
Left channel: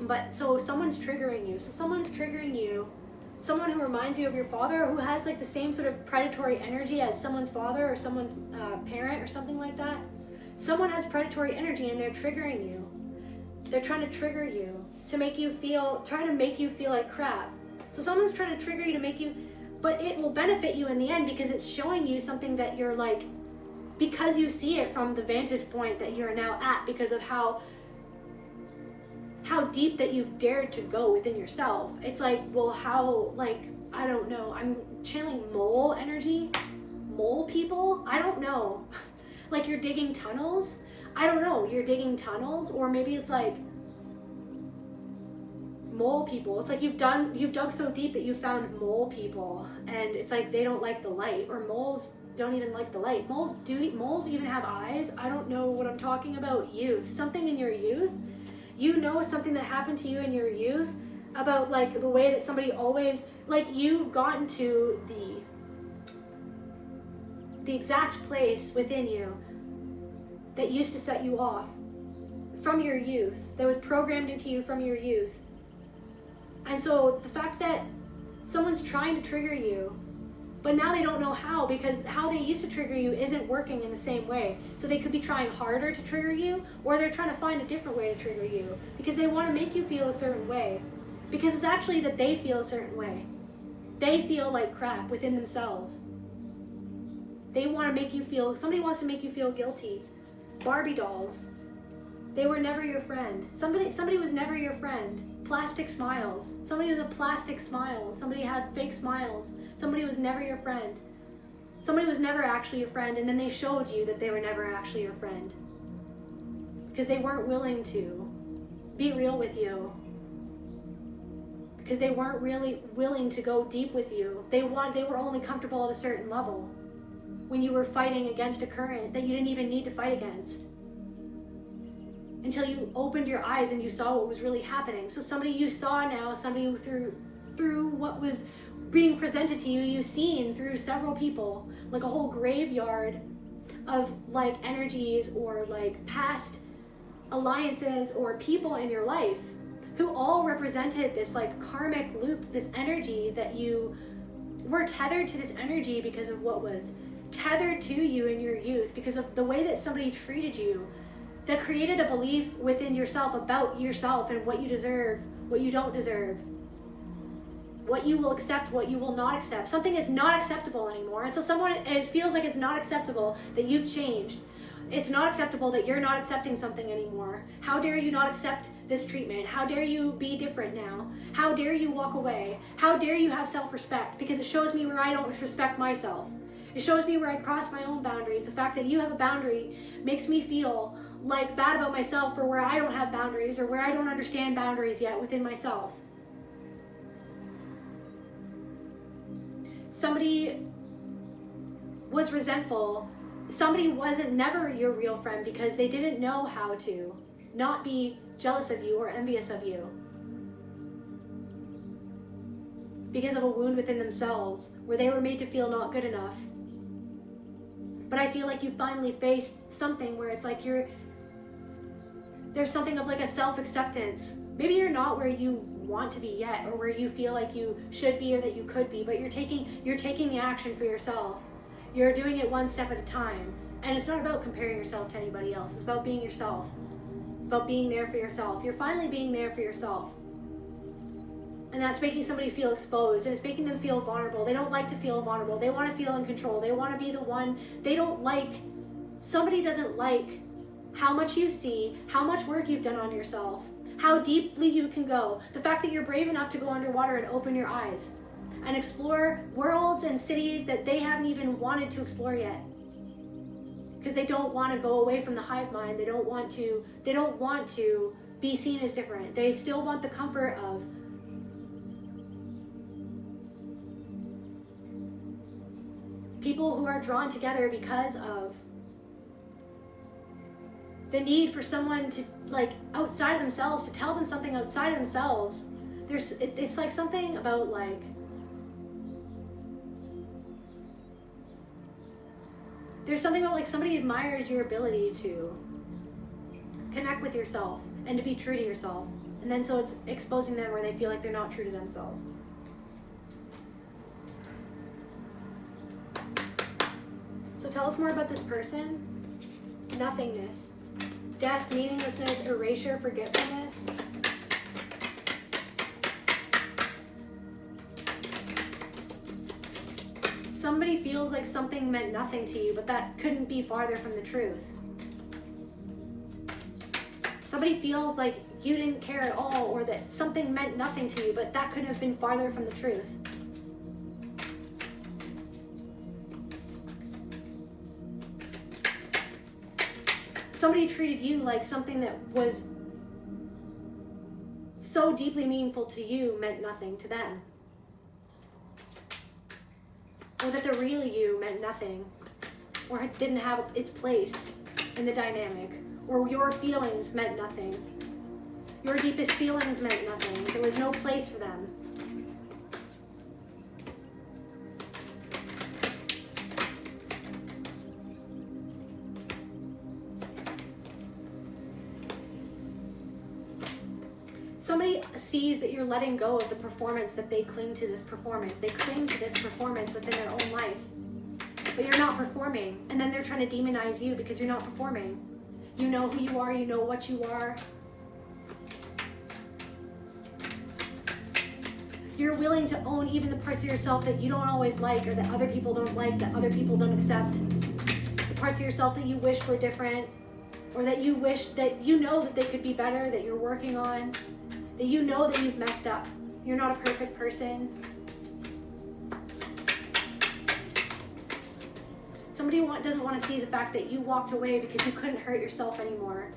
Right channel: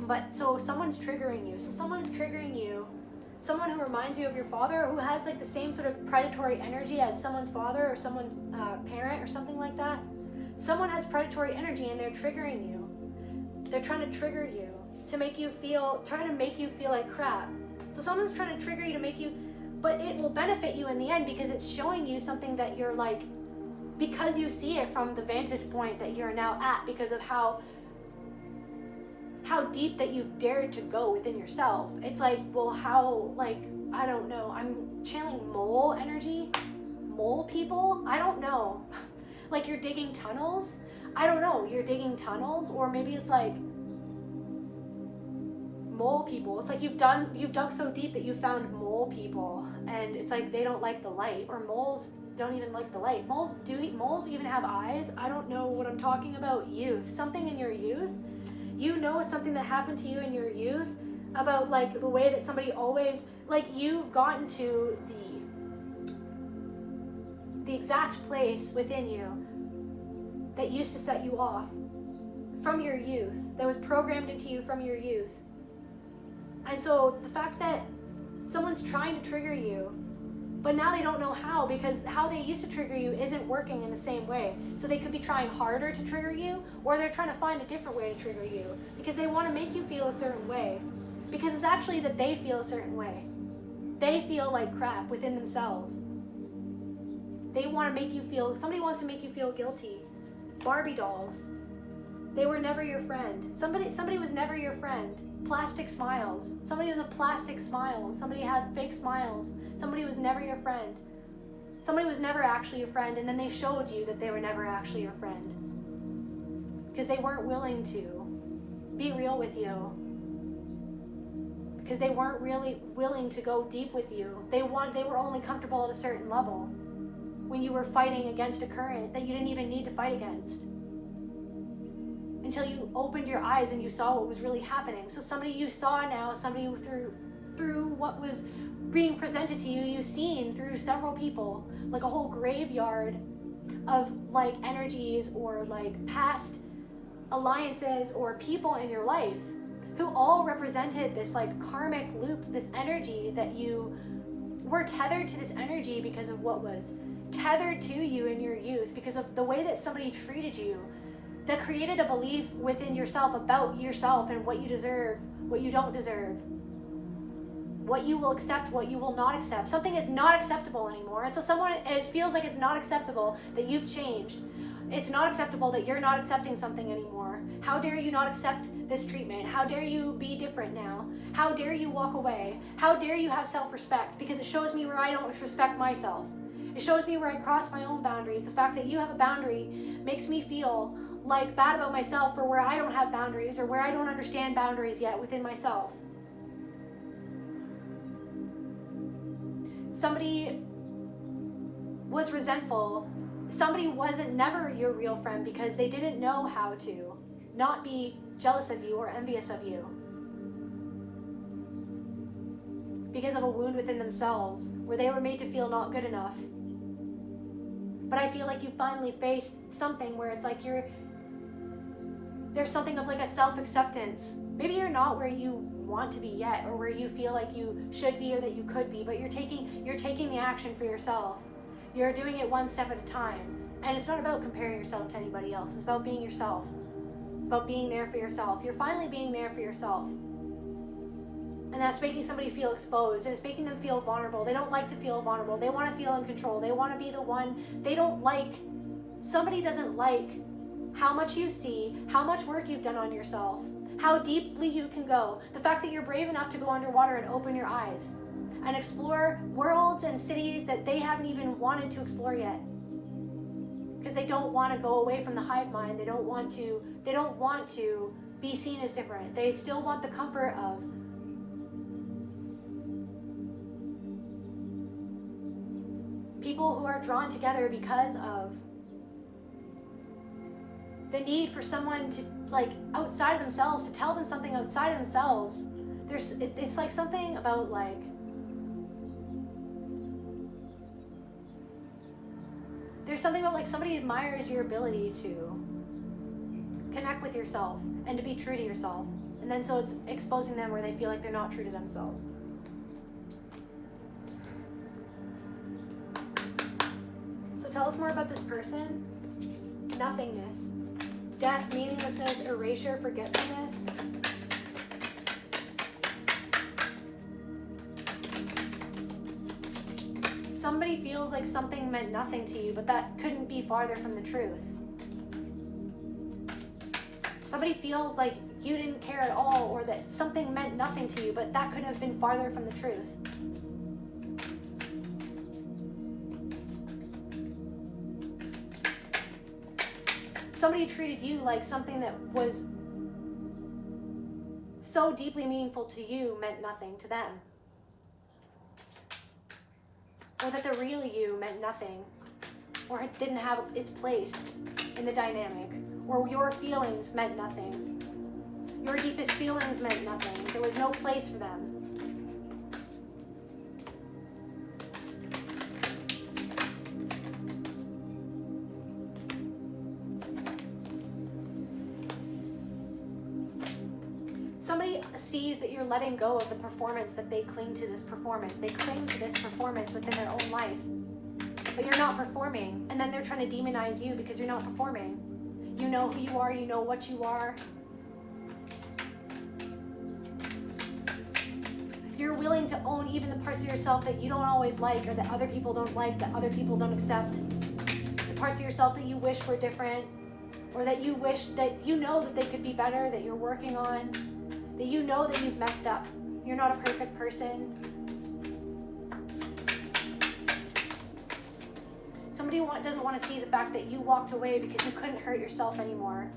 But so someone's triggering you. Someone who reminds you of your father, who has like the same sort of predatory energy as someone's father or someone's parent or something like that. Someone has predatory energy, and they're triggering you. They're trying to trigger you to make you feel like crap. So someone's trying to trigger you to make you, but it will benefit you in the end, because it's showing you something that you're like, because you see it from the vantage point that you're now at, because of how how deep that you've dared to go within yourself. It's like, well, how, like, I don't know. I'm channeling mole energy. Mole people? I don't know. Like you're digging tunnels? I don't know. You're digging tunnels, or maybe it's like mole people. It's like you've dug so deep that you found mole people, and it's like they don't like the light, or moles don't even like the light. Moles even have eyes? I don't know what I'm talking about. Youth. Something in your youth. You know something that happened to you in your youth about like the way that somebody always, like you've gotten to the exact place within you that used to set you off from your youth, that was programmed into you from your youth. And so the fact that someone's trying to trigger you, but now they don't know how, because how they used to trigger you isn't working in the same way. So they could be trying harder to trigger you, or they're trying to find a different way to trigger you because they want to make you feel a certain way. Because it's actually that they feel a certain way. They feel like crap within themselves. They want to make you feel, somebody wants to make you feel guilty. Barbie dolls. They were never your friend. Somebody was never your friend. Plastic smiles. Somebody was a plastic smile. Somebody had fake smiles. Somebody was never your friend. Somebody was never actually your friend, and then they showed you that they were never actually your friend. Because they weren't willing to be real with you. Because they weren't really willing to go deep with you. They were only comfortable at a certain level. When you were fighting against a current that you didn't even need to fight against. Until you opened your eyes and you saw what was really happening. So somebody you saw now, somebody who through what was being presented to you, you've seen through several people, like a whole graveyard of like energies or like past alliances or people in your life who all represented this like karmic loop, this energy that you were tethered to, this energy because of what was tethered to you in your youth, because of the way that somebody treated you, that created a belief within yourself about yourself and what you deserve, what you don't deserve, what you will accept, what you will not accept. Something is not acceptable anymore. And so it feels like it's not acceptable that you've changed. It's not acceptable that you're not accepting something anymore. How dare you not accept this treatment? How dare you be different now? How dare you walk away? How dare you have self-respect? Because it shows me where I don't respect myself. It shows me where I cross my own boundaries. The fact that you have a boundary makes me feel like bad about myself for where I don't have boundaries or where I don't understand boundaries yet within myself. Somebody was resentful. Somebody wasn't never your real friend because they didn't know how to not be jealous of you or envious of you. Because of a wound within themselves where they were made to feel not good enough. But I feel like you finally faced something where it's like there's something of like a self-acceptance. Maybe you're not where you want to be yet, or where you feel like you should be or that you could be, but you're taking the action for yourself. You're doing it one step at a time. And it's not about comparing yourself to anybody else. It's about being yourself. It's about being there for yourself. You're finally being there for yourself. And that's making somebody feel exposed, and it's making them feel vulnerable. They don't like to feel vulnerable. They want to feel in control. They want to be the one. Somebody doesn't like how much you see, how much work you've done on yourself, how deeply you can go. The fact that you're brave enough to go underwater and open your eyes and explore worlds and cities that they haven't even wanted to explore yet. Because they don't want to go away from the hive mind. They don't want to be seen as different. They still want the comfort of people who are drawn together because of the need for someone to, like, outside of themselves, to tell them something outside of themselves. It's like something about like, there's something about like somebody admires your ability to connect with yourself and to be true to yourself. And then so it's exposing them where they feel like they're not true to themselves. So tell us more about this person. Nothingness. Death, meaninglessness, erasure, forgetfulness. Somebody feels like something meant nothing to you, but that couldn't be farther from the truth. Somebody feels like you didn't care at all, or that something meant nothing to you, but that couldn't have been farther from the truth. Somebody treated you like something that was so deeply meaningful to you meant nothing to them. Or that the real you meant nothing, or it didn't have its place in the dynamic, or your feelings meant nothing. Your deepest feelings meant nothing. There was no place for them. Somebody sees that you're letting go of the performance, that they cling to this performance. They cling to this performance within their own life. But you're not performing. And then they're trying to demonize you because you're not performing. You know who you are. You know what you are. You're willing to own even the parts of yourself that you don't always like, or that other people don't like, that other people don't accept. The parts of yourself that you wish were different, or that you wish that you know that they could be better, that you're working on, that you know that you've messed up. You're not a perfect person. Somebody doesn't want to see the fact that you walked away because you couldn't hurt yourself anymore.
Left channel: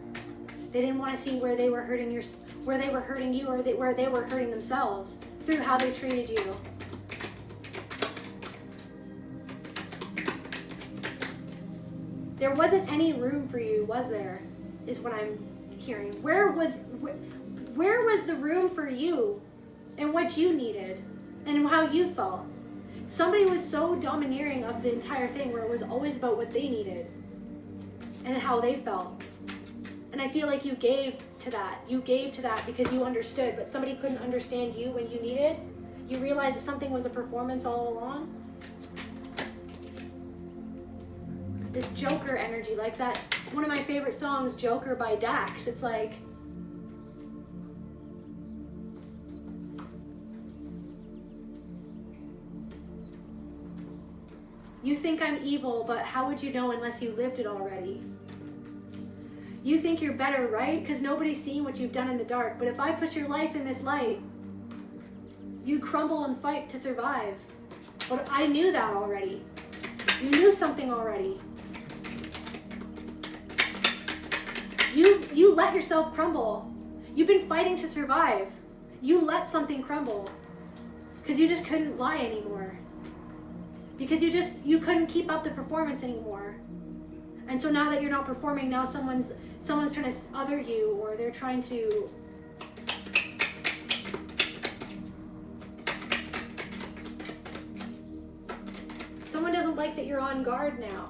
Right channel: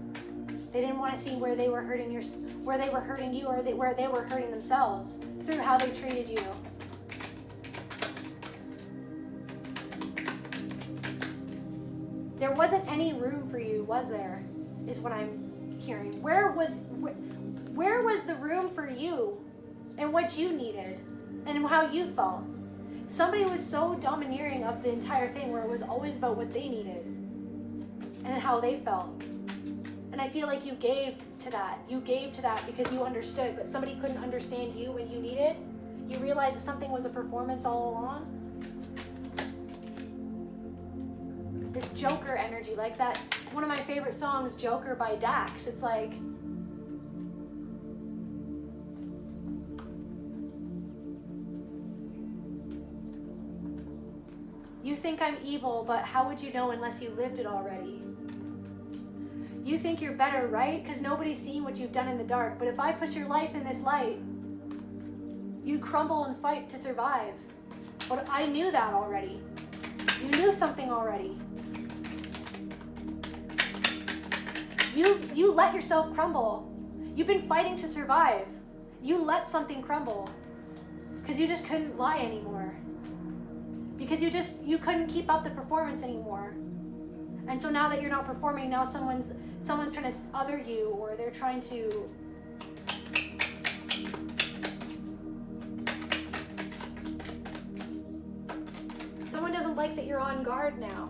They didn't want to see where they were hurting you, or where they were hurting themselves through how they treated you. There wasn't any room for you, was there? Is what I'm hearing. Where was the room for you and what you needed and how you felt? Somebody was so domineering of the entire thing, where it was always about what they needed and how they felt. And I feel like you gave to that. You gave to that because you understood, but somebody couldn't understand you when you needed. You realized that something was a performance all along. This Joker energy, like that, one of my favorite songs, Joker by Dax. It's like, you think I'm evil, but how would you know unless you lived it already? You think you're better, right? Because nobody's seen what you've done in the dark. But if I put your life in this light, you'd crumble and fight to survive. But I knew that already. You knew something already. You let yourself crumble. You've been fighting to survive. You let something crumble because you just couldn't lie anymore. Because you couldn't keep up the performance anymore. And so now that you're not performing, now someone's trying to other you, or they're trying to someone doesn't like that you're on guard now.